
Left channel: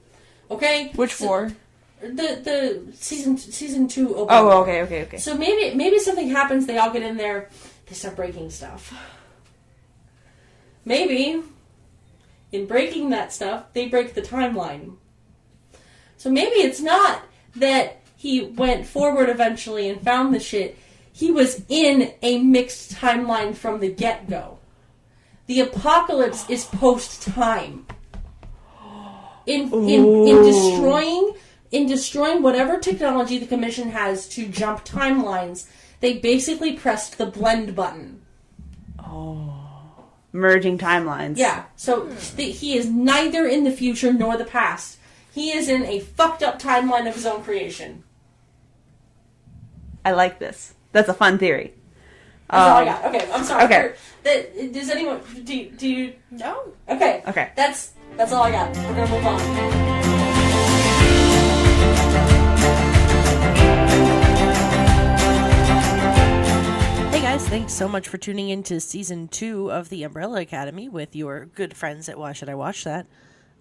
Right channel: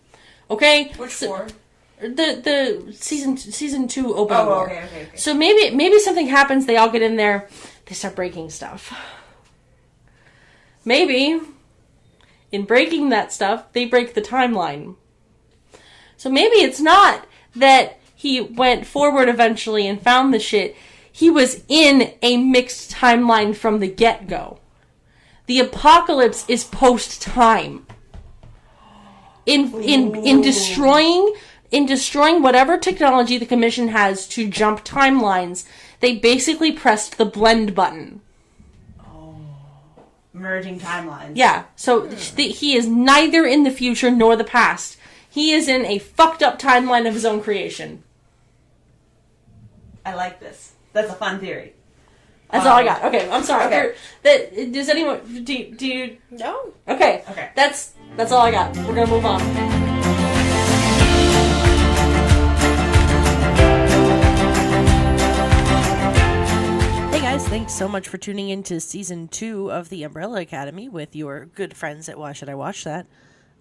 Okay? Which war? The season 2 open. Oh, war. okay. So maybe something happens, they all get in there, they start breaking stuff. Maybe in breaking that stuff, they break the timeline. So maybe it's not that he went forward eventually and found the shit. He was in a mixed timeline from the get-go. The apocalypse is post-time. In destroying whatever technology the commission has to jump timelines, they basically pressed the blend button. Merging timelines. Yeah, so he is neither in the future nor the past. He is in a fucked up timeline of his own creation. I like this. That's a fun theory. That's all I got. Okay, I'm sorry. Okay. Does anyone... Do you... No. Okay. Okay. That's all I got. We're gonna move on. Hey guys, thanks so much for tuning in to Season 2 of The Umbrella Academy with your good friends at Why Should I Watch That?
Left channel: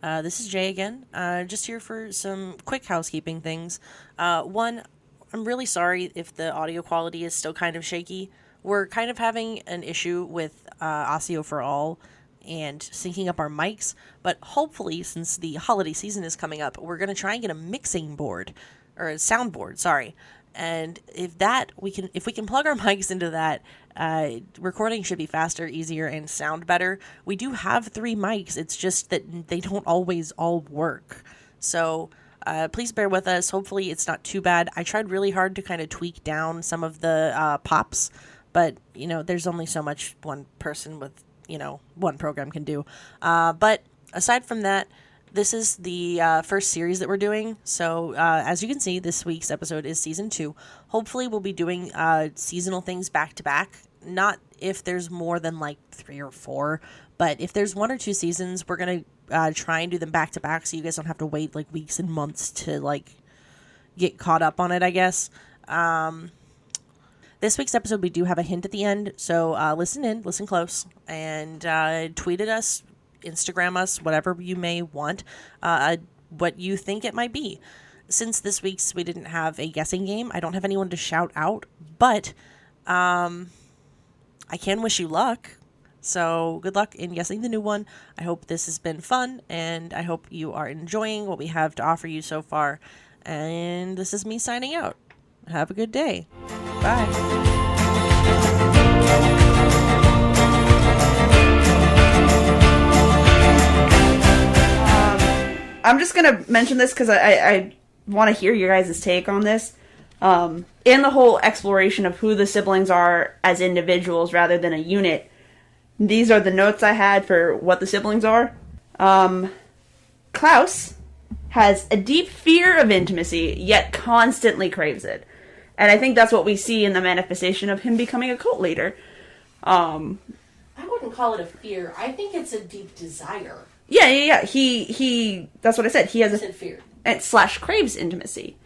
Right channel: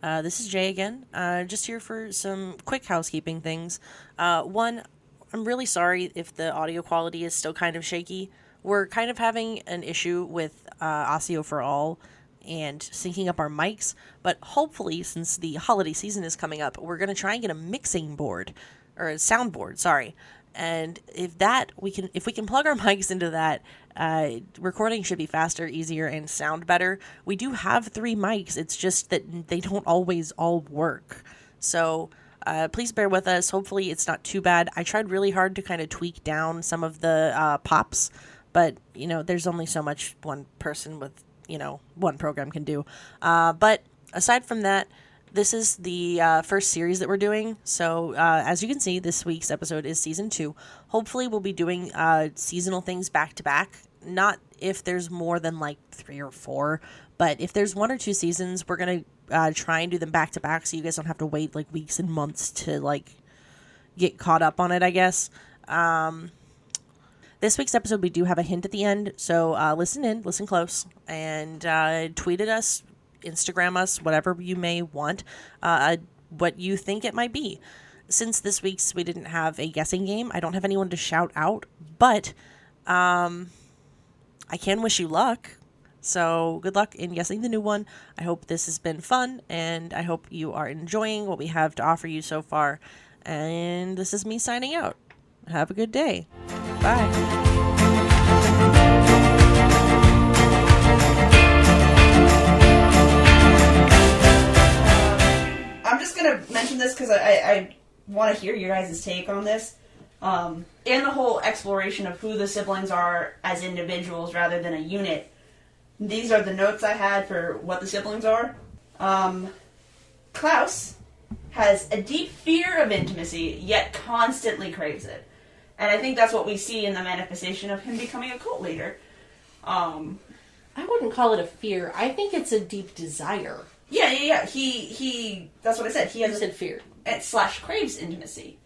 This is Jay again, just here for some quick housekeeping things. One, I'm really sorry if the audio quality is still kind of shaky. We're kind of having an issue with Audio for All and syncing up our mics, but hopefully, since the holiday season is coming up, we're going to try and get a mixing board, or a soundboard, sorry. And if we can plug our mics into that, recording should be faster, easier, and sound better. We do have 3 mics, it's just that they don't always all work. So please bear with us. Hopefully it's not too bad. I tried really hard to kind of tweak down some of the pops, but, there's only so much one person with, one program can do. But aside from that, this is the first series that we're doing. So as you can see, this week's episode is Season 2. Hopefully we'll be doing seasonal things back to back. Not if there's more than like 3 or 4, but if there's 1 or 2 seasons, we're going to try and do them back to back so you guys don't have to wait like weeks and months to like get caught up on it, I guess. This week's episode, we do have a hint at the end, so listen close, and tweet at us, Instagram us, whatever you may want, what you think it might be. Since this week's we didn't have a guessing game, I don't have anyone to shout out, but I can wish you luck. So good luck in guessing the new one. I hope this has been fun, and I hope you are enjoying what we have to offer you so far. And this is me signing out. Have a good day. Bye. I'm just gonna mention this because I want to hear your guys' take on this. And the whole exploration of who the siblings are as individuals rather than a unit. These are the notes I had for what the siblings are. Klaus has a deep fear of intimacy, yet constantly craves it. And I think that's what we see in the manifestation of him becoming a cult leader. I wouldn't call it a fear. I think it's a deep desire. Yeah. He. That's what I said. He has I said fear. / craves intimacy.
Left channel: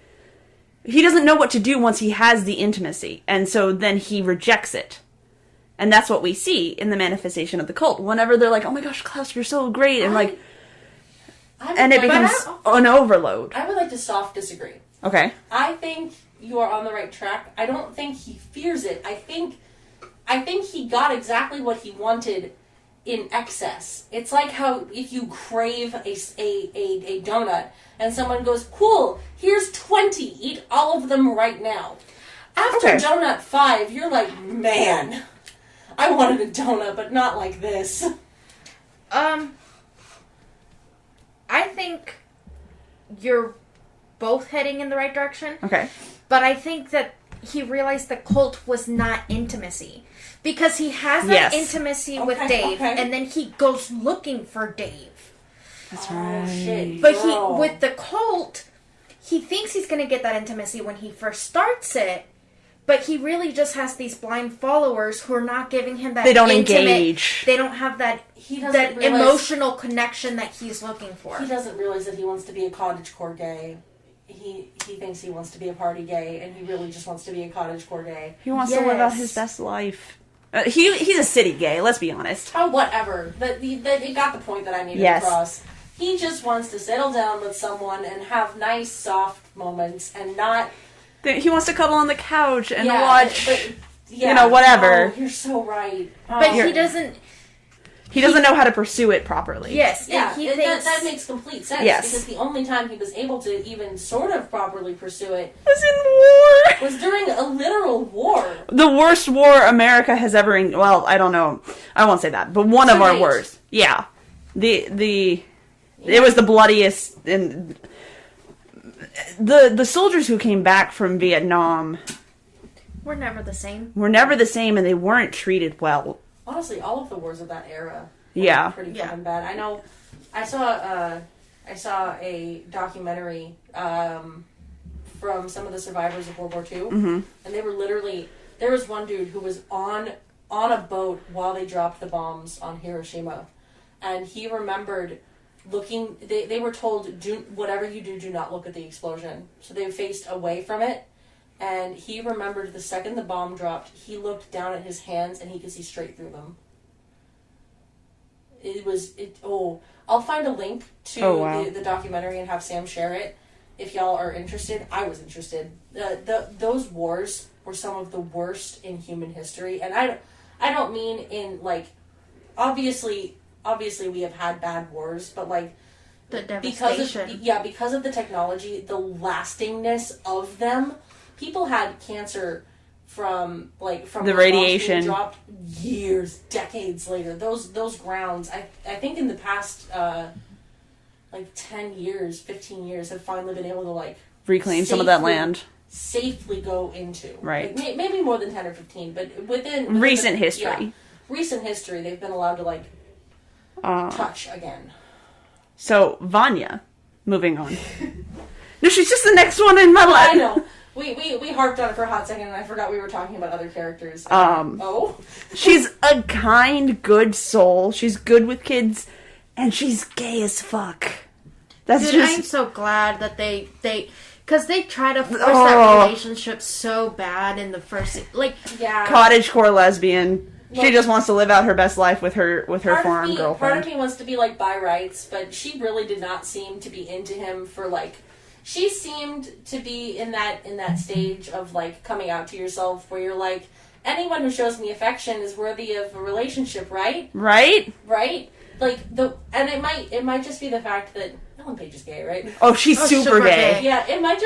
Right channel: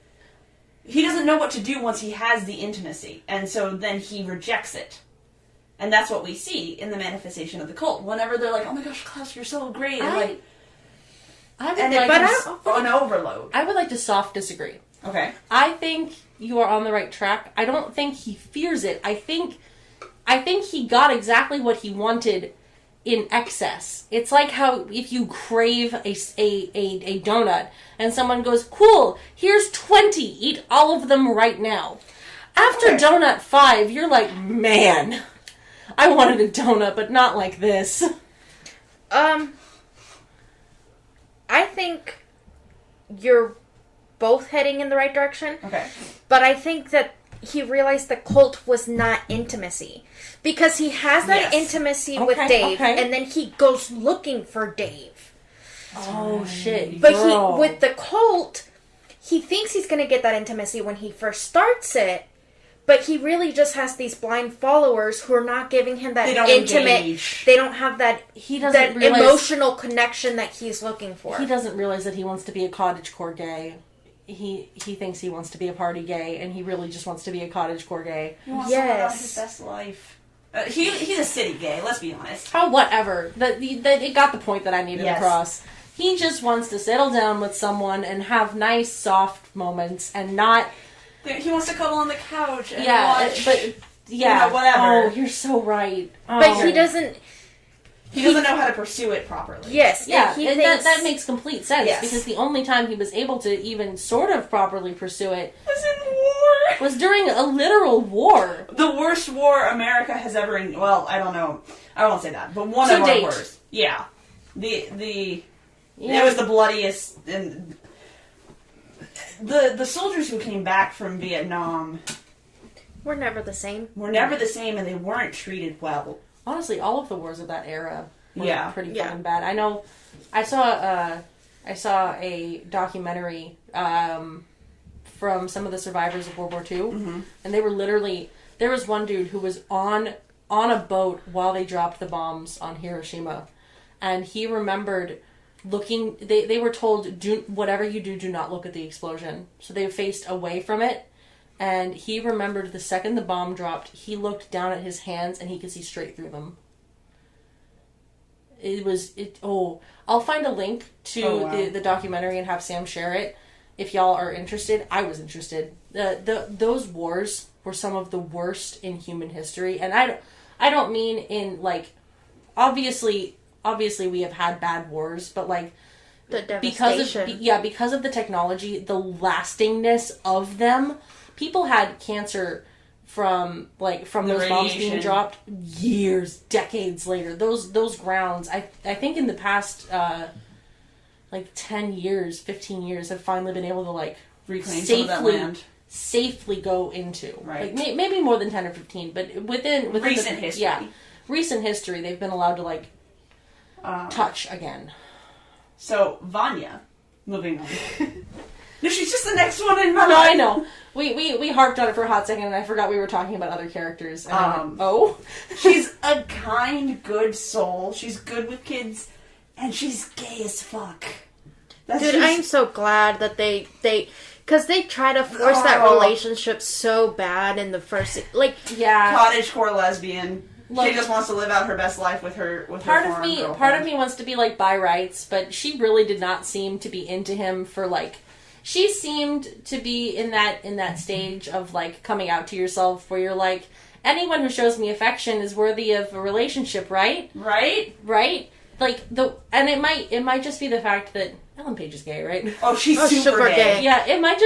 He doesn't know what to do once he has the intimacy, and so then he rejects it. And that's what we see in the manifestation of the cult. Whenever they're like, "Oh my gosh, Klaus, you're so great," and like, and it becomes an overload. I would like to soft disagree. Okay. I think you are on the right track. I don't think he fears it. I think he got exactly what he wanted in excess. It's like how if you crave a donut and someone goes, "Cool, here's 20. Eat all of them right now." After donut 5, you're like, "Man, I wanted a donut, but not like this." I think you're both heading in the right direction. Okay. But I think that he realized the cult was not intimacy. Because he has that intimacy with Dave, and then he goes looking for Dave. Shit. But with the cult, he thinks he's going to get that intimacy when he first starts it, but he really just has these blind followers who are not giving him that engage. They don't have that emotional connection that he's looking for. He doesn't realize that he wants to be a cottagecore gay. He thinks he wants to be a party gay, and he really just wants to be a cottagecore gay. He wants to live out his best life. He's a city gay, let's be honest. Oh, whatever. It got the point that I needed across. He just wants to settle down with someone and have nice, soft moments and not... He wants to cuddle on the couch and watch... But, whatever. Oh, you're so right. But he doesn't... He doesn't know how to pursue it properly. Yes. Yeah, he and thinks... that makes complete sense. Yes. Because the only time he was able to even sort of properly pursue it... was in war! Was during a literal war. The worst war America has ever... Well, I don't know. I won't say that. But one of our wars. Yeah. It was the bloodiest... And the soldiers who came back from Vietnam... Were never the same. And they weren't treated well. Honestly, all of the wars of that era were pretty fucking bad. I know. I saw a documentary from some of the survivors of World War II, and they were literally... There was one dude who was on a boat while they dropped the bombs on Hiroshima, and he remembered looking... They were told, whatever you do not look at the explosion. So they faced away from it. And he remembered the second the bomb dropped, he looked down at his hands and he could see straight through them. I'll find a link to the documentary and have Sam share it if y'all are interested. I was interested. Those wars were some of the worst in human history, and I don't mean in like obviously we have had bad wars, but like the devastation. Because of the technology, the lastingness of them. People had cancer from the radiation being dropped years, decades later. Those grounds, I think in the past 10 years, 15 years, have finally been able to reclaim some of that land, safely go into. Right. Maybe more than 10 or 15, but within recent history. Yeah, recent history, they've been allowed to touch again. So Vanya, moving on. No, she's just the next one in my life. I know. We harped on it for a hot second, and I forgot we were talking about other characters. She's a kind, good soul. She's good with kids, and she's gay as fuck. I'm so glad that they because they try to force that relationship so bad in the first cottagecore lesbian. She just wants to live out her best life with her farm girlfriend. Part of me wants to be by rights, but she really did not seem to be into him for She seemed to be in that stage of coming out to yourself, where you're like, anyone who shows me affection is worthy of a relationship, right? Right. And it might just be the fact that Ellen Page is gay, right? Oh, she's super gay. Yeah, it might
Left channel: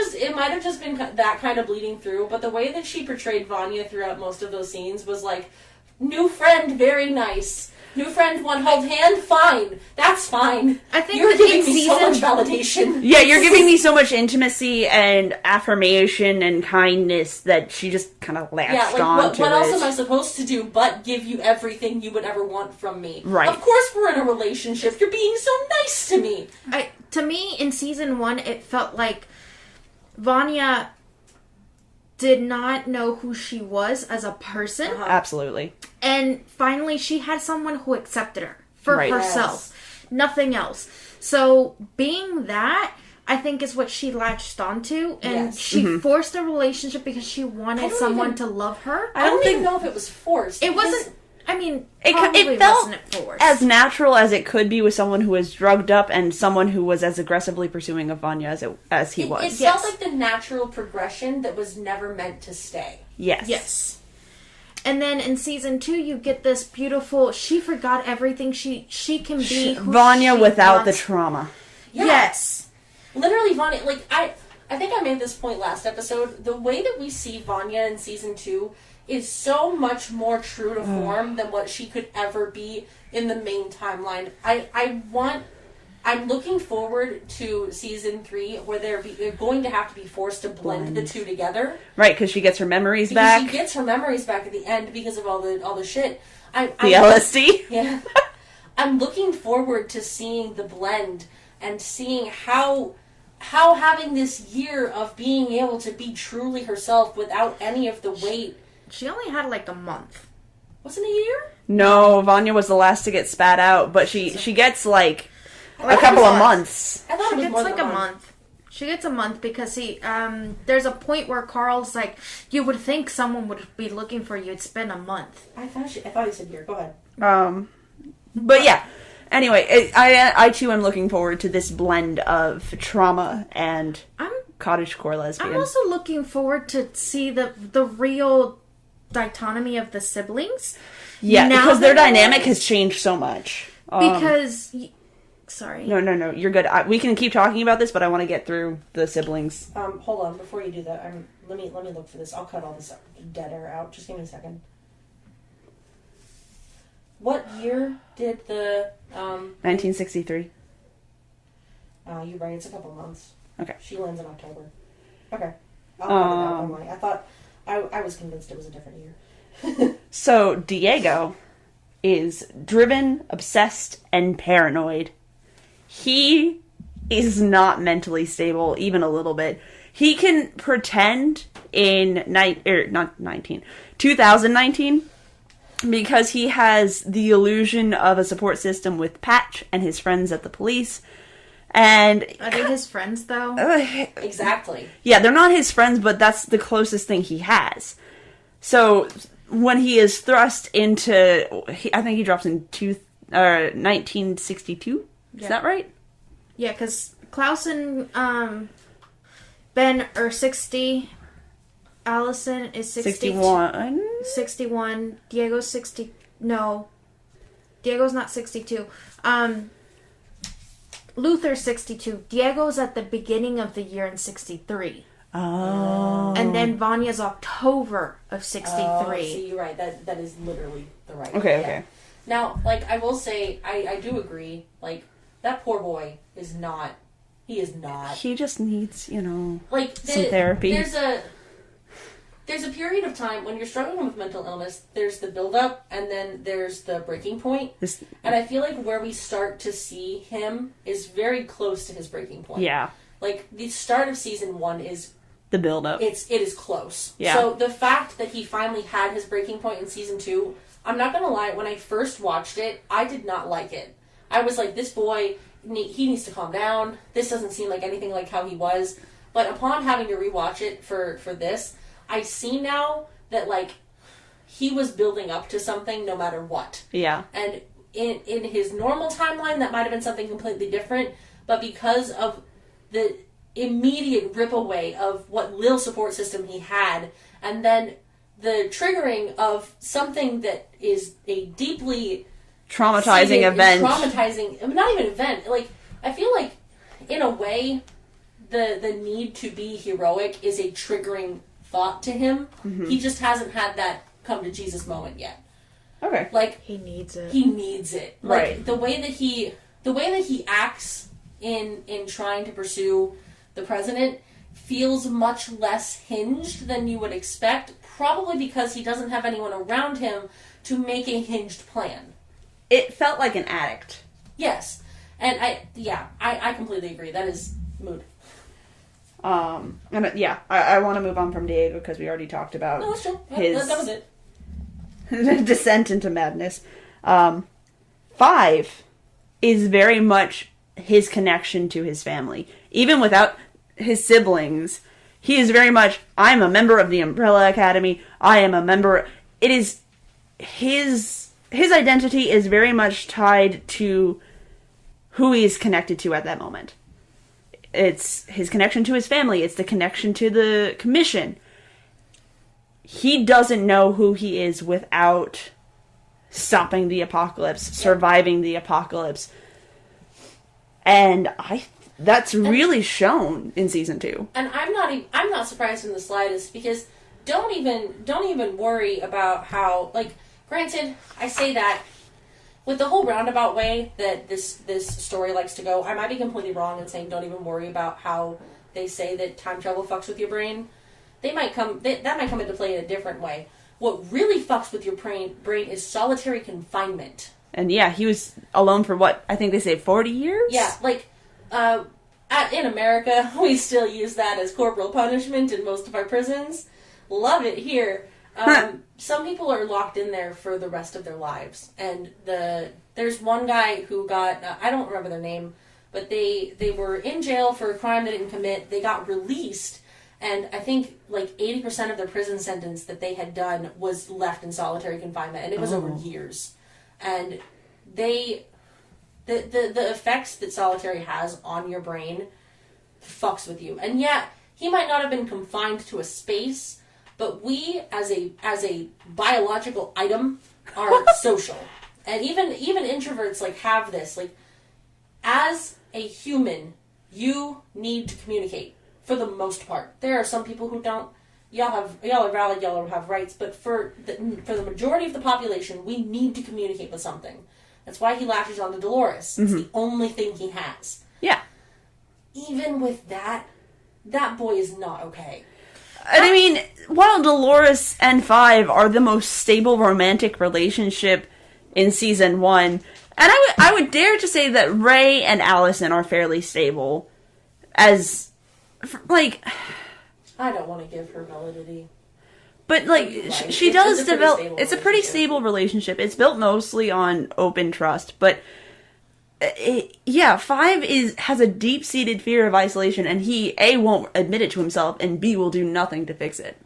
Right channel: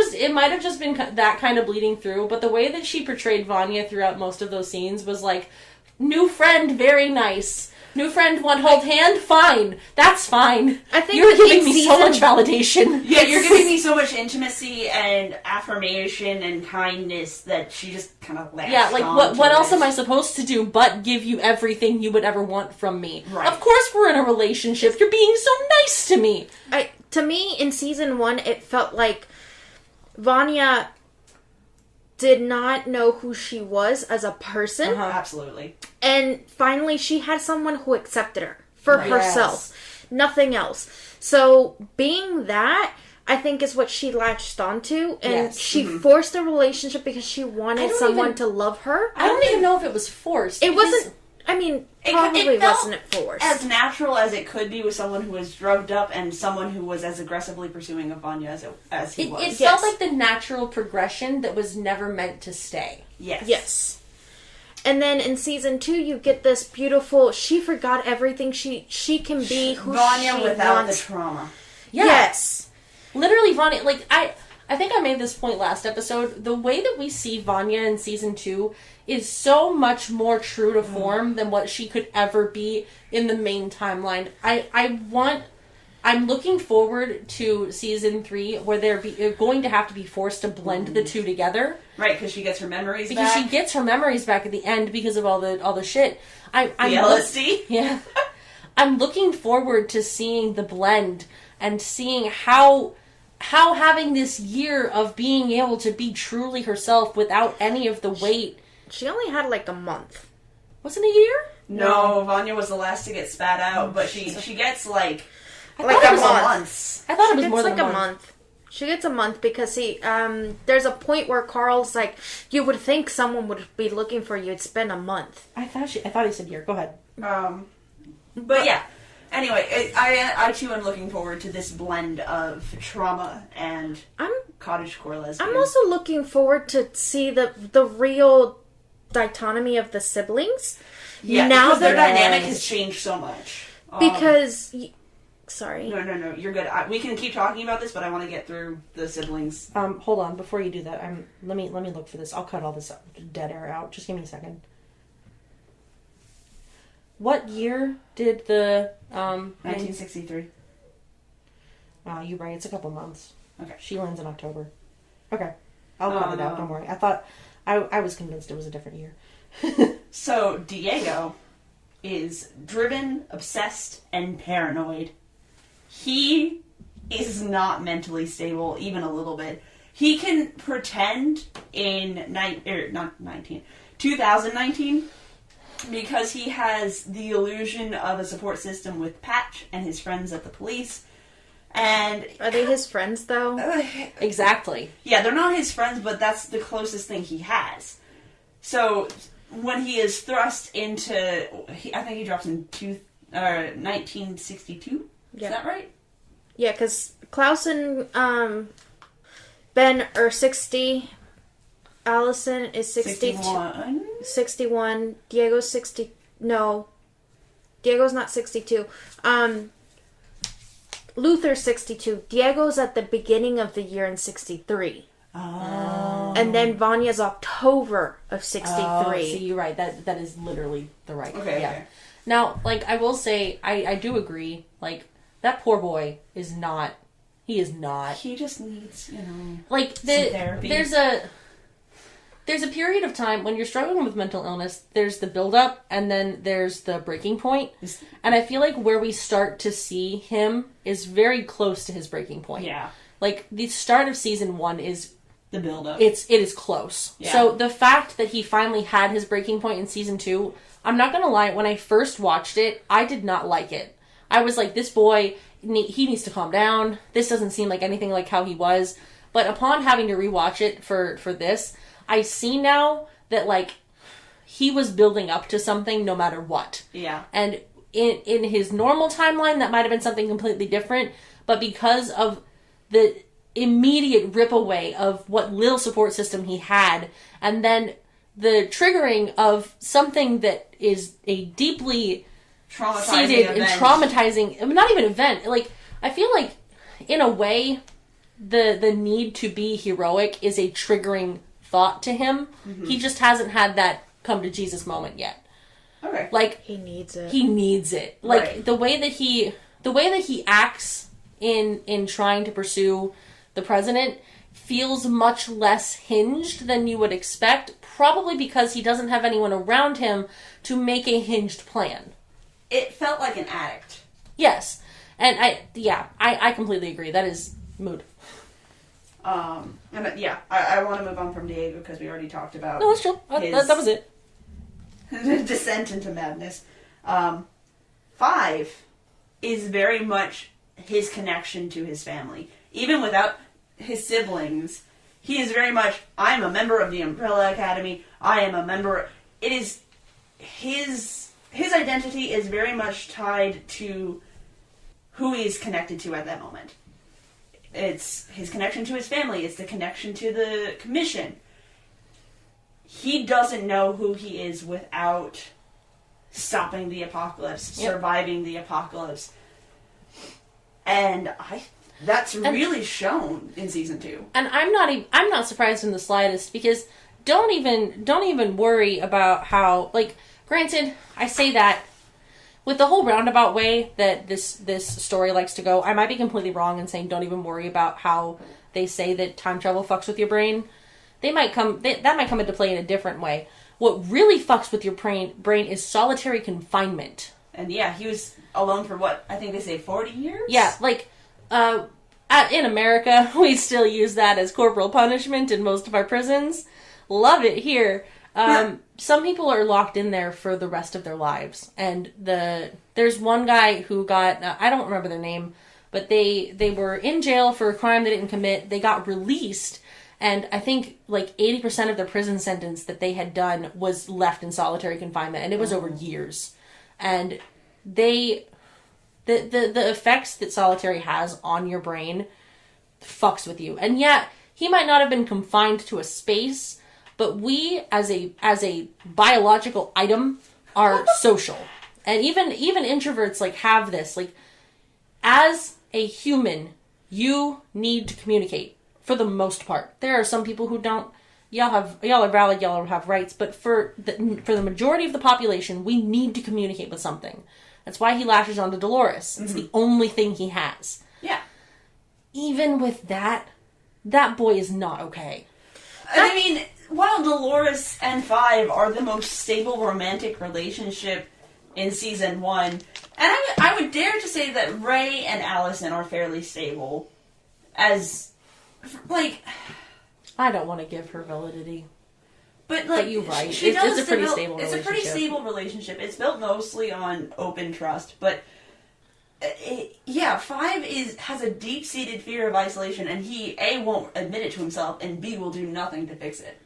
have just been that kind of bleeding through, but the way that she portrayed Vanya throughout most of those scenes was new friend, very nice. New friend, want hold hand? Fine. That's fine. I think you're giving me so much validation. Yeah, you're giving me so much intimacy and affirmation and kindness that she just kind of latched on. What else am I supposed to do but give you everything you would ever want from me? Right. Of course we're in a relationship. You're being so nice to me. To me, in season 1, it felt like Vanya did not know who she was as a person. Absolutely. And finally, she had someone who accepted her for Right. herself. Nothing else. So, being that, I think is what she latched onto. And she forced a relationship because she wanted someone to love her. I don't even know if it was forced. It because- wasn't... I mean, It probably felt wasn't forced. as natural as it could be with someone who was drugged up and someone who was as aggressively pursuing of Vanya as he was. It felt like the natural progression that was never meant to stay. Yes. Yes. And then in season 2, you get this beautiful... She forgot everything. She can be who Vanya she without wants. the trauma. Yes. Literally, Vanya, like, I think I made this point last episode. The way that we see Vanya in season 2 is so much more true to form than what she could ever be in the main timeline. I'm looking forward to season 3 where they're going to have to be forced to blend the two together. Right, because she gets her memories because back. she gets her memories back at the end because of all the shit. The LSD? Yeah. I'm looking forward to seeing the blend and seeing how having this year of being able to be truly herself without any of the weight. She only had like a month. Wasn't it a year? No, Vanya was the last to get spat out, but she gets like a couple of months. I thought She it was gets more like than a month. She gets a month because there's a point where Carl's like, you would think someone would be looking for you. It's been a month. I thought he said year. Go ahead. But yeah. Anyway, I too am looking forward to this blend of trauma and cottagecore lesbian. I'm also looking forward to see the real dichotomy of the siblings. Yeah, now because their that- dynamic has changed so much. Because, sorry. No, you're good. We can keep talking about this, but I want to get through the siblings. Hold on, before you do that, let me look for this. I'll cut all this dead air out. Just give me a second. What year did the 1963. You're right. It's a couple months. Okay. She lands in October. Okay. I'll cut it out. Don't worry. I thought I was convinced it was a different year. So Diego is driven, obsessed, and paranoid. He is not mentally stable, even a little bit. He can pretend in 2019 because he has the illusion of a support system with Patch and his friends at the police. And are they his friends, though? Exactly. Yeah, they're not his friends, but that's the closest thing he has. So when he is thrust into, I think he drops in 1962. Is that right? Yeah, because Klaus and Ben are 60. Allison is 61. 61. Diego's 60. No. Diego's not 62. Luther's 62. Diego's at the beginning of the year in 63. Oh. And then Vanya's October of 63. See, you're right. That is literally the right. Okay, yeah. okay. Now, like, I will say, I do agree. Like, that poor boy is not. He is not. He just needs, like some therapy. There's a period of time when you're struggling with mental illness. There's the build-up, and then there's the breaking point. And I feel like where we start to see him is very close to his breaking point. Yeah. Like, the start of season 1 is the build-up. It is close. Yeah. So the fact that he finally had his breaking point in season 2, I'm not gonna lie, when I first watched it, I did not like it. I was like, this boy, he needs to calm down. This doesn't seem like anything like how he was. But upon having to rewatch it for this, I see now that, like, he was building up to something no matter what. Yeah. And in his normal timeline, that might have been something completely different. But because of the immediate rip away of what little support system he had, and then the triggering of something that is a deeply traumatizing event. Not even event. Like, I feel like, in a way, the need to be heroic is a triggering thought to him. Mm-hmm. He just hasn't had that come to Jesus moment yet. Okay. Like, he needs it. He needs it. Like, right. the way that he acts in trying to pursue the president feels much less hinged than you would expect, probably because he doesn't have anyone around him to make a hinged plan. It felt like an addict. Yes. And I completely agree. That is mood. I want to move on from Diego because we already talked about. No, that's true. That was it. Descent into madness. 5 is very much his connection to his family. Even without his siblings, he is very much, I'm a member of the Umbrella Academy, I am a member... It is... His identity is very much tied to who he is connected to at that moment. It's his connection to his family, it's the connection to the commission. He doesn't know who he is without stopping the apocalypse, surviving the apocalypse. And that's really shown in season 2. And I'm not surprised in the slightest, because don't even worry about how, like, granted, I say that with the whole roundabout way that this story likes to go. I might be completely wrong in saying don't even worry about how they say that time travel fucks with your brain. That might come into play in a different way. What really fucks with your brain is solitary confinement. And yeah, he was alone for what? I think they say 40 years? Yeah, like, in America, we still use that as corporal punishment in most of our prisons. Love it here. Some people are locked in there for the rest of their lives. And there's one guy who got, I don't remember their name, but they were in jail for a crime they didn't commit. They got released. And I think like 80% of their prison sentence that they had done was left in solitary confinement. And it was over years. And the effects that solitary has on your brain fucks with you. And yeah, he might not have been confined to a space, but we as a biological item are social. And even introverts like have this, like, as a human, you need to communicate for the most part. There are some people who don't. Y'all are valid, y'all have rights, but for the majority of the population, we need to communicate with something. That's why he lashes onto Dolores. It's the only thing he has. Yeah. Even with that boy is not okay. I mean, while Dolores and 5 are the most stable romantic relationship in season 1, and I would dare to say that Ray and Allison are fairly stable, as, like... I don't want to give her validity. But, like, she does develop... It's a pretty stable relationship. It's built mostly on open trust, but... 5 has a deep-seated fear of isolation, and he, A, won't admit it to himself, and B, will do nothing to fix it.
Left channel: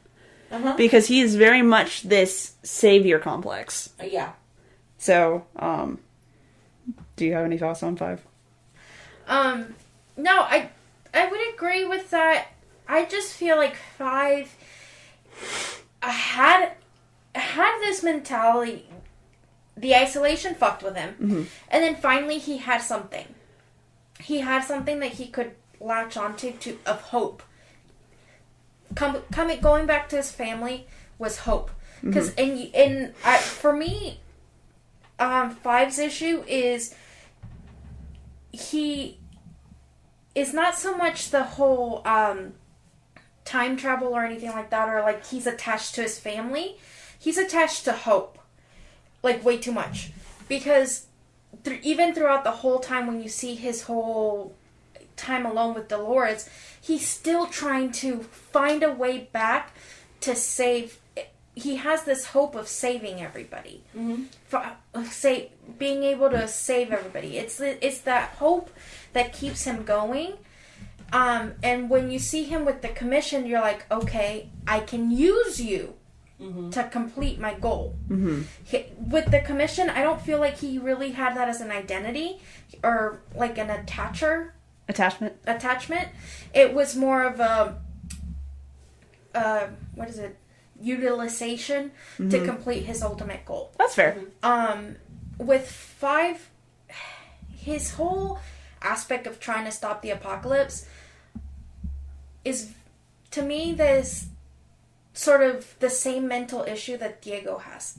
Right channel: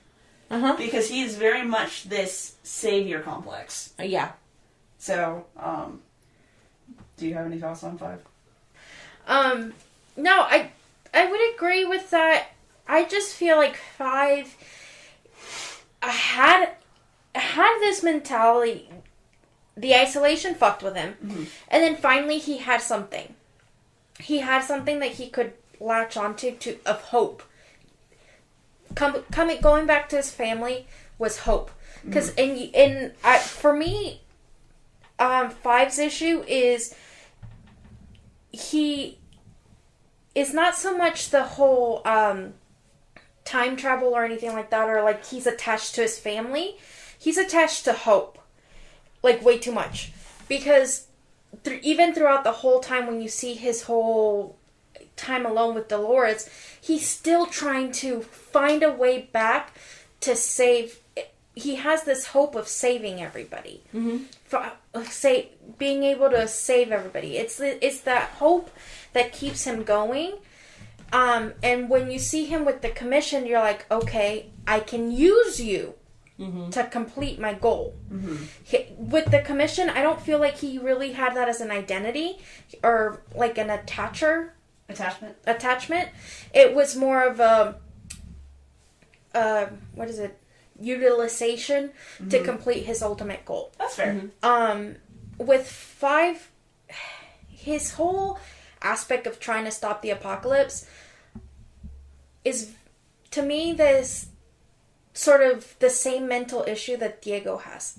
Because he is very much this savior complex. Yeah. So, do you have any thoughts on 5? No, I would agree with that. I just feel like 5 had this mentality. The isolation fucked with him. And then finally he had something. He had something that he could latch onto of hope. Going back to his family was hope. Because for me, 5's issue is he is not so much the whole time travel or anything like that, or like he's attached to his family. He's attached to hope. Like, way too much. Because even throughout the whole time when you see his whole time alone with Dolores, he's still trying to find a way back to save... He has this hope of saving everybody. Being able to save everybody. It's that hope that keeps him going. And when you see him with the commission, you're like, okay, I can use you to complete my goal. With the commission, I don't feel like he really had that as an identity or like an attachment. It was more of a utilization to complete his ultimate goal. That's fair. With 5, his whole aspect of trying to stop the apocalypse is, to me, this sort of the same mental issue that Diego has.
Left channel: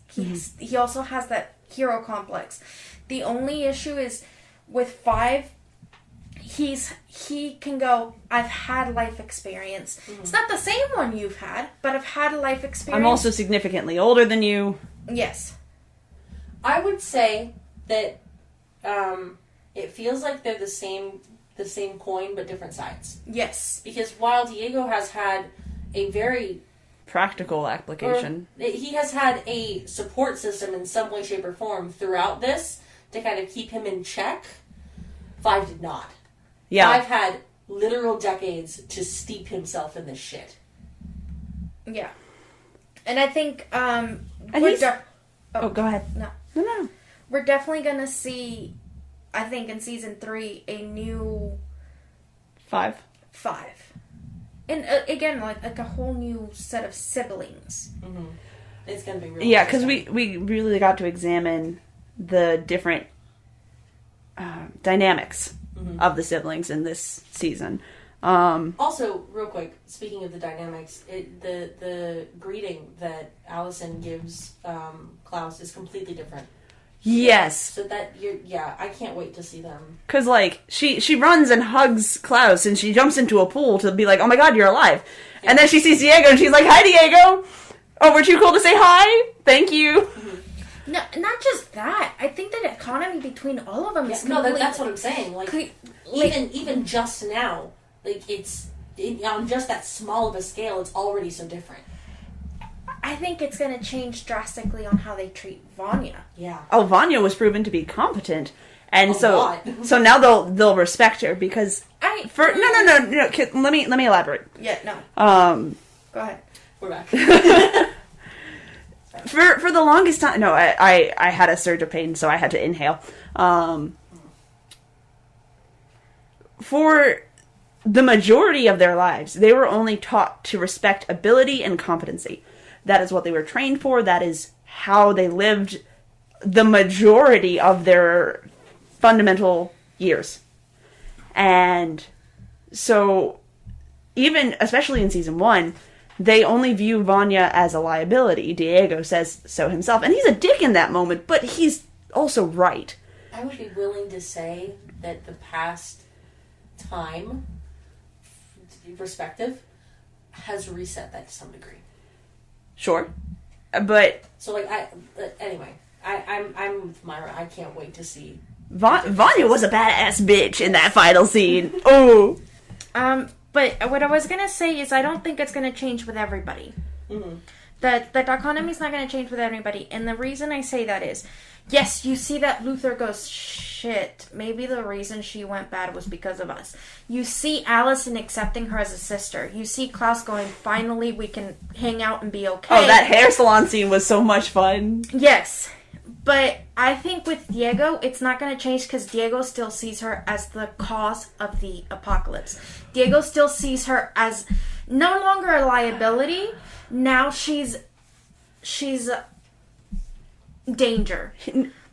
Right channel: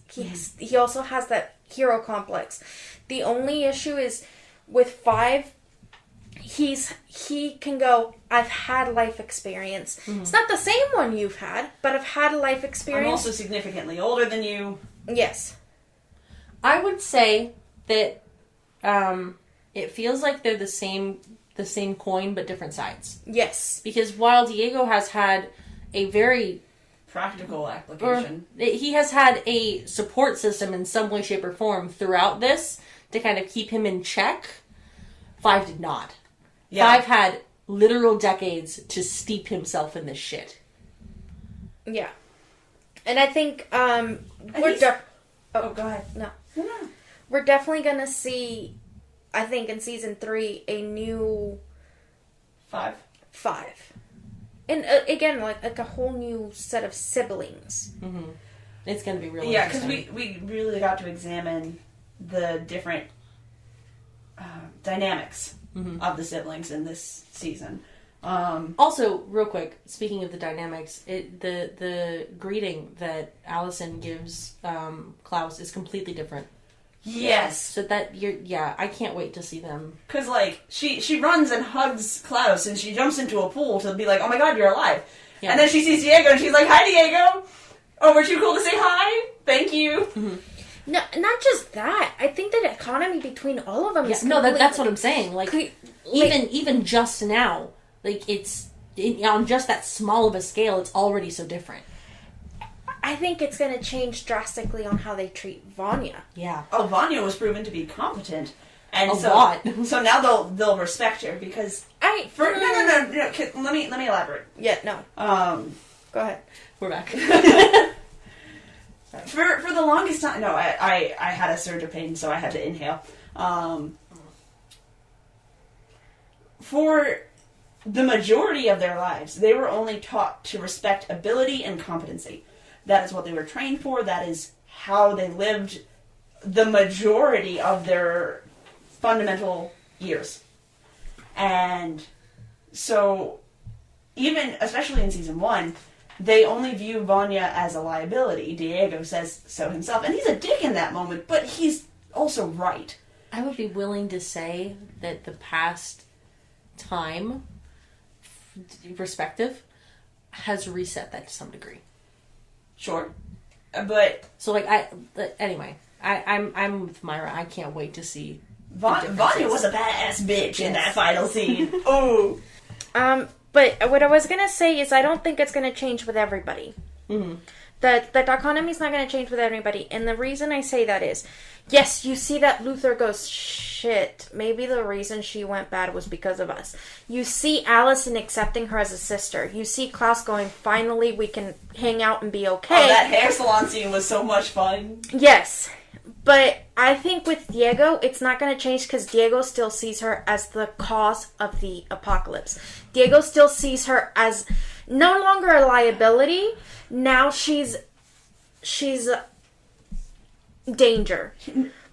He also has that hero complex. The only issue is with 5, he can go, I've had life experience. It's not the same one you've had, but I've had a life experience. I'm also significantly older than you. Yes. I would say that it feels like they're the the same coin but different sides. Yes. Because while Diego has had a very practical application, he has had a support system in some way, shape, or form throughout this to kind of keep him in check, 5 did not. Yeah. 5 had literal decades to steep himself in this shit. Yeah. And I think go ahead. No. No. We're definitely going to see, I think in season 3, a new 5. And again, like a whole new set of siblings. Mm-hmm. It's going to be really Yeah, because we really got to examine the different dynamics of the siblings in this season. Also, real quick, speaking of the dynamics, the greeting that Allison gives Klaus is completely different. Yes. So that I can't wait to see them. Because, like, she runs and hugs Klaus, and she jumps into a pool to be like, oh my god, you're alive. Yeah. And then she sees Diego, and she's like, hi, Diego! Oh, we're too cool to say hi? Thank you. Mm-hmm. No, not just that. I think that economy between all of them is completely... No, that's what I'm saying. Like, even just now, like, on just that small of a scale, it's already so different. I think it's going to change drastically on how they treat Vanya. Yeah. Oh, Vanya was proven to be competent, and lot. So now they'll respect her because no. Let me elaborate. Yeah, no. Go ahead. We're back. For the longest time, no, I had a surge of pain, so I had to inhale. For the majority of their lives, they were only taught to respect ability and competency. That is what they were trained for. That is how they lived the majority of their fundamental years. And so, even, especially in season 1, they only view Vanya as a liability. Diego says so himself. And he's a dick in that moment, but he's also right. I would be willing to say that the past time, perspective, has reset that to some degree. Sure. But... So, like, anyway, I'm with Mayra. I can't wait to see... Vanya was a badass bitch in that final scene. Oh! But what I was going to say is I don't think it's going to change with everybody. Mm-hmm. That economy is not going to change with everybody. And the reason I say that is, yes, you see that Luther goes, shit, maybe the reason she went bad was because of us. You see Allison accepting her as a sister. You see Klaus going, finally we can hang out and be okay. Oh, that hair salon scene was so much fun. Yes. But I think with Diego, it's not going to change because Diego still sees her as the cause of the apocalypse. Diego still sees her as no longer a liability. Now she's danger.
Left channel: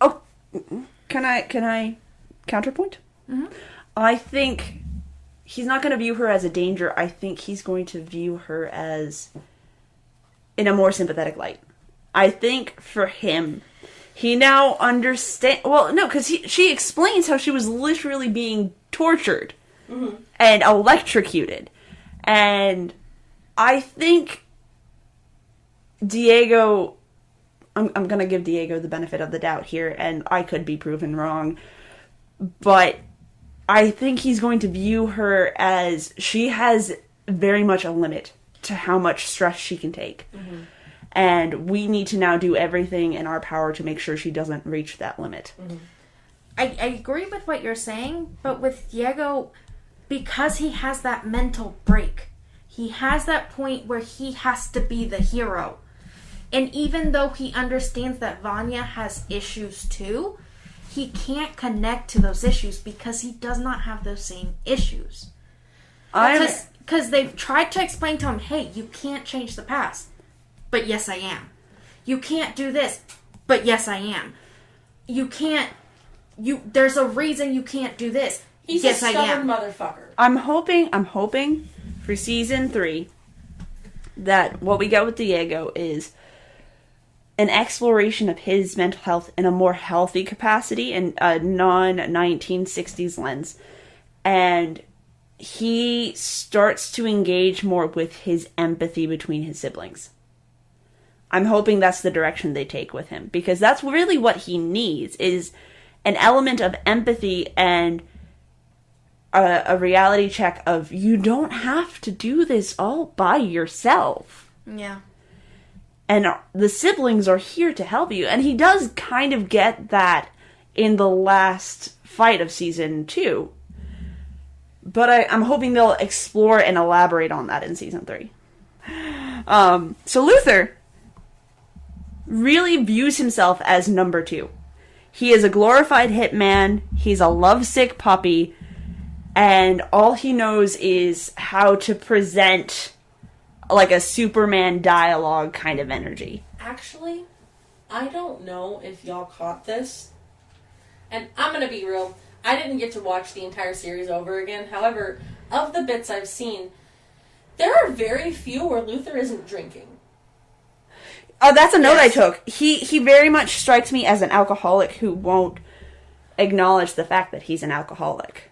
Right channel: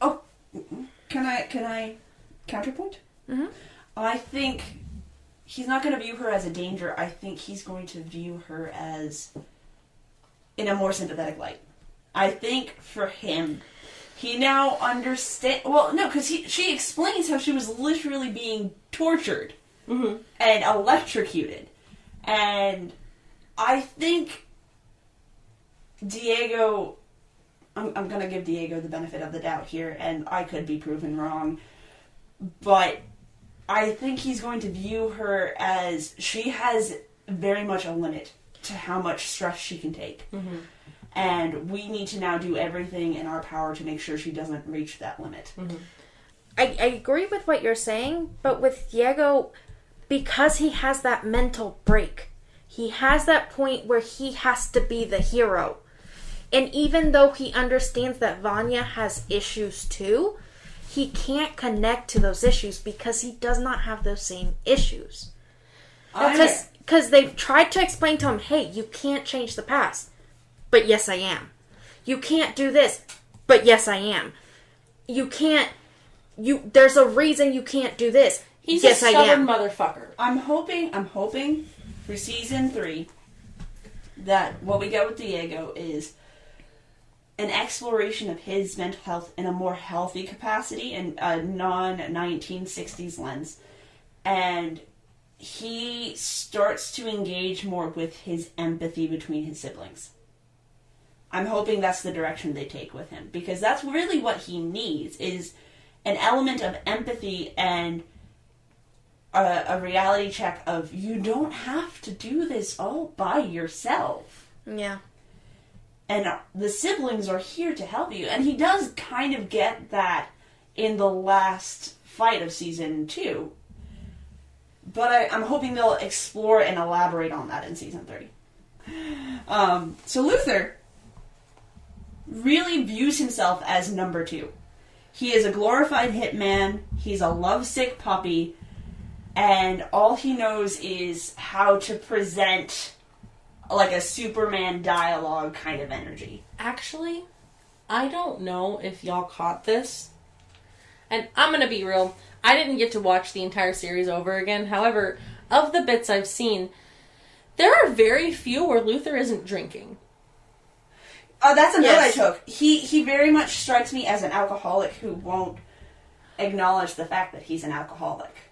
Oh, can I counterpoint? Mm-hmm. I think he's not going to view her as a danger. I think he's going to view her as in a more sympathetic light. I think for him, he now understands... Well, no, because she explains how she was literally being tortured and electrocuted. And I think Diego... I'm going to give Diego the benefit of the doubt here, and I could be proven wrong. But I think he's going to view her as she has very much a limit to how much stress she can take. Mm-hmm. And we need to now do everything in our power to make sure she doesn't reach that limit. Mm-hmm. I agree with what you're saying, but with Diego, because he has that mental break, he has that point where he has to be the hero. And even though he understands that Vanya has issues too, he can't connect to those issues because he does not have those same issues. Because they've tried to explain to him, hey, you can't change the past. But yes, I am. You can't do this. But yes, I am. You can't... There's a reason you can't do this. He's yes, a stubborn motherfucker. I'm hoping for season 3 that what we get with Diego is an exploration of his mental health in a more healthy capacity and a non-1960s lens. And he starts to engage more with his empathy between his siblings. I'm hoping that's the direction they take with him, because that's really what he needs, is an element of empathy and a reality check of you don't have to do this all by yourself. Yeah. And the siblings are here to help you. And he does kind of get that in the last fight of season 2. But I'm hoping they'll explore and elaborate on that in season 3. So Luther really views himself as number 2. He is a glorified hitman. He's a lovesick puppy. And all he knows is how to present like a Superman dialogue kind of energy. Actually, I don't know if y'all caught this. And I'm going to be real. I didn't get to watch the entire series over again. However, of the bits I've seen, there are very few where Luther isn't drinking. Oh, that's a note Yes. I took. He very much strikes me as an alcoholic who won't acknowledge the fact that he's an alcoholic.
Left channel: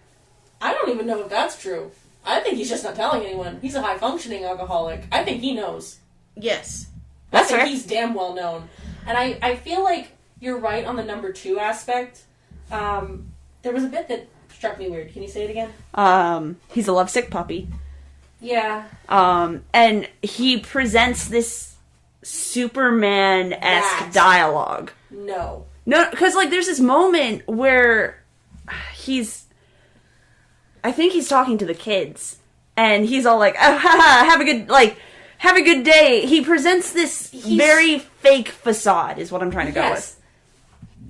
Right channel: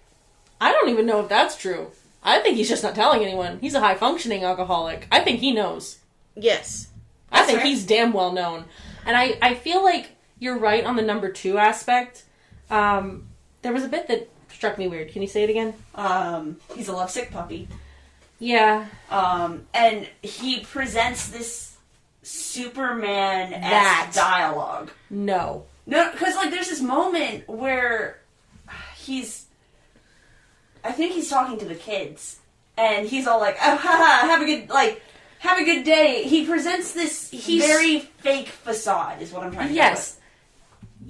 I don't even know if that's true. I think he's just not telling anyone. He's a high-functioning alcoholic. I think he knows. Yes. I think he's damn well known. And I feel like you're right on the number 2 aspect. There was a bit that struck me weird. Can you say it again? He's a lovesick puppy. Yeah. And he presents this Superman-esque dialogue. No, because like there's this moment where I think he's talking to the kids, and he's all like, "Oh, haha, have a good day." He presents this very fake facade, is what I'm trying to go with.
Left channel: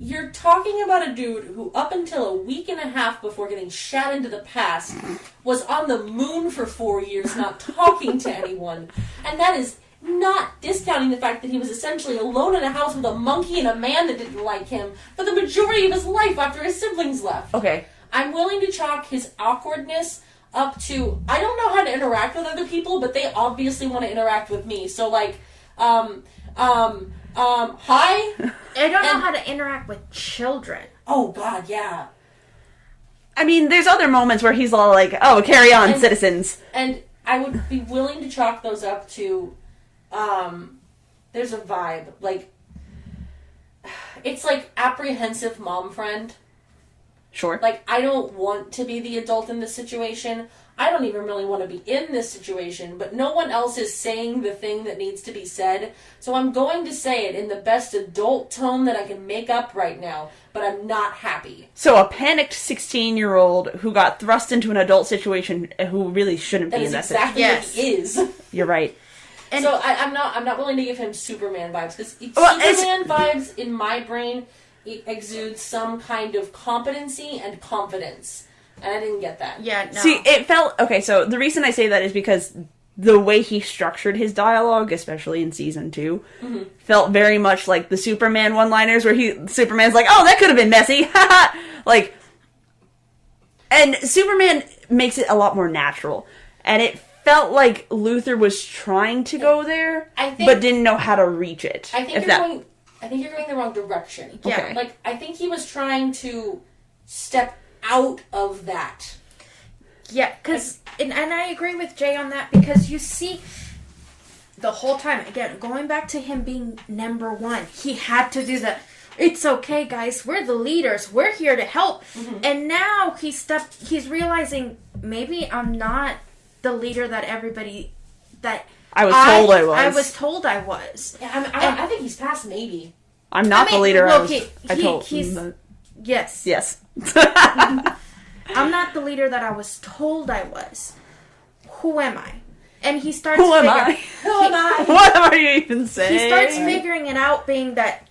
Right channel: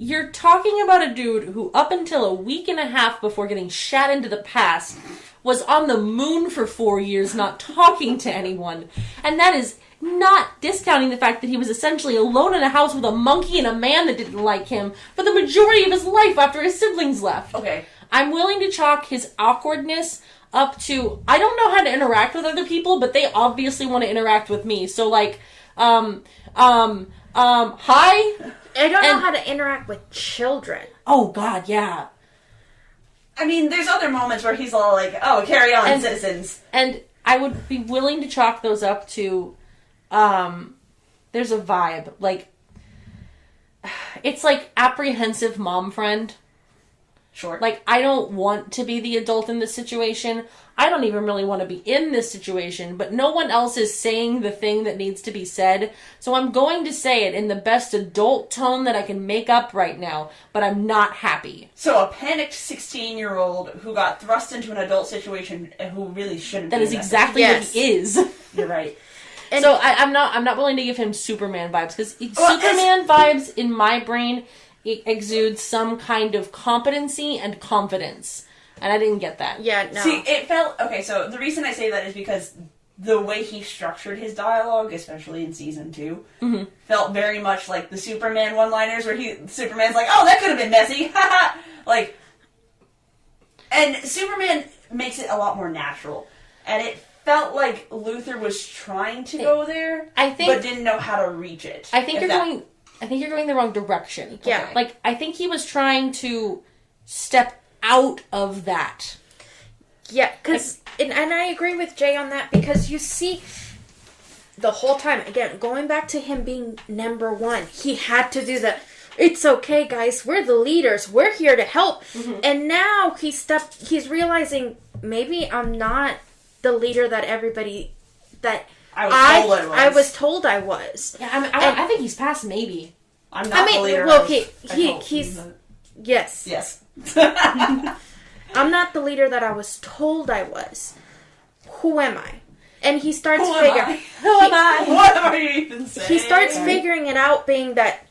You're talking about a dude who, up until a week and a half before getting shat into the past, was on the moon for 4 years, not talking to anyone. And that is not discounting the fact that he was essentially alone in a house with a monkey and a man that didn't like him for the majority of his life after his siblings left. Okay. I'm willing to chalk his awkwardness up to, I don't know how to interact with other people, but they obviously want to interact with me. So, like, hi? I don't know how to interact with children. Oh, God, yeah. I mean, there's other moments where he's all like, "Oh, carry on, citizens." And I would be willing to chalk those up to, there's a vibe. Like, it's like apprehensive mom friend. Sure. Like, I don't want to be the adult in this situation. I don't even really want to be in this situation, but no one else is saying the thing that needs to be said. So I'm going to say it in the best adult tone that I can make up right now, but I'm not happy. So a panicked 16-year-old who got thrust into an adult situation who really shouldn't That be is in exactly what he is. You're right. And so I'm not willing to give him Superman vibes, because Well, Superman vibes in my brain exudes some kind of competency and confidence. And I didn't get that. Yeah, no. See, it felt... Okay, so the reason I say that is because the way he structured his dialogue, especially in season 2, felt very much like the Superman one-liners where Superman's like, "Oh, that could have been messy." Like... And Superman makes it a lot more natural. And it felt like Luther was trying to go there, but didn't know how to reach it. I think you're going the wrong direction. Yeah. Okay. Like, I think he was trying to step out of that. Yeah, because, and I agree with Jay on that, because you see, the whole time, again, going back to him being number 1, he had to do the, "It's okay, guys, we're the leaders, we're here to help." And now he's realizing, maybe I'm not the leader that everybody, that I was told I was. Yeah, I think he's past maybe. I'm not the leader. Well, he's yes. Yes. I'm not the leader that I was told I was. Who am I? And he starts Who am I? What are you even saying? He starts figuring it out, being that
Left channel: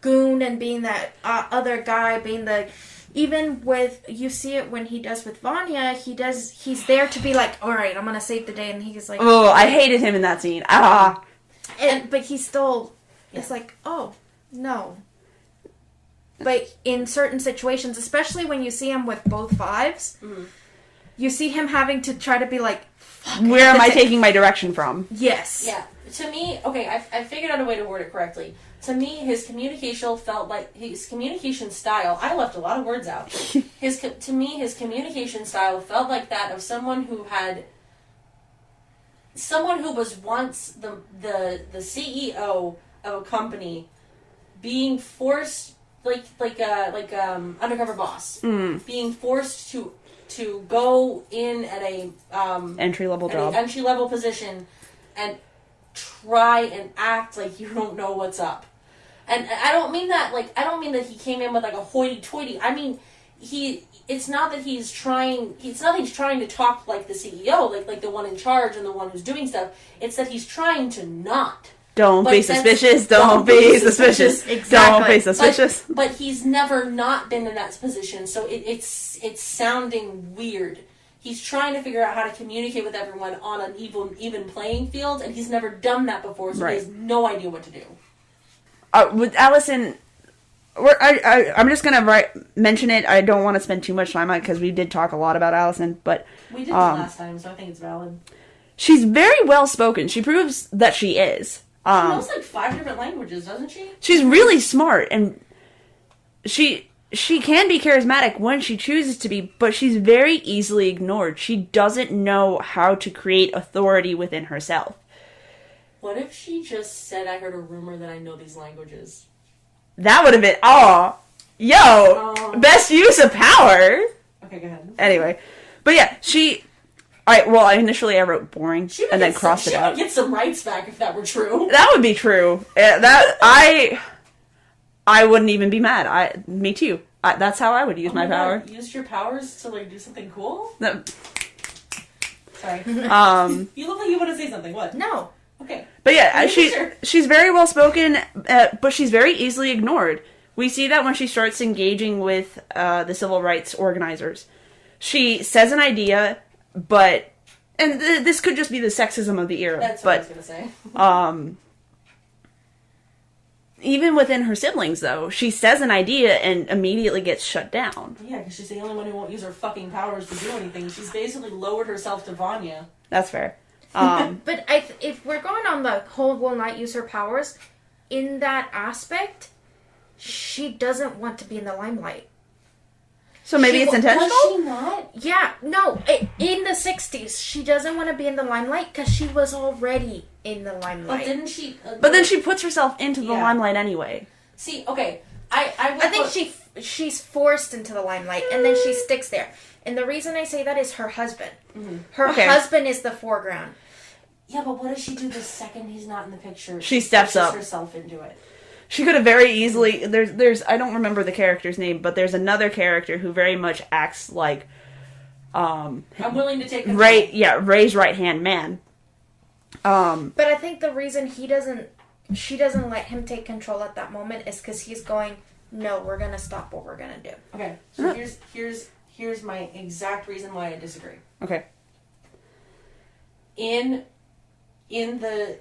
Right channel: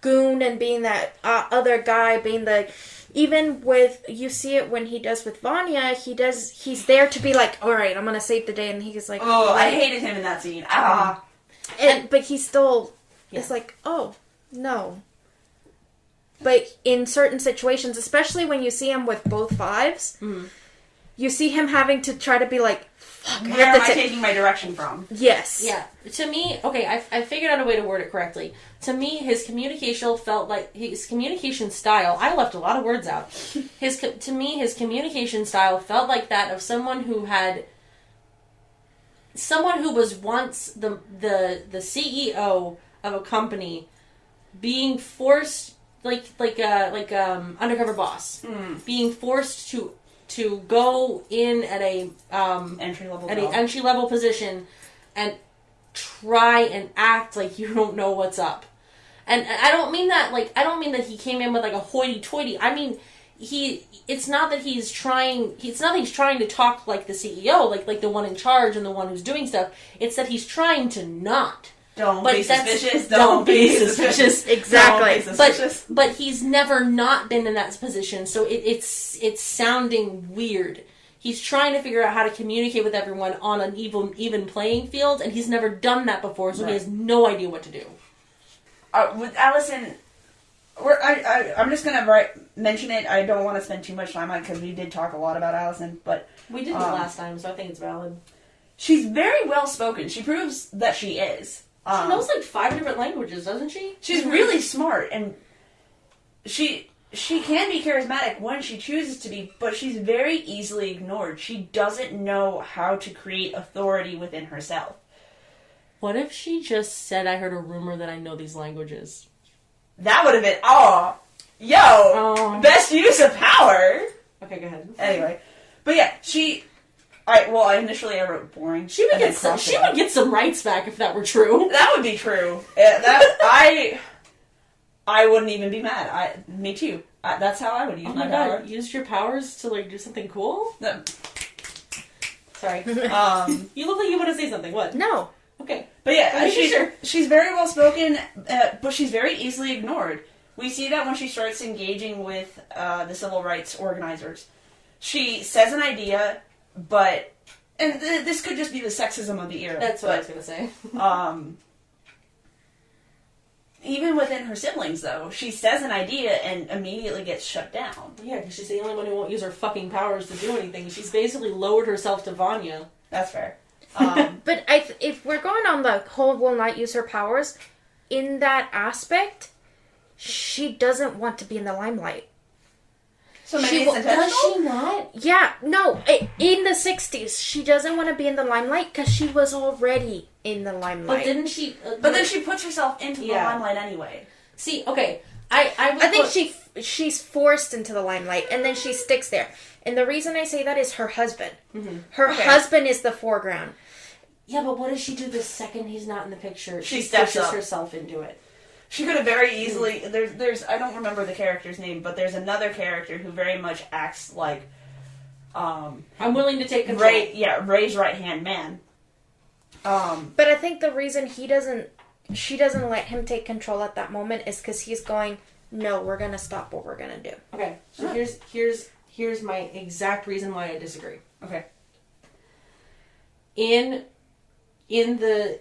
goon and being that other guy, being the... Even with... You see it when he does with Vanya, he's there to be like, "Alright, I'm gonna save the day," and he's like... Oh, I hated him in that scene. But he still... It's like, oh, no. But in certain situations, especially when you see him with both 5s, you see him having to try to be like, "Fuck, where am I taking my direction from?" Yes. Yeah. To me, okay, I figured out a way to word it correctly. To me, his communication style, I left a lot of words out. His communication style felt like that of someone who was once the CEO of a company being forced, like undercover boss, being forced to to go in at a entry level job. an entry level position and try and act like you don't know what's up. And I don't mean that he came in with like a hoity-toity. I mean, it's not that he's trying to talk like the CEO, like the one in charge and the one who's doing stuff. It's that he's trying to not. Don't be suspicious. Don't be suspicious. Exactly. Don't be suspicious. But he's never not been in that position, so it's sounding weird. He's trying to figure out how to communicate with everyone on an even playing field, and he's never done that before, so he has no idea what to do. With Allison, I'm just gonna mention it. I don't want to spend too much time on it because we did talk a lot about Allison, but we did last time, so I think it's valid. She's very well spoken. She proves that she is. She knows like 5 different languages, doesn't she? She's really smart, and she can be charismatic when she chooses to be, but she's very easily ignored. She doesn't know how to create authority within herself. What if she just said, I heard a rumor that I know these languages? That would have been, best use of power. Okay, go ahead. Anyway, but yeah, initially I wrote boring, and then crossed it out. She would get some rights back if that were true. That would be true. I wouldn't even be mad. Me too. That's how I would use my power. God, use your powers to like do something cool? No. Sorry. You look like you want to say something. What? No. Okay. But yeah, she's very well spoken, but she's very easily ignored. We see that when she starts engaging with the civil rights organizers. She says an idea, but... And this could just be the sexism of the era. That's what I was going to say. Even within her siblings, though, she says an idea and immediately gets shut down. Yeah, because she's the only one who won't use her fucking powers to do anything. She's basically lowered herself to Vanya. That's fair. But if we're going on the whole will not use her powers, in that aspect, she doesn't want to be in the limelight. So maybe it's intentional? Does she not? Yeah, no. In the 60s, she doesn't want to be in the limelight because she was already in the limelight. But didn't she... but then she puts herself into the limelight anyway. See, okay. I think she's forced into the limelight, and then she sticks there. And the reason I say that is her husband. Mm-hmm. Her husband is the foreground. Yeah, but what does she do the second he's not in the picture? She steps up. Herself into it. She could have very easily... There's I don't remember the character's name, but there's another character who very much acts like... I'm willing to take control. Ray's right-hand man. But I think the reason she doesn't let him take control at that moment is because he's going, no, we're going to stop what we're going to do. Okay, so here's my exact reason why I disagree. Okay. In the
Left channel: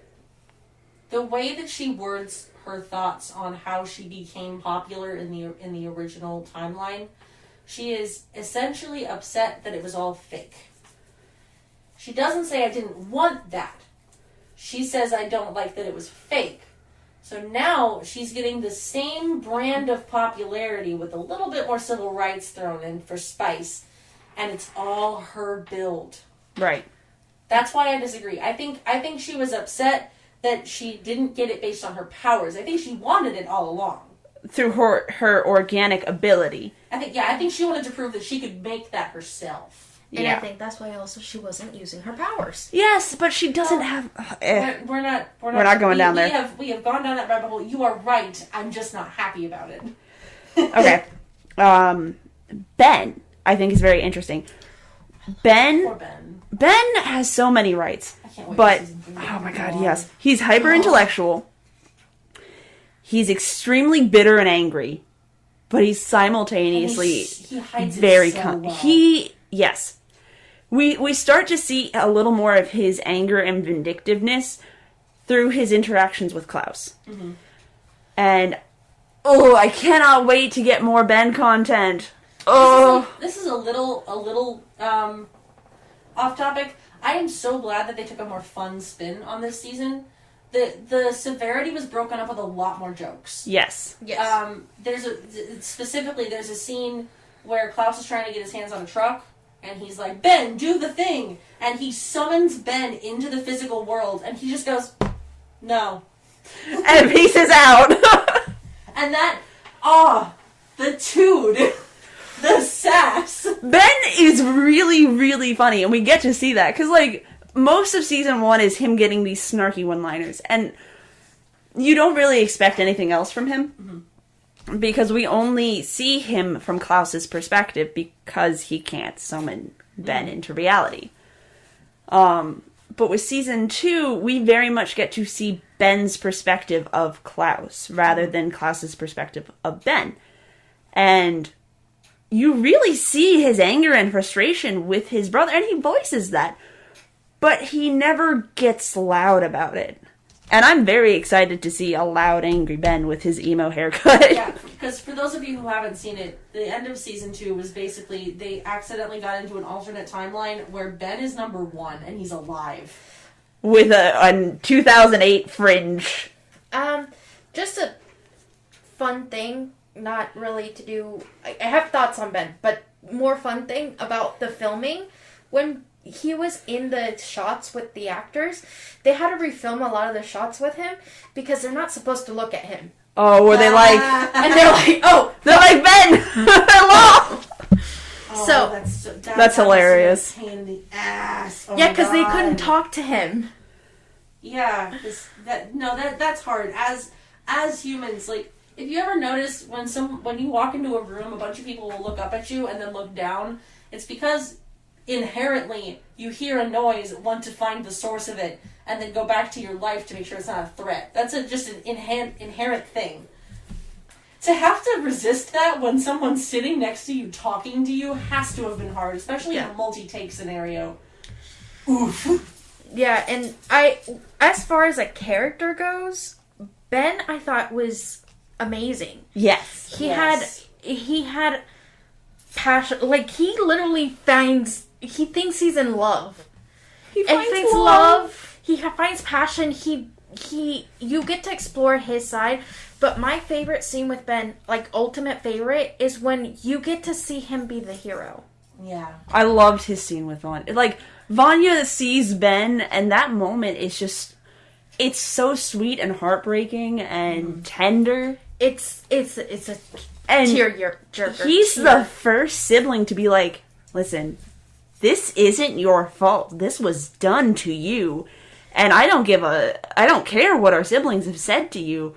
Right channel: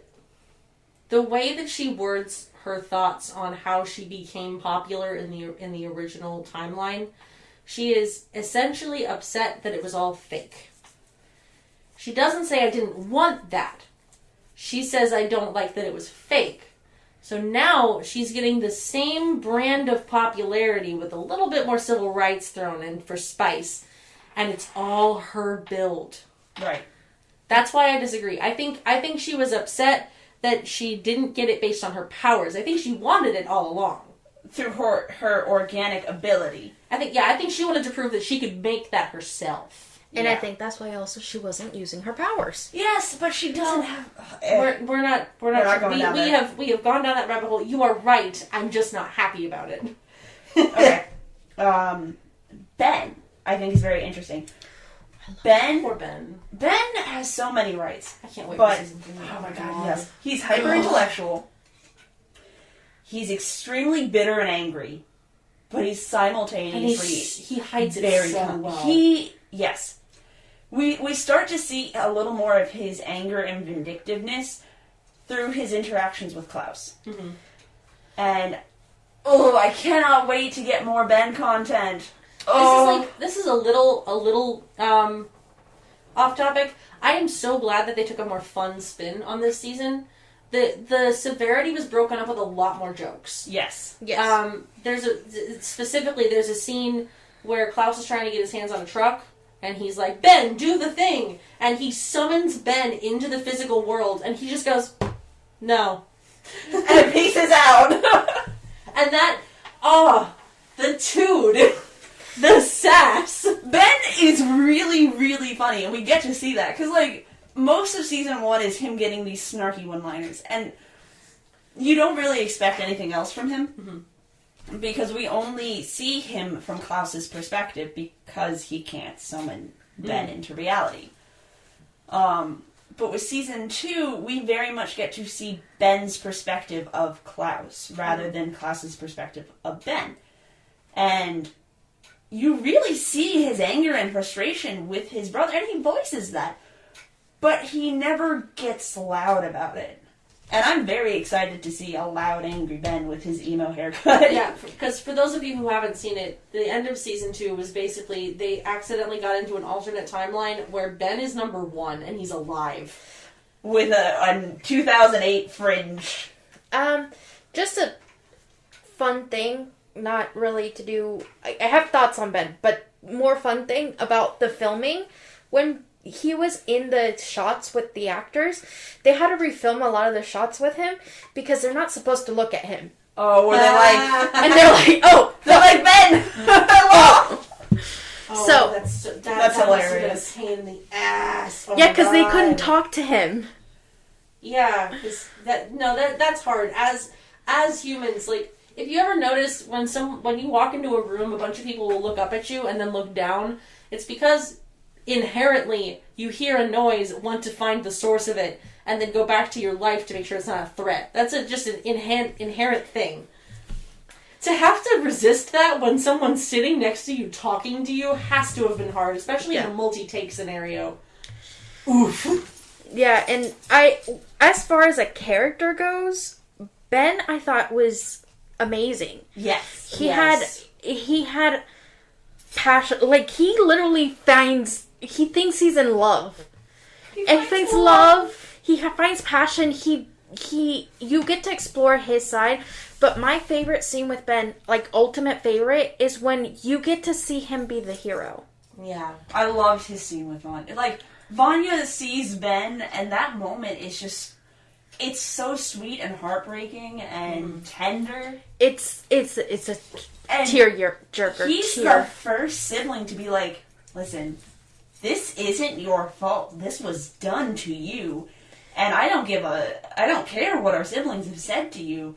way that she words her thoughts on how she became popular in the original timeline, she is essentially upset that it was all fake. She doesn't say I didn't want that. She says I don't like that it was fake. So now she's getting the same brand of popularity with a little bit more civil rights thrown in for spice, and it's all her build. Right. That's why I disagree. I think she was upset that she didn't get it based on her powers. I think she wanted it all along. Through her organic ability. I think she wanted to prove that she could make that herself. And I think that's why also she wasn't using her powers. Yes, but she doesn't have... We're not going down there. We have gone down that rabbit hole. You are right. I'm just not happy about it. Okay. Ben, I think, is very interesting. Poor Ben. Ben has so many rights. I can't wait but, for season 3. Oh my god, yes. He's hyper-intellectual. He's extremely bitter and angry. But he's simultaneously he hides very it so well. Yes. We start to see a little more of his anger and vindictiveness through his interactions with Klaus. Mm-hmm. And, I cannot wait to get more Ben content. This is a little off topic. I am so glad that they took a more fun spin on this season. The severity was broken up with a lot more jokes. Yes. There's a scene where Klaus is trying to get his hands on a truck, and he's like, Ben, do the thing! And he summons Ben into the physical world, and he just goes, no. And pieces out. And that, the dude. The sass. Ben is really, really funny, and we get to see that, because, like, most of season 1 is him getting these snarky one-liners, and you don't really expect anything else from him, because we only see him from Klaus's perspective, because he can't summon Ben into reality. But with season 2, we very much get to see Ben's perspective of Klaus, rather than Klaus's perspective of Ben. And you really see his anger and frustration with his brother, and he voices that. But he never gets loud about it. And I'm very excited to see a loud, angry Ben with his emo haircut. Yeah, because for those of you who haven't seen it, the end of season 2 was basically, they accidentally got into an alternate timeline where Ben is number 1 and he's alive. With a 2008 fringe. Just a fun thing, not really to do... I have thoughts on Ben, but more fun thing about the filming. When he was in the shots with the actors, they had to refilm a lot of the shots with him because they're not supposed to look at him. Oh, were they like... And they're like, oh! They're like, Ben! Hello! So, that's hilarious. A pain in the ass. Oh yeah, because they couldn't talk to him. Yeah, that's hard. As humans, like, if you ever notice when you walk into a room, a bunch of people will look up at you and then look down, it's because inherently you hear a noise, want to find the source of it, and then go back to your life to make sure it's not a threat. That's just an inherent thing. To have to resist that when someone's sitting next to you talking to you has to have been hard, especially in a multi-take scenario. Oof. Yeah, and as far as a character goes, Ben, I thought, was amazing. Yes. He had passion. Like, he literally he thinks he's in love. He finds love. He finds passion. You get to explore his side. But my favorite scene with Ben, like, ultimate favorite, is when you get to see him be the hero. Yeah. I loved his scene with Vanya. Like, Vanya sees Ben, and that moment is just... It's so sweet and heartbreaking and tender. It's a tear jerker. He's the first sibling to be like, listen, this isn't your fault. This was done to you. And I don't care what our siblings have said to you.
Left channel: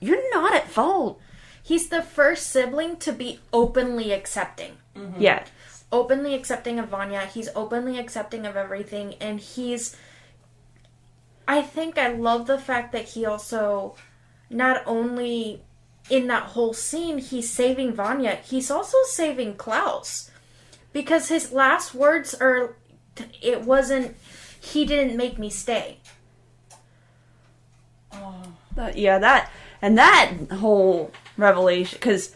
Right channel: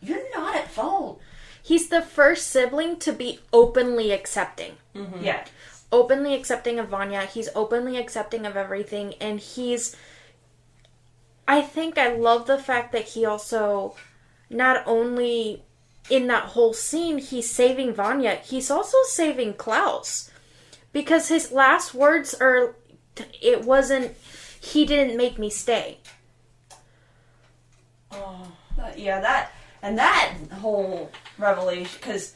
You're not at fault. He's the first sibling to be openly accepting. Mm-hmm. Yeah. Openly accepting of Vanya. He's openly accepting of everything. And I think I love the fact that he also, not only in that whole scene, he's saving Vanya, he's also saving Klaus. Because his last words are, he didn't make me stay. Oh. That whole revelation, because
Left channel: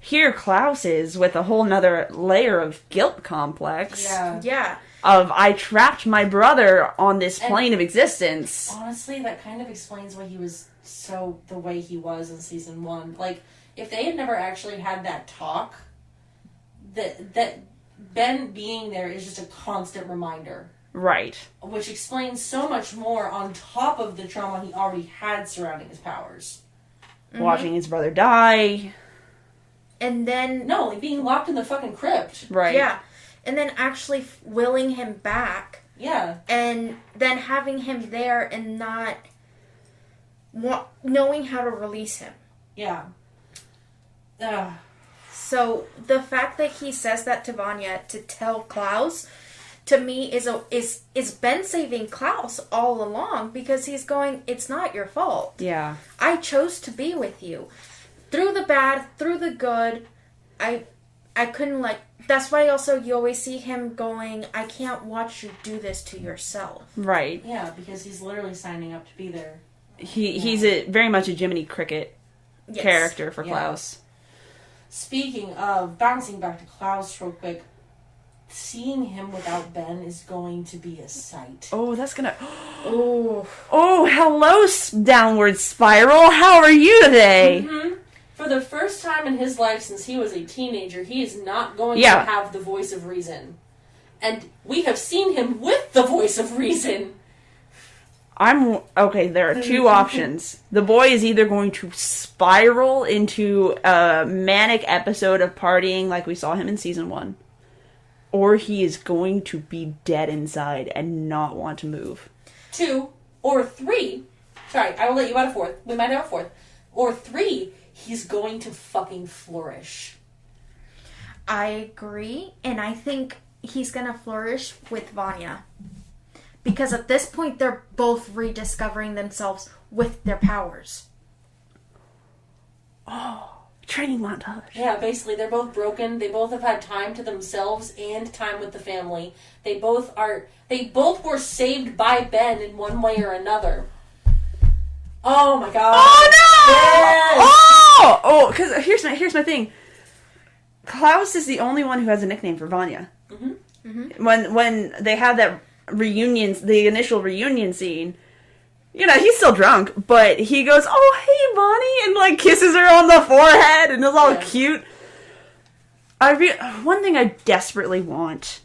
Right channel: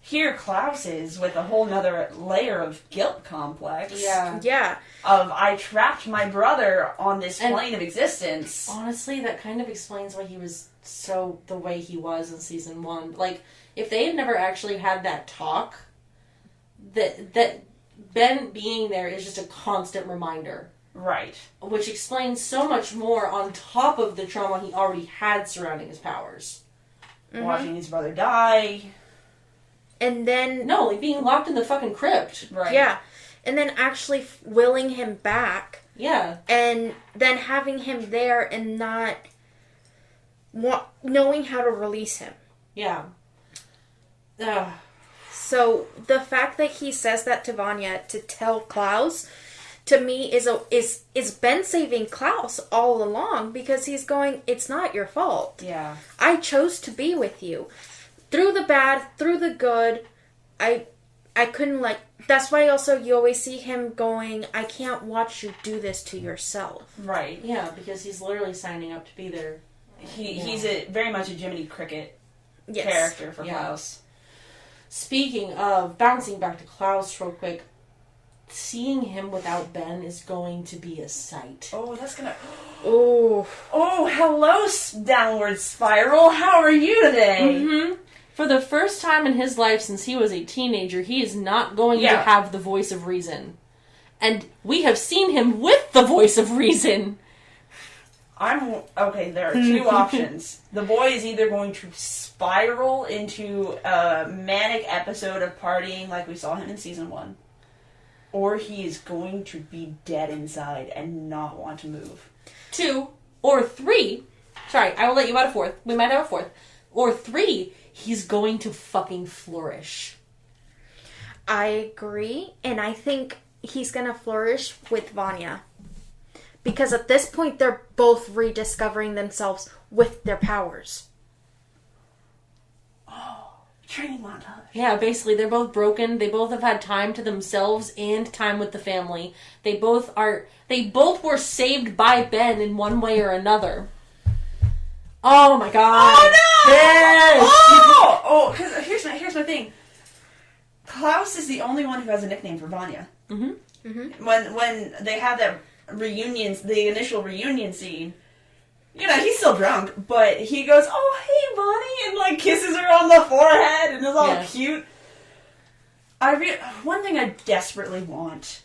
here Klaus is with a whole nother layer of guilt complex. Yeah. Of, I trapped my brother on this plane of existence. Honestly, that kind of explains why he was the way he was in season 1. Like, if they had never actually had that talk, that Ben being there is just a constant reminder. Right. Which explains so much more on top of the trauma he already had surrounding his powers. Mm-hmm. Watching his brother die. And then... No, like being locked in the fucking crypt. Right. Yeah. And then actually willing him back. Yeah. And then having him there and not knowing how to release him. Yeah. So the fact that he says that to Vanya to tell Klaus, to me, is Ben saving Klaus all along, because he's going, it's not your fault. Yeah. I chose to be with you. Through the bad, through the good, I couldn't that's why also you always see him going, I can't watch you do this to yourself. Right. Yeah, because he's literally signing up to be there. He's very much a Jiminy Cricket character for Klaus. Speaking of, bouncing back to Klaus real quick, seeing him without Ben is going to be a sight. Oh, that's gonna... Oh, hello, downward spiral. How are you today? Mm-hmm. For the first time in his life since he was a teenager, he is not going to have the voice of reason. And we have seen him with the voice of reason. Okay, there are two options. The boy is either going to spiral into a manic episode of partying like we saw him in season 1, or he is going to be dead inside and not want to move. 2 or 3. Sorry, I will let you out a 4th. We might have a 4th. Or 3, he's going to fucking flourish. I agree, and I think he's gonna flourish with Vanya. Because at this point, they're both rediscovering themselves with their powers. Oh, training montage. Yeah, basically, they're both broken. They both have had time to themselves and time with the family. They both were saved by Ben in one way or another. Oh my god. Oh no! Ben! Oh, because here's my thing. Klaus is the only one who has a nickname for Vanya. Mm-hmm. Mm-hmm. When they have that the initial reunion scene, he's still drunk, but he goes, "Oh, hey, Bonnie," and like kisses her on the forehead, and it's all cute. One thing I desperately want,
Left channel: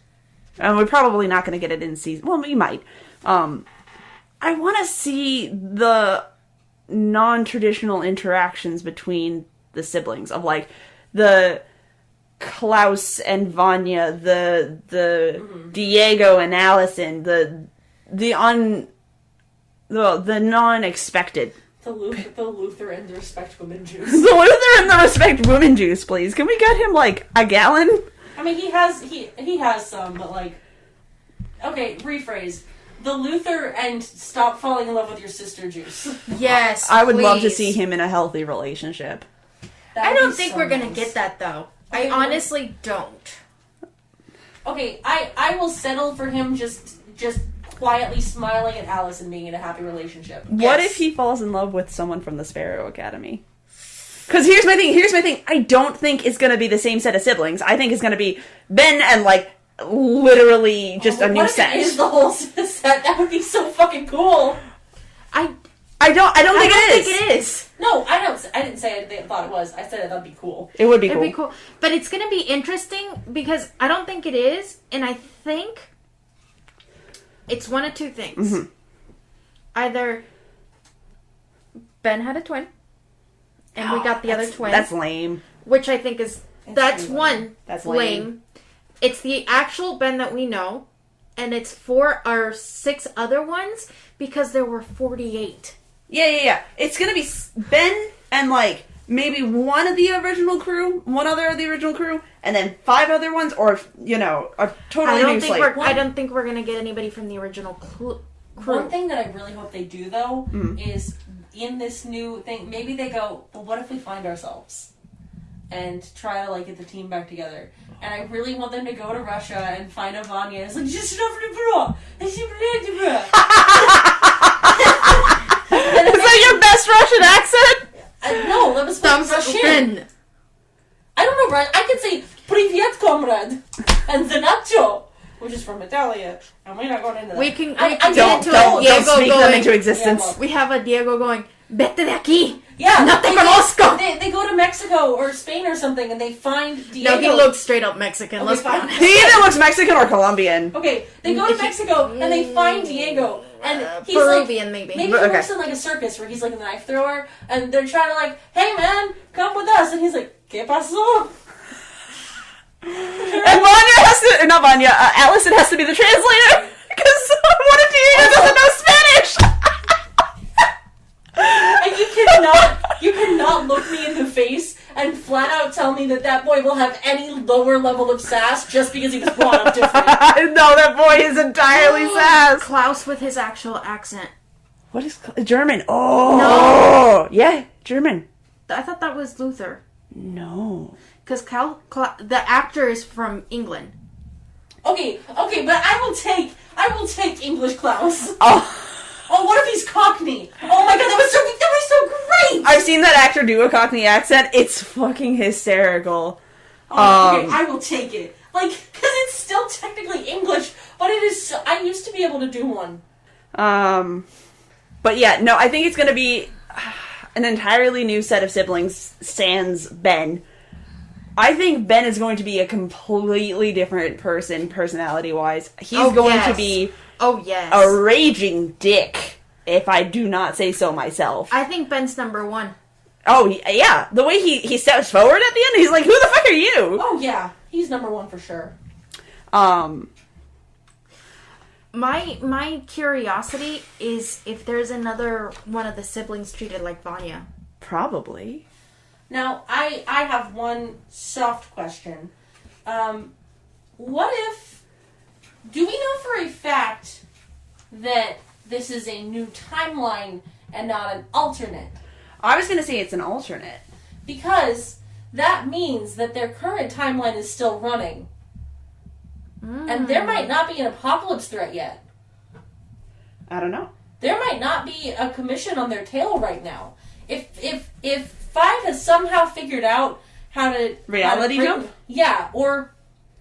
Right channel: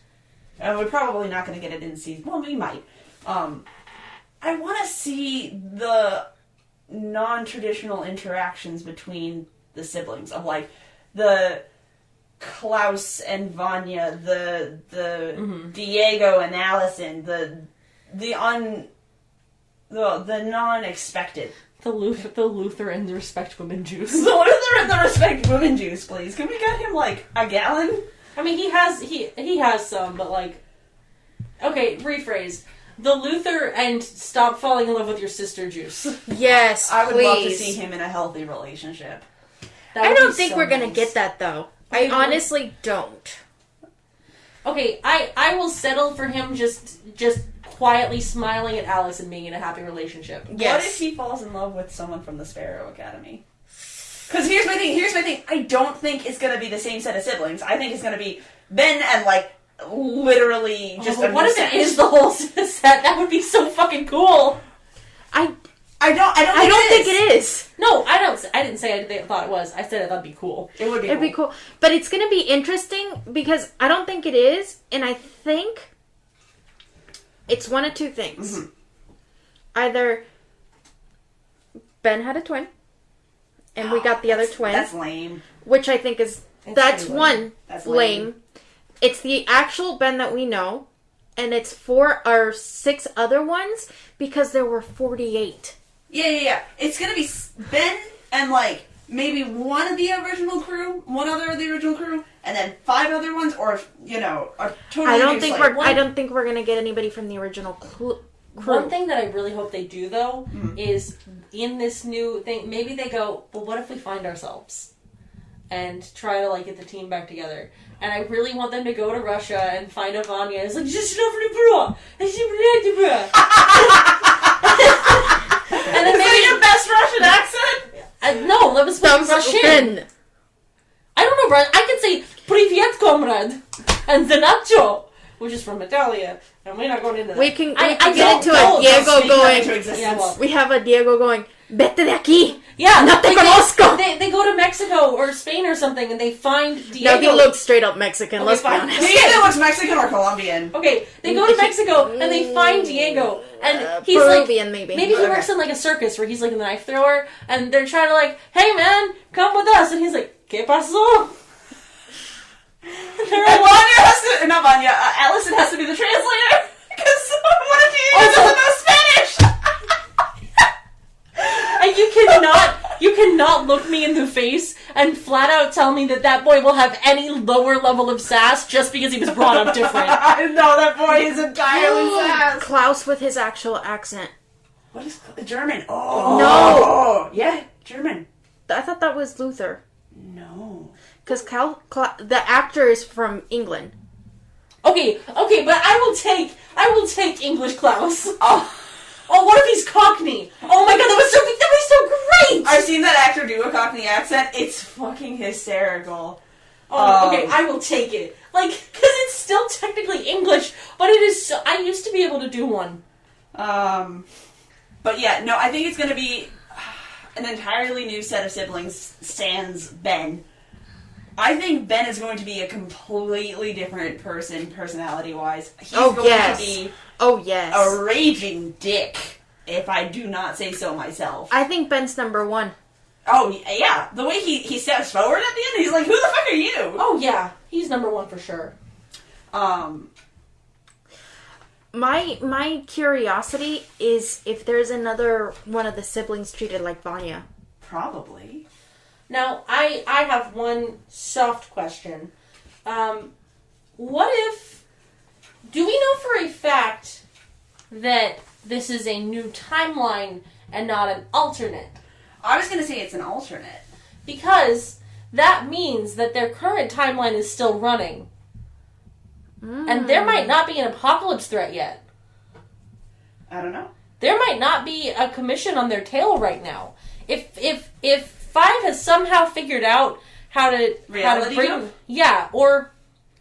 and we're probably not going to get it in season. Well, we might. I want to see the non-traditional interactions between the siblings of like the Klaus and Vanya, the Diego and Allison, the non-expected. The Luther and the Respect Women juice. The Luther and the Respect Women juice, please. Can we get him like a gallon? I mean, he has some, but like, okay, rephrase. The Luther and stop falling in love with your sister juice. Yes, I would love to please. see him in a healthy relationship. I don't think we're gonna get that though. I honestly don't. Okay, I will settle for him just quietly smiling at Alice and being in a happy relationship. What if he falls in love with someone from the Sparrow Academy? Because here's my thing. I don't think it's going to be the same set of siblings. I think it's going to be Ben and, like, literally just a new set. What if it is the whole set? That would be so fucking cool. I don't think it is. No, I don't. I didn't say I thought it was. I said that'd be cool. It would be cool. It'd be cool. But it's going to be interesting because I don't think it is, and I think it's one of two things. Mm-hmm. Either Ben had a twin, and we got the other twin. That's lame. Which I think is... That's one. That's lame. It's the actual Ben that we know, and it's 4 or 6 other ones because there were 48. Yeah. It's gonna be Ben and like maybe one of the original crew, one other of the original crew, and then 5 other ones, or a total. I don't think we're gonna get anybody from the original crew. One thing that I really hope they do though is in this new thing, maybe they go, well, what if we find ourselves? And try to like get the team back together. And I really want them to go to Russia and find a Vanya. It's like, just Is that your best Russian accent? No, that was Russian. I don't know, I could say "Привет, comrade" and "Zanacho," which is from Italia, and we're not going into that. We can get into a Diego going. Into existence. Yeah, well. We have a Diego going. Vete de aquí. Yeah, no te conozco. They go to Mexico or Spain or something, and they find Diego. No, he looks straight up Mexican. Okay, let's be honest. He either looks Mexican or Colombian. Okay, they go to Mexico and they find Diego, and he's Peruvian, like, maybe he works in like a circus where he's like a knife thrower, and they're trying to like, hey man, come with us, and he's like, ¿Qué pasó? And Vanya has to, not Vanya, Allison has to be the translator because one of Diego doesn't know Spanish. And you cannot look me in the face and flat out tell me that boy will have any lower level of sass just because he was brought up different. No, that boy is entirely sass. Klaus with his actual accent. What is German? Oh no, yeah, German. I thought that was Luther. No, because the actor is from England. Okay, but I will take English Klaus. Oh, what if he's Cockney? Oh my god, that was so great! I've seen that actor do a Cockney accent. It's fucking hysterical. Okay, I will take it. Like, because it's still technically English, but it is so... I used to be able to do one. But yeah, no, I think it's gonna be an entirely new set of siblings, sans Ben. I think Ben is going to be a completely different person, personality-wise. He's going to be... Oh, yes. A raging dick. if I do not say so myself. I think Ben's number one. Oh, yeah. The way he steps forward at the end, he's like, who the fuck are you? Oh, yeah. He's number one for sure. My curiosity is if there's another one of the siblings treated like Vanya. Probably. Now, I have one soft question. What if... Do we know for a fact that this is a new timeline and not an alternate? I was going to say it's an alternate. Because that means that their current timeline is still running. And there might not be an apocalypse threat yet. I don't know. There might not be a commission on their tail right now. If 5 has somehow figured out how to... Reality jump? Yeah, or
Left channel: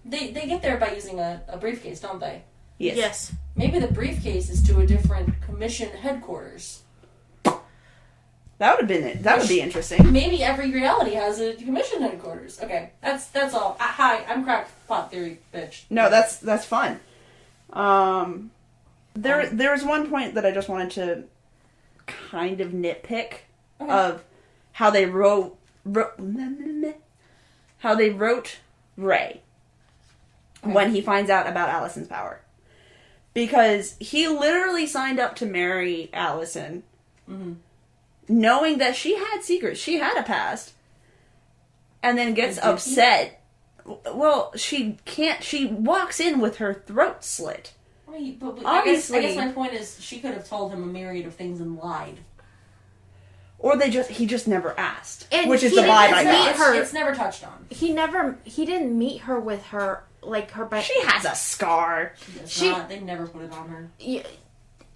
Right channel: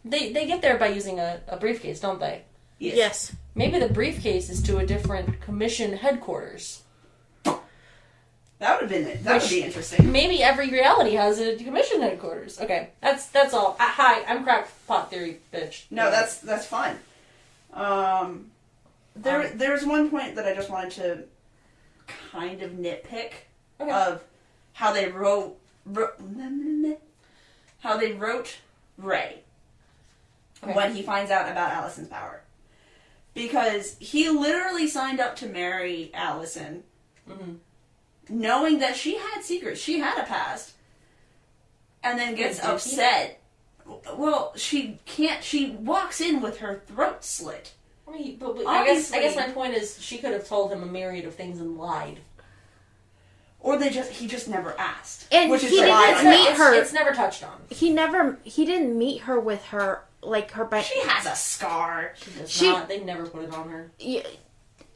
they get there by using a briefcase, don't they? Yes. Maybe the briefcase is to a different commission headquarters. That would be interesting. Maybe every reality has a commission headquarters. Okay, that's all. Hi, I'm Crackpot Theory, bitch. No, that's fun. There's one point that I just wanted to kind of nitpick of how they wrote Ray when he finds out about Allison's power, because he literally signed up to marry Allison. Mm-hmm. Knowing that she had secrets, she had a past, and then gets upset. Well, she can't. She walks in with her throat slit. I mean, but I guess my point is she could have told him a myriad of things and lied. Or he just never asked. And which is he didn't meet her. It's never touched on. He didn't meet her with her, like, her... She has a scar. She does not. They never put it on her. Yeah.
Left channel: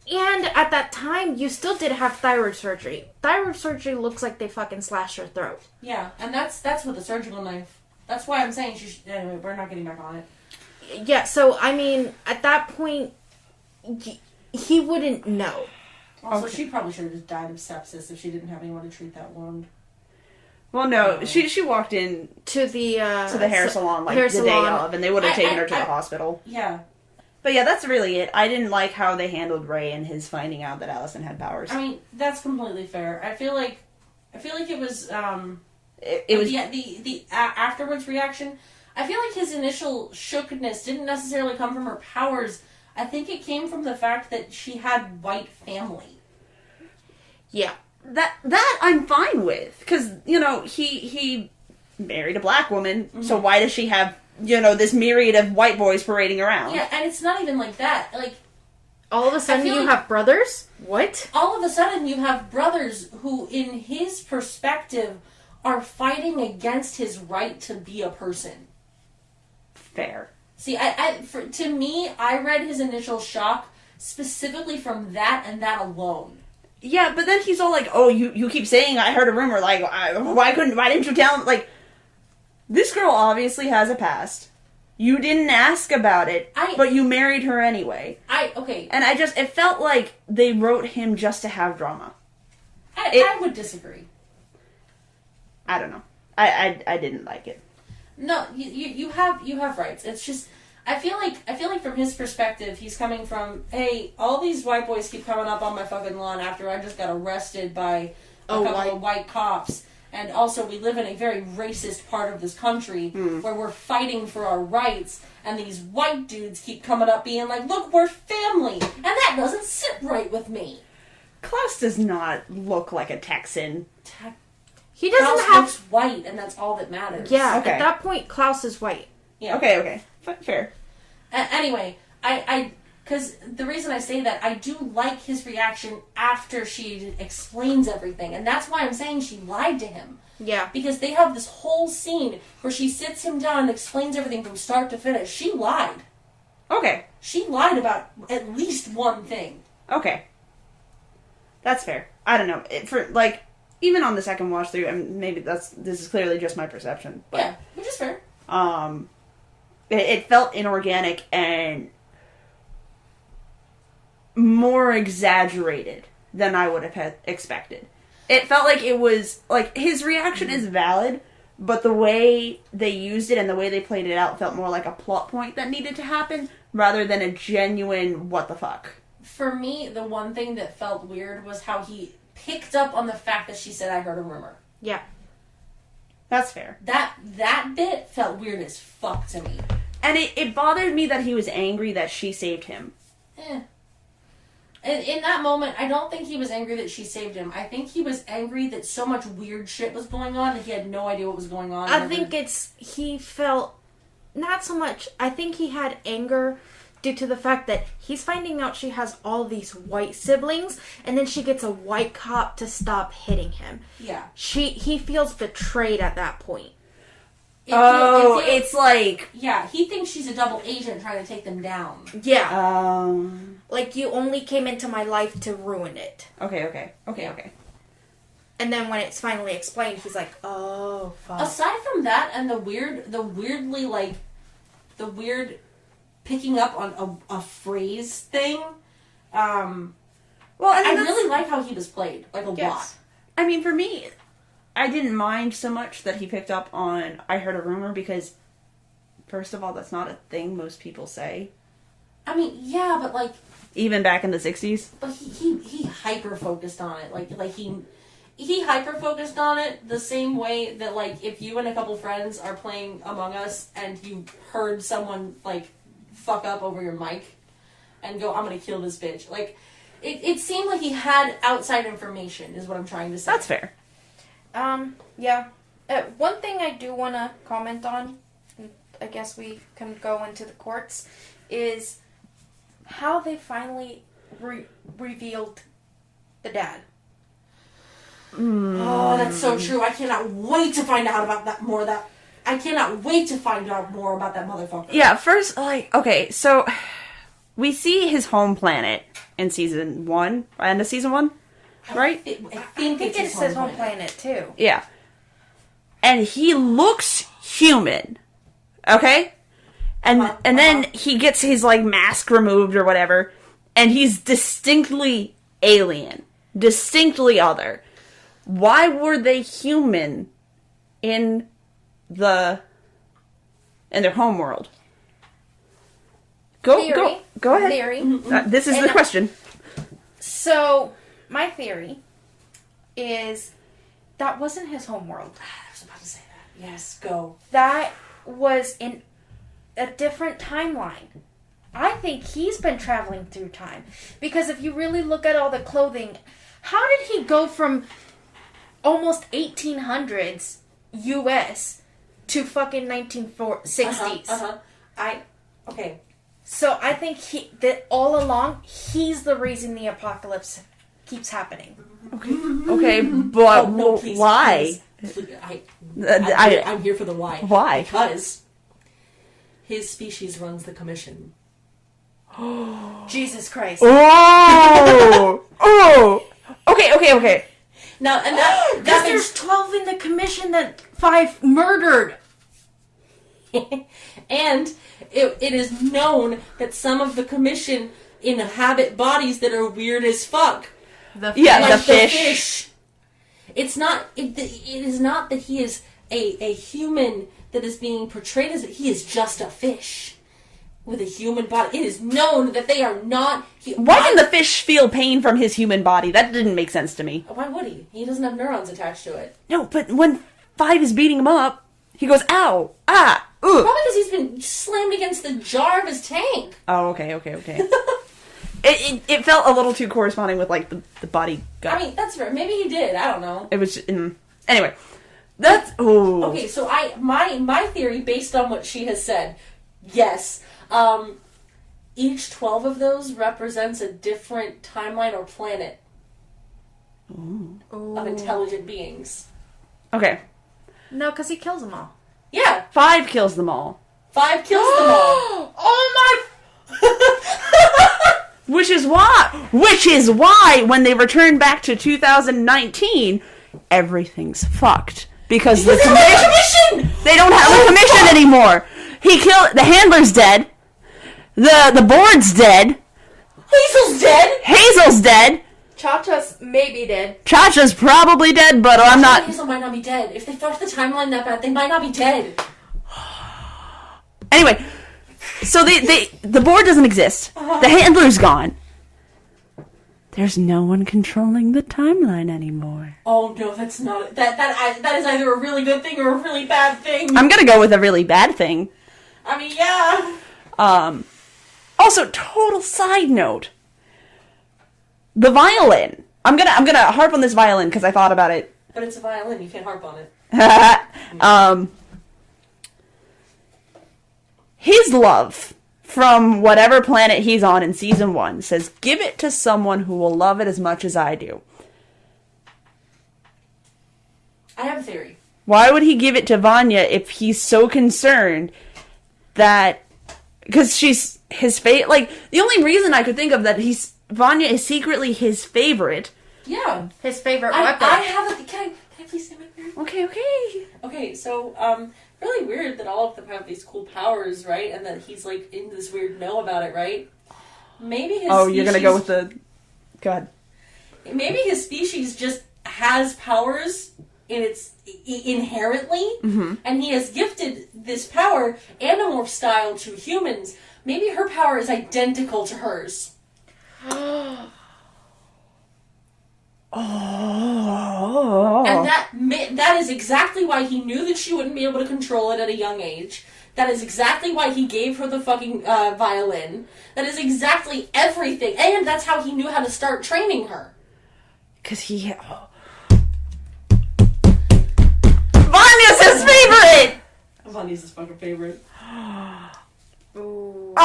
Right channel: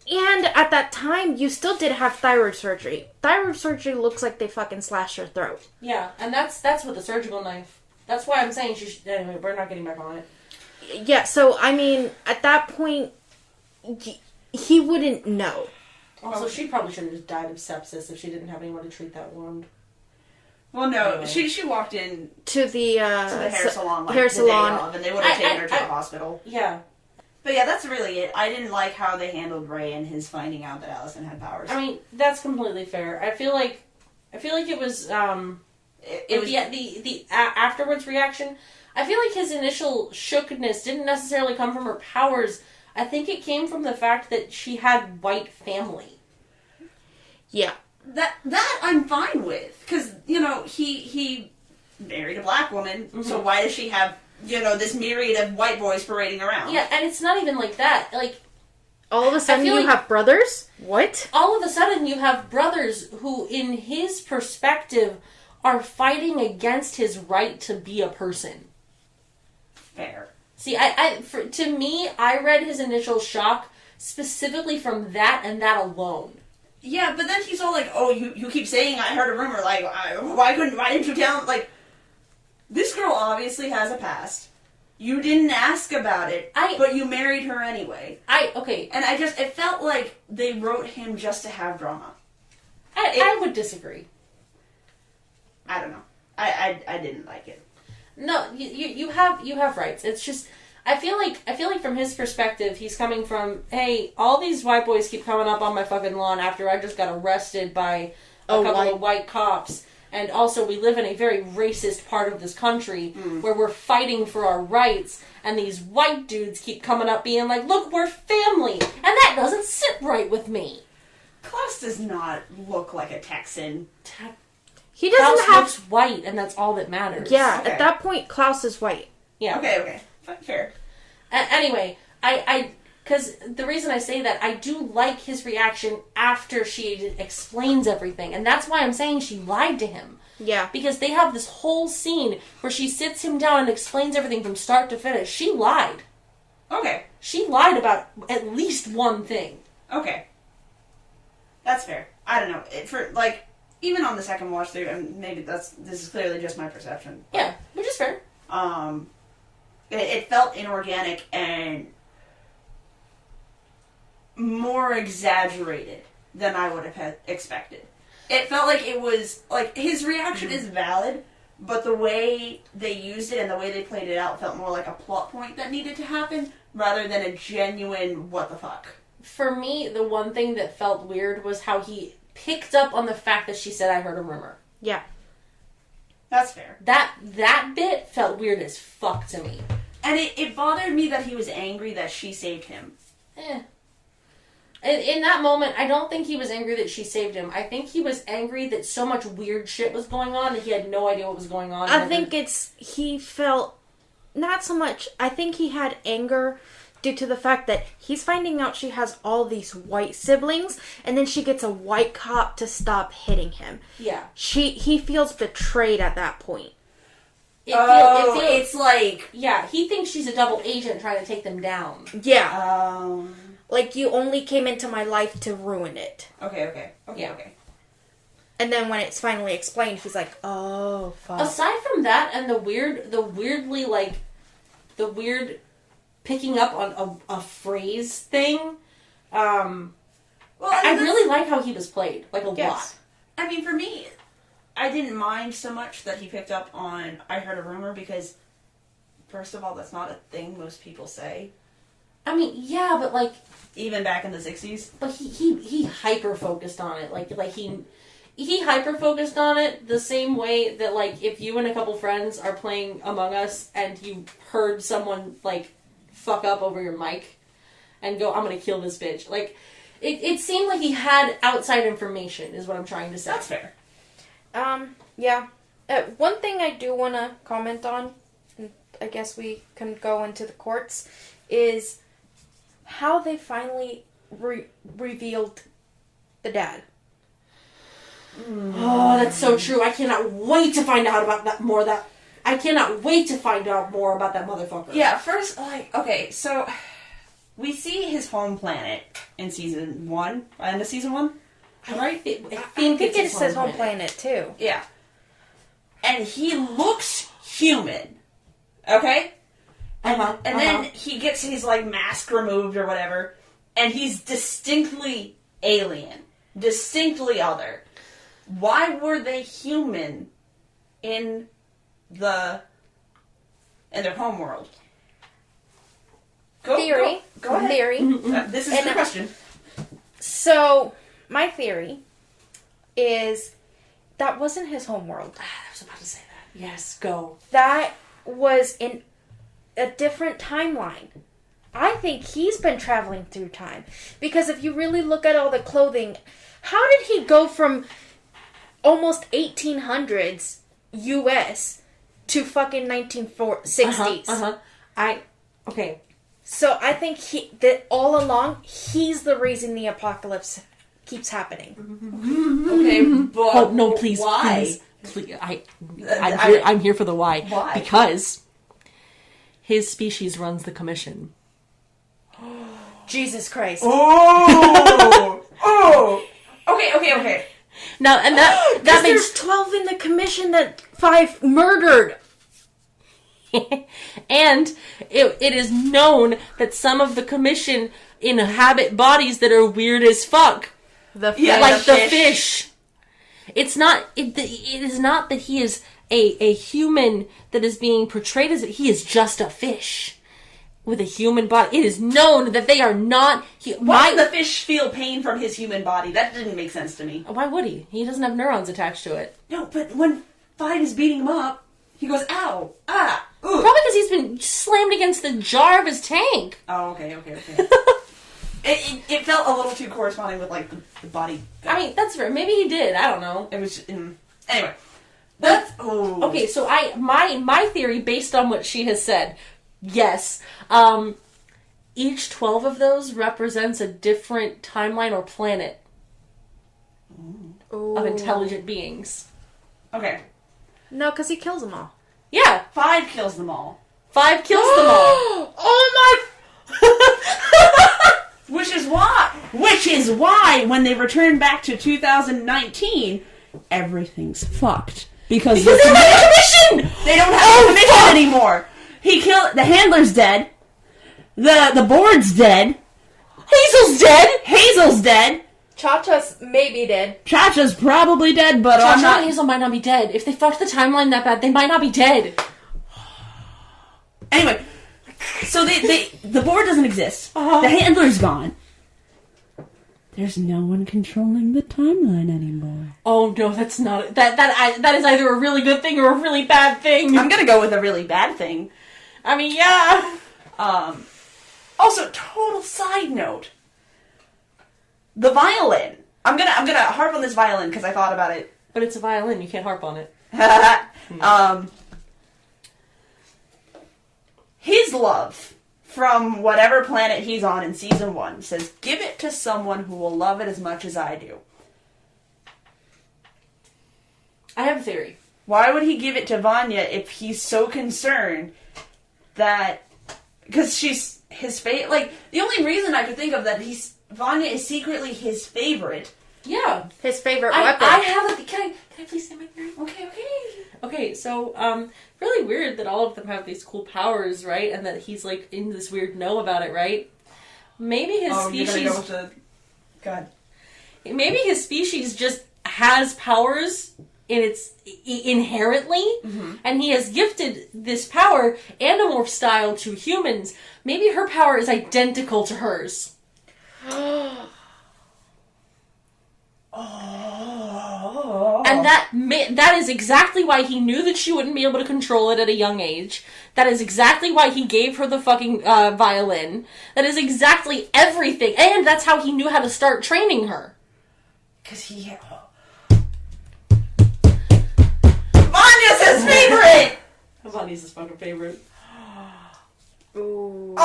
And at that time, you still did have thyroid surgery. Thyroid surgery looks like they fucking slashed her throat. Yeah, and that's with a surgical knife. That's why I'm saying she should... Anyway, we're not getting back on it. Yeah, so, I mean, at that point, he wouldn't know. Also, she probably should have just died of sepsis if she didn't have anyone to treat that wound. Well, no, she walked in to the hair salon the day of, and they would have taken her to the hospital. Yeah. But yeah, that's really it. I didn't like how they handled Ray and his finding out that Allison had powers. I mean, that's completely fair. I feel like it was it was the afterwards reaction. I feel like his initial shookedness didn't necessarily come from her powers. I think it came from the fact that she had white family. Yeah. That I'm fine with, because he married a black woman, mm-hmm. So why does she have this myriad of white boys parading around? Yeah, and it's not even like that. Like, all of a sudden you have brothers? What? All of a sudden you have brothers who, in his perspective, are fighting against his right to be a person. Fair. See, to me, I read his initial shock specifically from that and that alone. Yeah, but then he's all like, "Oh, you keep saying I heard a rumor. Like, why didn't you tell him?" Like, this girl obviously has a past. You didn't ask about it, but you married her anyway. Okay. And it felt like they wrote him just to have drama. I would disagree. I don't know. I didn't like it. No, you have rights. It's just I feel like from his perspective, he's coming from, hey, all these white boys keep coming up on my fucking lawn after I just got arrested by a couple of white cops. And also, we live in a very racist part of this country where we're fighting for our rights, and these white dudes keep coming up being like, look, we're family, and that doesn't sit right with me. Klaus does not look like a Texan. He doesn't Klaus looks white, and that's all that matters. Yeah, okay. At that point, Klaus is white. Yeah. Okay. Fair. Anyway, because the reason I say that, I do like his reaction after she explains everything. And that's why I'm saying she lied to him. Yeah. Because they have this whole scene where she sits him down and explains everything from start to finish. She lied. Okay. She lied about at least one thing. Okay. That's fair. I don't know. Even on the second watch through, and maybe this is clearly just my perception. But, yeah, which is fair. It felt inorganic and more exaggerated than I would have expected. It felt like it was, his reaction is valid, but the way they used it and the way they played it out felt more like a plot point that needed to happen, rather than a genuine what the fuck. for me, the one thing that felt weird was how he picked up on the fact that she said, I heard a rumor. Yeah. That's fair. That bit felt weird as fuck to me. And it bothered me that he was angry that she saved him. In that moment, I don't think he was angry that she saved him. I think he was angry that so much weird shit was going on and he had no idea what was going on. I think he felt, not so much, I think he had anger due to the fact that he's finding out she has all these white siblings, and then she gets a white cop to stop hitting him. Yeah. He feels betrayed at that point. It's like... Yeah, he thinks she's a double agent trying to take them down. Yeah. Like, you only came into my life to ruin it. Okay. And then when it's finally explained, he's like, oh, fuck. Aside from that and the weird picking up on a phrase thing, I really like how he was played, like a lot. I mean, for me, I didn't mind so much that he picked up on I heard a rumor because, first of all, that's not a thing most people say. I mean, yeah, but like... Even back in the 60s? But he hyper-focused on it. Like he hyper-focused on it the same way that, like, if you and a couple friends are playing Among Us and you heard someone, like, fuck up over your mic and go, I'm gonna kill this bitch. Like, it seemed like he had outside information, is what I'm trying to say. That's fair. Yeah. One thing I do want to comment on, and I guess we can go into the courts, is how they finally revealed the dad. Oh, that's so true. I cannot wait to find out about that more. I cannot wait to find out more about that motherfucker. Yeah, first, okay, so we see his home planet in season 1, end of season 1, right? I think it's his home planet, too. Yeah. And he looks human, okay? And then he gets his, like, mask removed or whatever, and he's distinctly alien. Distinctly other. Why were they human in their home world? Go ahead. Theory. This is the question. So, my theory is that wasn't his home world. I was about to say that. Yes, go. That was in a different timeline. I think he's been traveling through time. Because if you really look at all the clothing, how did he go from almost 1800s US to fucking 1960s? Okay. So I think that all along, he's the reason the apocalypse keeps happening. Okay, but no, please, why? Please. I'm here for the why. Why? Because his species runs the commission. Jesus Christ. Oh! Okay. Now, and that Because makes... there's 12 in the commission that 5 murdered. And it is known that some of the commission inhabit bodies that are weird as fuck. The fish. It's not. It is not that he is a human that is being portrayed as. He is just a fish with a human body. It is known that they are not. Why did the fish feel pain from his human body? That didn't make sense to me. Why would he? He doesn't have neurons attached to it. No, but when 5 is beating him up, he goes, ow, ah, ooh. Probably because he's been slammed against the jar of his tank. Oh, okay. It felt a little too corresponding with, like, the body gut. I mean, that's fair. Maybe he did. I don't know. It was just, anyway. That's, ooh. Okay, so my theory, based on what she has said, yes, each 12 of those represents a different timeline or planet of intelligent beings. Okay. No, because he kills them all. Yeah. 5 kills them all. 5 kills them all. Oh my... Which is why, when they return back to 2019, everything's fucked. Because they don't have a commission! They don't have a commission anymore! The handler's dead. The board's dead. Hazel's dead. Cha-Cha's maybe dead. Cha-Cha's probably dead, but Cha-Cha I'm not... and Hazel might not be dead. If they fucked the timeline that bad, they might not be dead. Anyway, so the board doesn't exist. The handler's gone. there's no one controlling the timeline anymore. Oh no, that's not that is either a really good thing or a really bad thing. I'm gonna go with a really bad thing. I mean, yeah. Also, total side note. The violin. I'm gonna harp on this violin because I thought about it. But it's a violin, you can't harp on it. His love from whatever planet he's on in season 1 says, give it to someone who will love it as much as I do. I have a theory. Why would he give it to Vanya if he's so concerned that... Because she's his favorite... Like, the only reason I could think of that Vanya is secretly his favorite. Yeah. His favorite weapon. I have a... Can I please say my theory? Okay. Okay, so, really weird that all of them have these cool powers, right? And that he's, like, in this weird know about it, right? Maybe his species... you're gonna go with the... Go ahead. Maybe his species just has powers inherently, and he has gifted this power, Animorph style, to humans. Maybe her power is identical to hers. And that is exactly why he knew that she wouldn't be able to control it at a young age. That is exactly why he gave her the fucking violin. That is exactly everything. And that's how he knew how to start training her. Because he... Vanya's his favorite! Vanya's his fucking favorite. Ooh.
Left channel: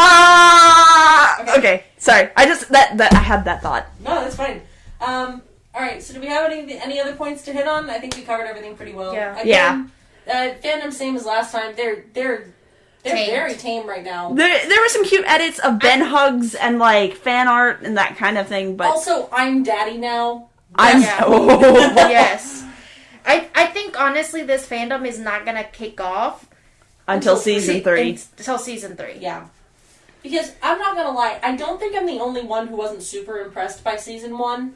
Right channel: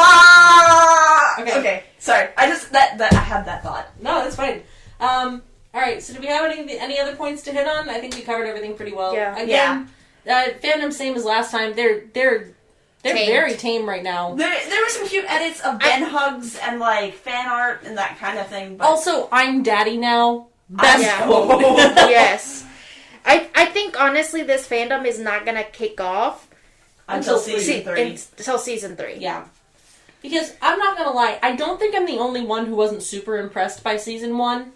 Okay. Sorry. I had that thought. No, that's fine. Alright, so do we have any other points to hit on? I think we covered everything pretty well. Yeah. Again, fandom same as last time. They're very tame right now. There were some cute edits of Ben hugs and like fan art and that kind of thing, but also I'm daddy now. Yes. I think honestly this fandom is not gonna kick off until season 3. Until season 3. Yeah. Because I'm not gonna lie, I don't think I'm the only one who wasn't super impressed by season 1.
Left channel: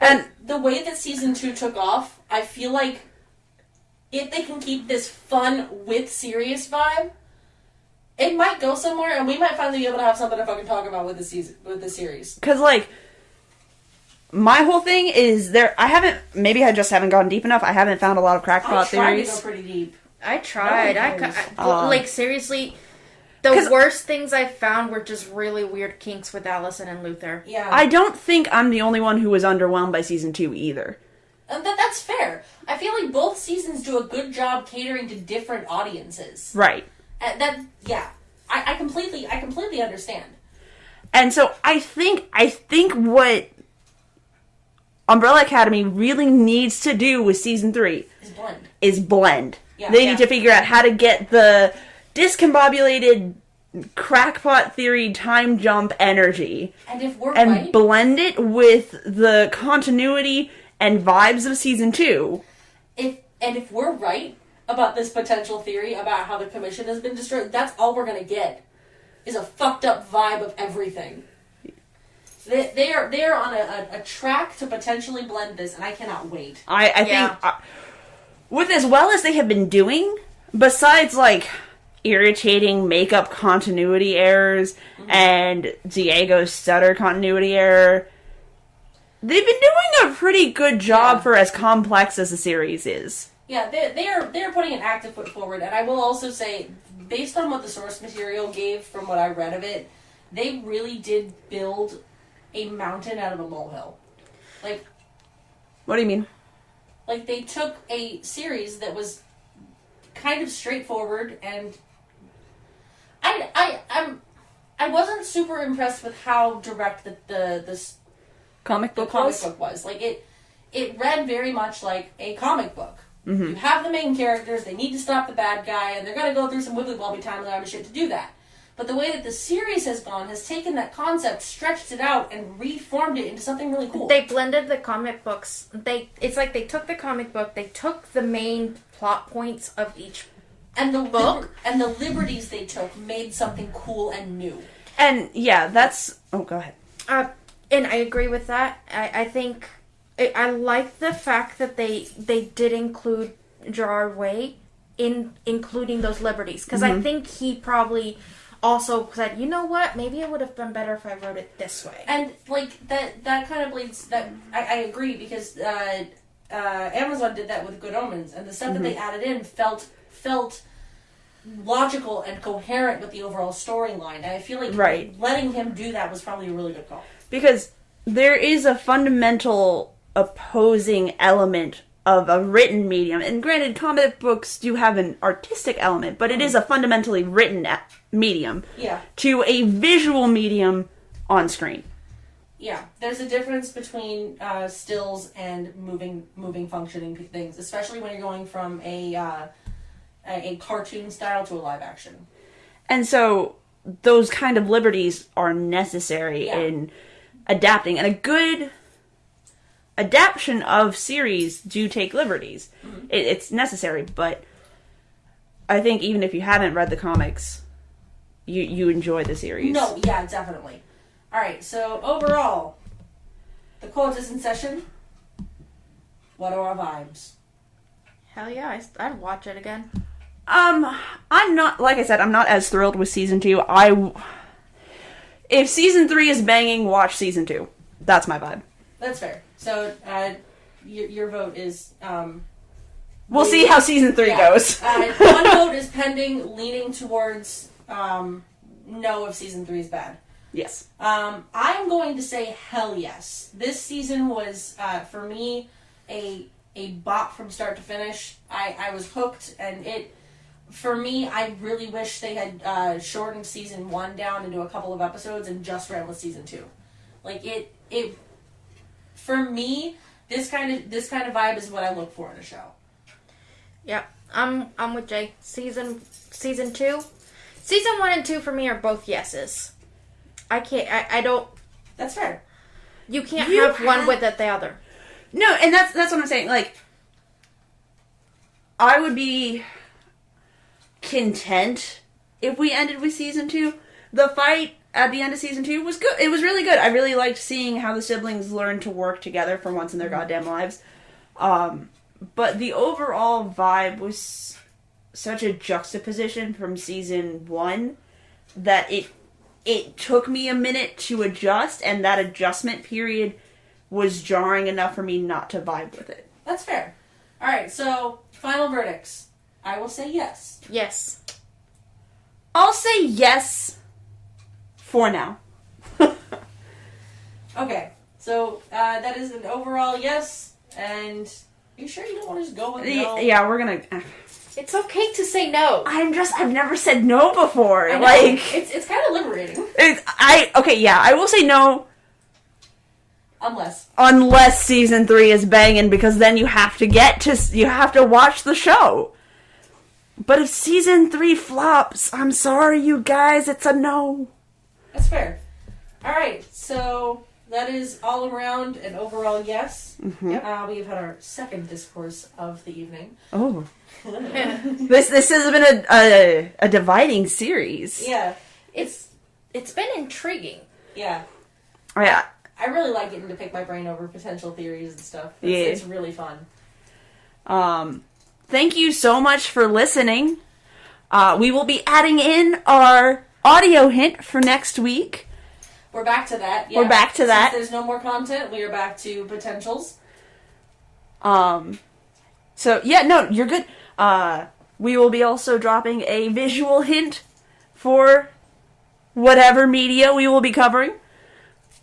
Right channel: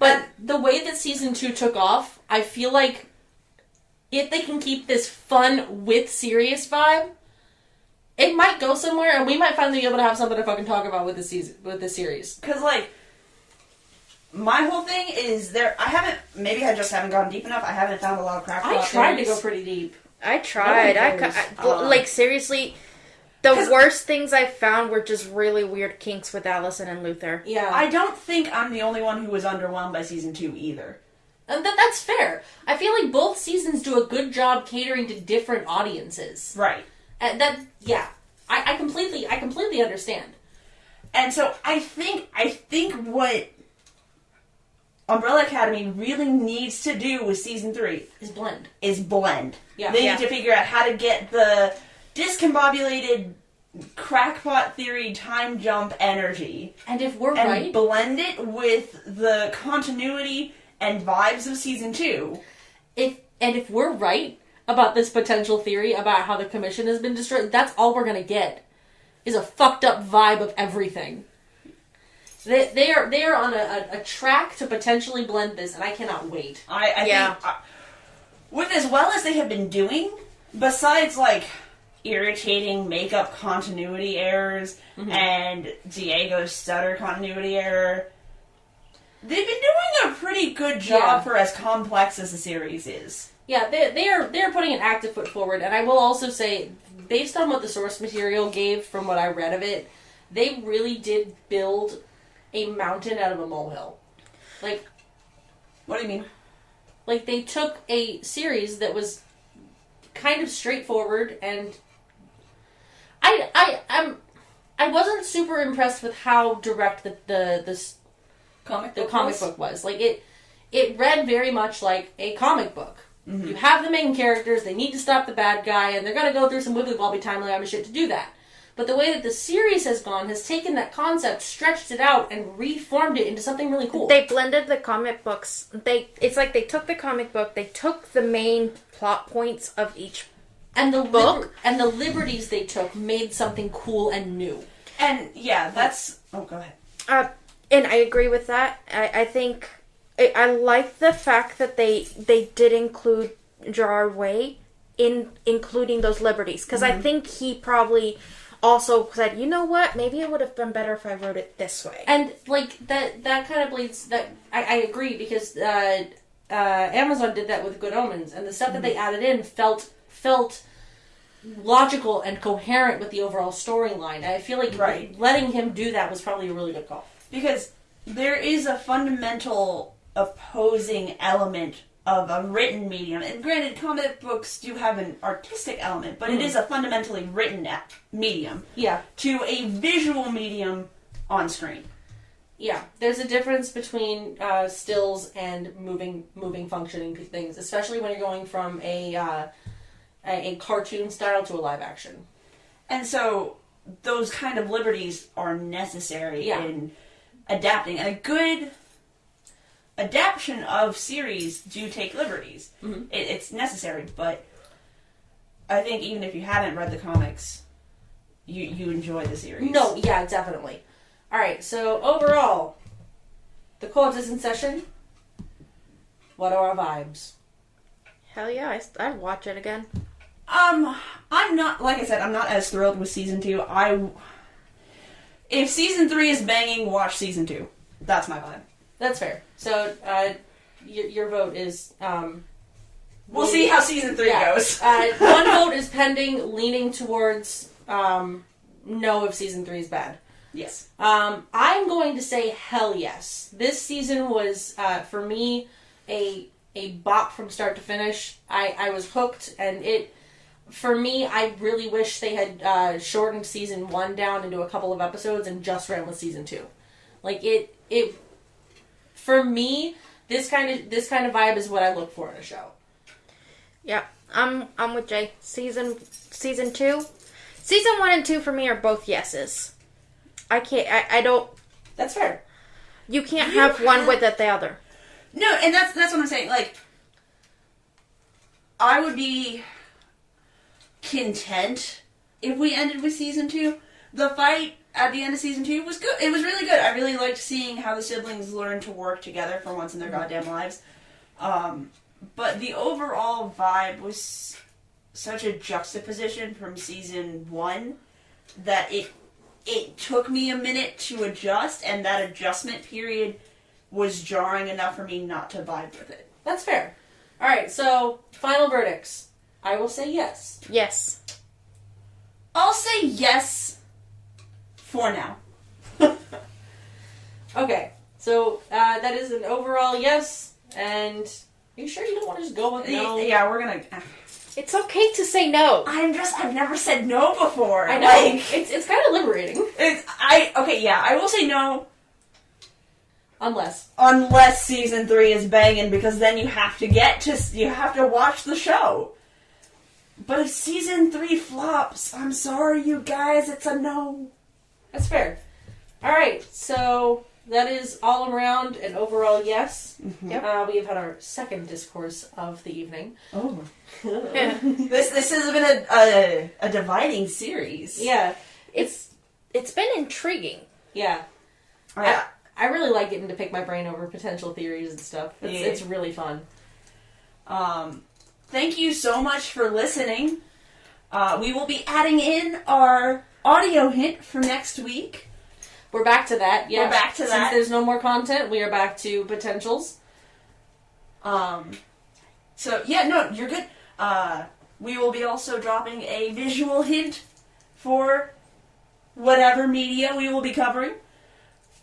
But the way that season 2 took off, I feel like if they can keep this fun with serious vibe, it might go somewhere, and we might finally be able to have something to fucking talk about with the series. Because, like, my whole thing is maybe I just haven't gone deep enough. I haven't found a lot of crackpot theories. I tried to go pretty deep. I tried. Like, seriously, the worst things I found were just really weird kinks with Allison and Luther. Yeah. I don't think I'm the only one who was underwhelmed by season 2 either. And that's fair. I feel like both seasons do a good job catering to different audiences. Right. I completely understand. And so I think what Umbrella Academy really needs to do with season 3 is blend. Yeah. They need to figure out how to get the discombobulated crackpot theory time jump energy. And if we're and blend it with the continuity and vibes of season 2. If we're right about this potential theory about how the commission has been destroyed, that's all we're gonna get is a fucked up vibe of everything. They are on a track to potentially blend this, and I cannot wait. I think with as well as they have been doing, besides like irritating makeup continuity errors and Diego's stutter continuity error, they've been doing a pretty good job for as complex as the series is. Yeah, they're putting an active foot forward, and I will also say, based on what the source material gave from what I read of it, they really did build a mountain out of a molehill. Like, what do you mean? Like, they took a series that was kind of straightforward, and I wasn't super impressed with how direct the comic book was. Like, it read very much like a comic book. Mm-hmm. You have the main characters, they need to stop the bad guy, and they're gonna go through some wibbly-wobbly time shit to do that. But the way that the series has gone has taken that concept, stretched it out, and reformed it into something really cool. They blended the comic books. It's like they took the comic book, they took the main plot points of each book, and the liberties they took made something cool and new. And yeah, that's... Oh, go ahead. And I agree with that. I think... I like the fact that they did include Gerard Way in including those liberties. Because I think he probably... also said, you know what, maybe it would have been better if I wrote it this way. And like that kind of bleeds. That I agree, because Amazon did that with Good Omens, and the stuff that they added in felt logical and coherent with the overall storyline. And I feel like letting him do that was probably a really good call, because there is a fundamental opposing element of a written medium. And granted, comic books do have an artistic element, but it is a fundamentally written medium. Yeah. To a visual medium on screen. Yeah. There's a difference between stills and moving functioning things, especially when you're going from a cartoon style to a live action. And so those kind of liberties are necessary in adapting. And a good adaptation of series do take liberties. Mm-hmm. It's necessary, but I think even if you haven't read the comics, you enjoy the series. No, yeah, definitely. Alright, so overall, the quote is in session. What are our vibes? Hell yeah, I'd watch it again. I'm not, like I said, I'm not as thrilled with season 2. If season 3 is banging, watch season 2. That's my vibe. That's fair. So, your vote is, we'll see how season 3 goes. One vote is pending, leaning towards, no if season 3 is bad. Yes. I'm going to say hell yes. This season was, for me, a bop from start to finish. I was hooked, and for me, I really wish they had shortened season 1 down into a couple of episodes and just ran with season 2. Like, it for me, this kind of vibe is what I look for in a show. Yeah, I'm with Jay. Season 2, season 1 and 2 for me are both yeses. I can't. I don't. That's fair. You can't have one without the other. No, and that's what I'm saying. Like, I would be content if we ended with season 2. The fight at the end of season 2 was good. It was really good. I really liked seeing how the siblings learned to work together for once in their goddamn lives. But the overall vibe was such a juxtaposition from season 1 that it took me a minute to adjust, and that adjustment period was jarring enough for me not to vibe with it. That's fair. Alright, so, final verdicts. I will say yes. Yes. I'll say yes for now. Okay, so that is an overall yes, and are you sure you don't want to just go with no? Yeah, we're gonna... It's okay to say no. I've never said no before. I know. Like, it's kind of liberating. I will say no. Unless season 3 is banging, because then you have to watch the show. But if season 3 flops, I'm sorry, you guys, it's a no. That's fair. Alright, so that is all around an overall yes. Mm-hmm. Yep. We have had our second discourse of the evening. Oh. This has been a dividing series. Yeah. It's been intriguing. Yeah. Yeah. I really like getting to pick my brain over potential theories and stuff. It's really fun. Thank you so much for listening. We will be adding in our audio hint for next week. We're back to that. Yeah. We're back to that. Since there's no more content, we are back to potentials. So, yeah, no, you're good. We will be also dropping a visual hint for whatever media we will be covering.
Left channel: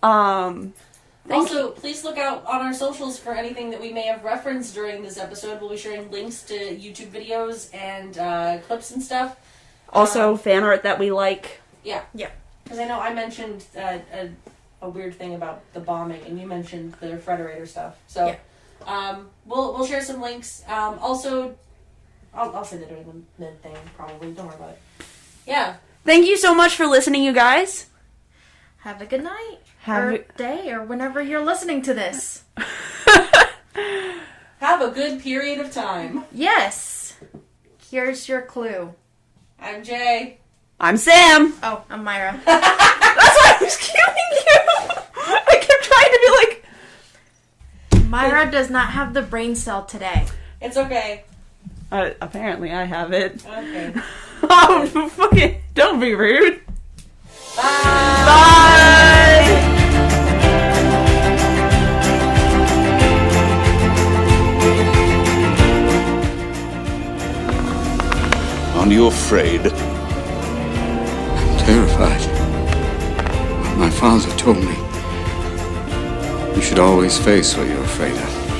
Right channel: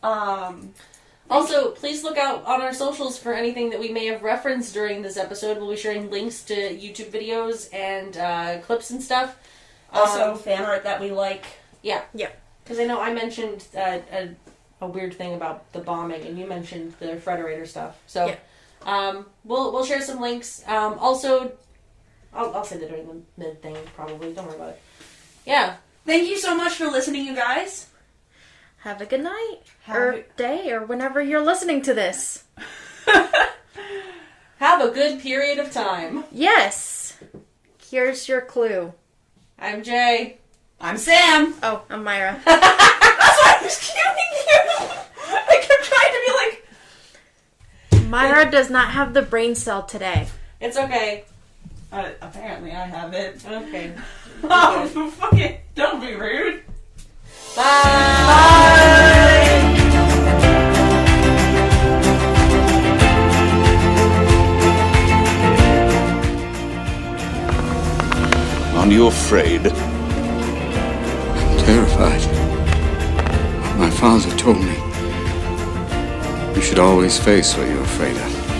Also, please look out on our socials for anything that we may have referenced during this episode. We'll be sharing links to YouTube videos and clips and stuff. Also, fan art that we like. Yeah. Yeah. Because I know I mentioned a weird thing about the bombing, and you mentioned the Frederator stuff. So, we'll share some links. Also, I'll say that during the mid thing, probably. Don't worry about it. Yeah. Thank you so much for listening, you guys. Have a good night. Or day, or whenever you're listening to this. Have a good period of time. Yes. Here's your clue. I'm Jay. I'm Sam. Oh, I'm Mayra. That's why I was cueing you. I kept trying to be like... Mayra does not have the brain cell today. It's okay. Apparently I have it. Okay. Oh, fucking... Don't be rude. Aren't you afraid? I'm terrified. My father told me you should always face what you're afraid of.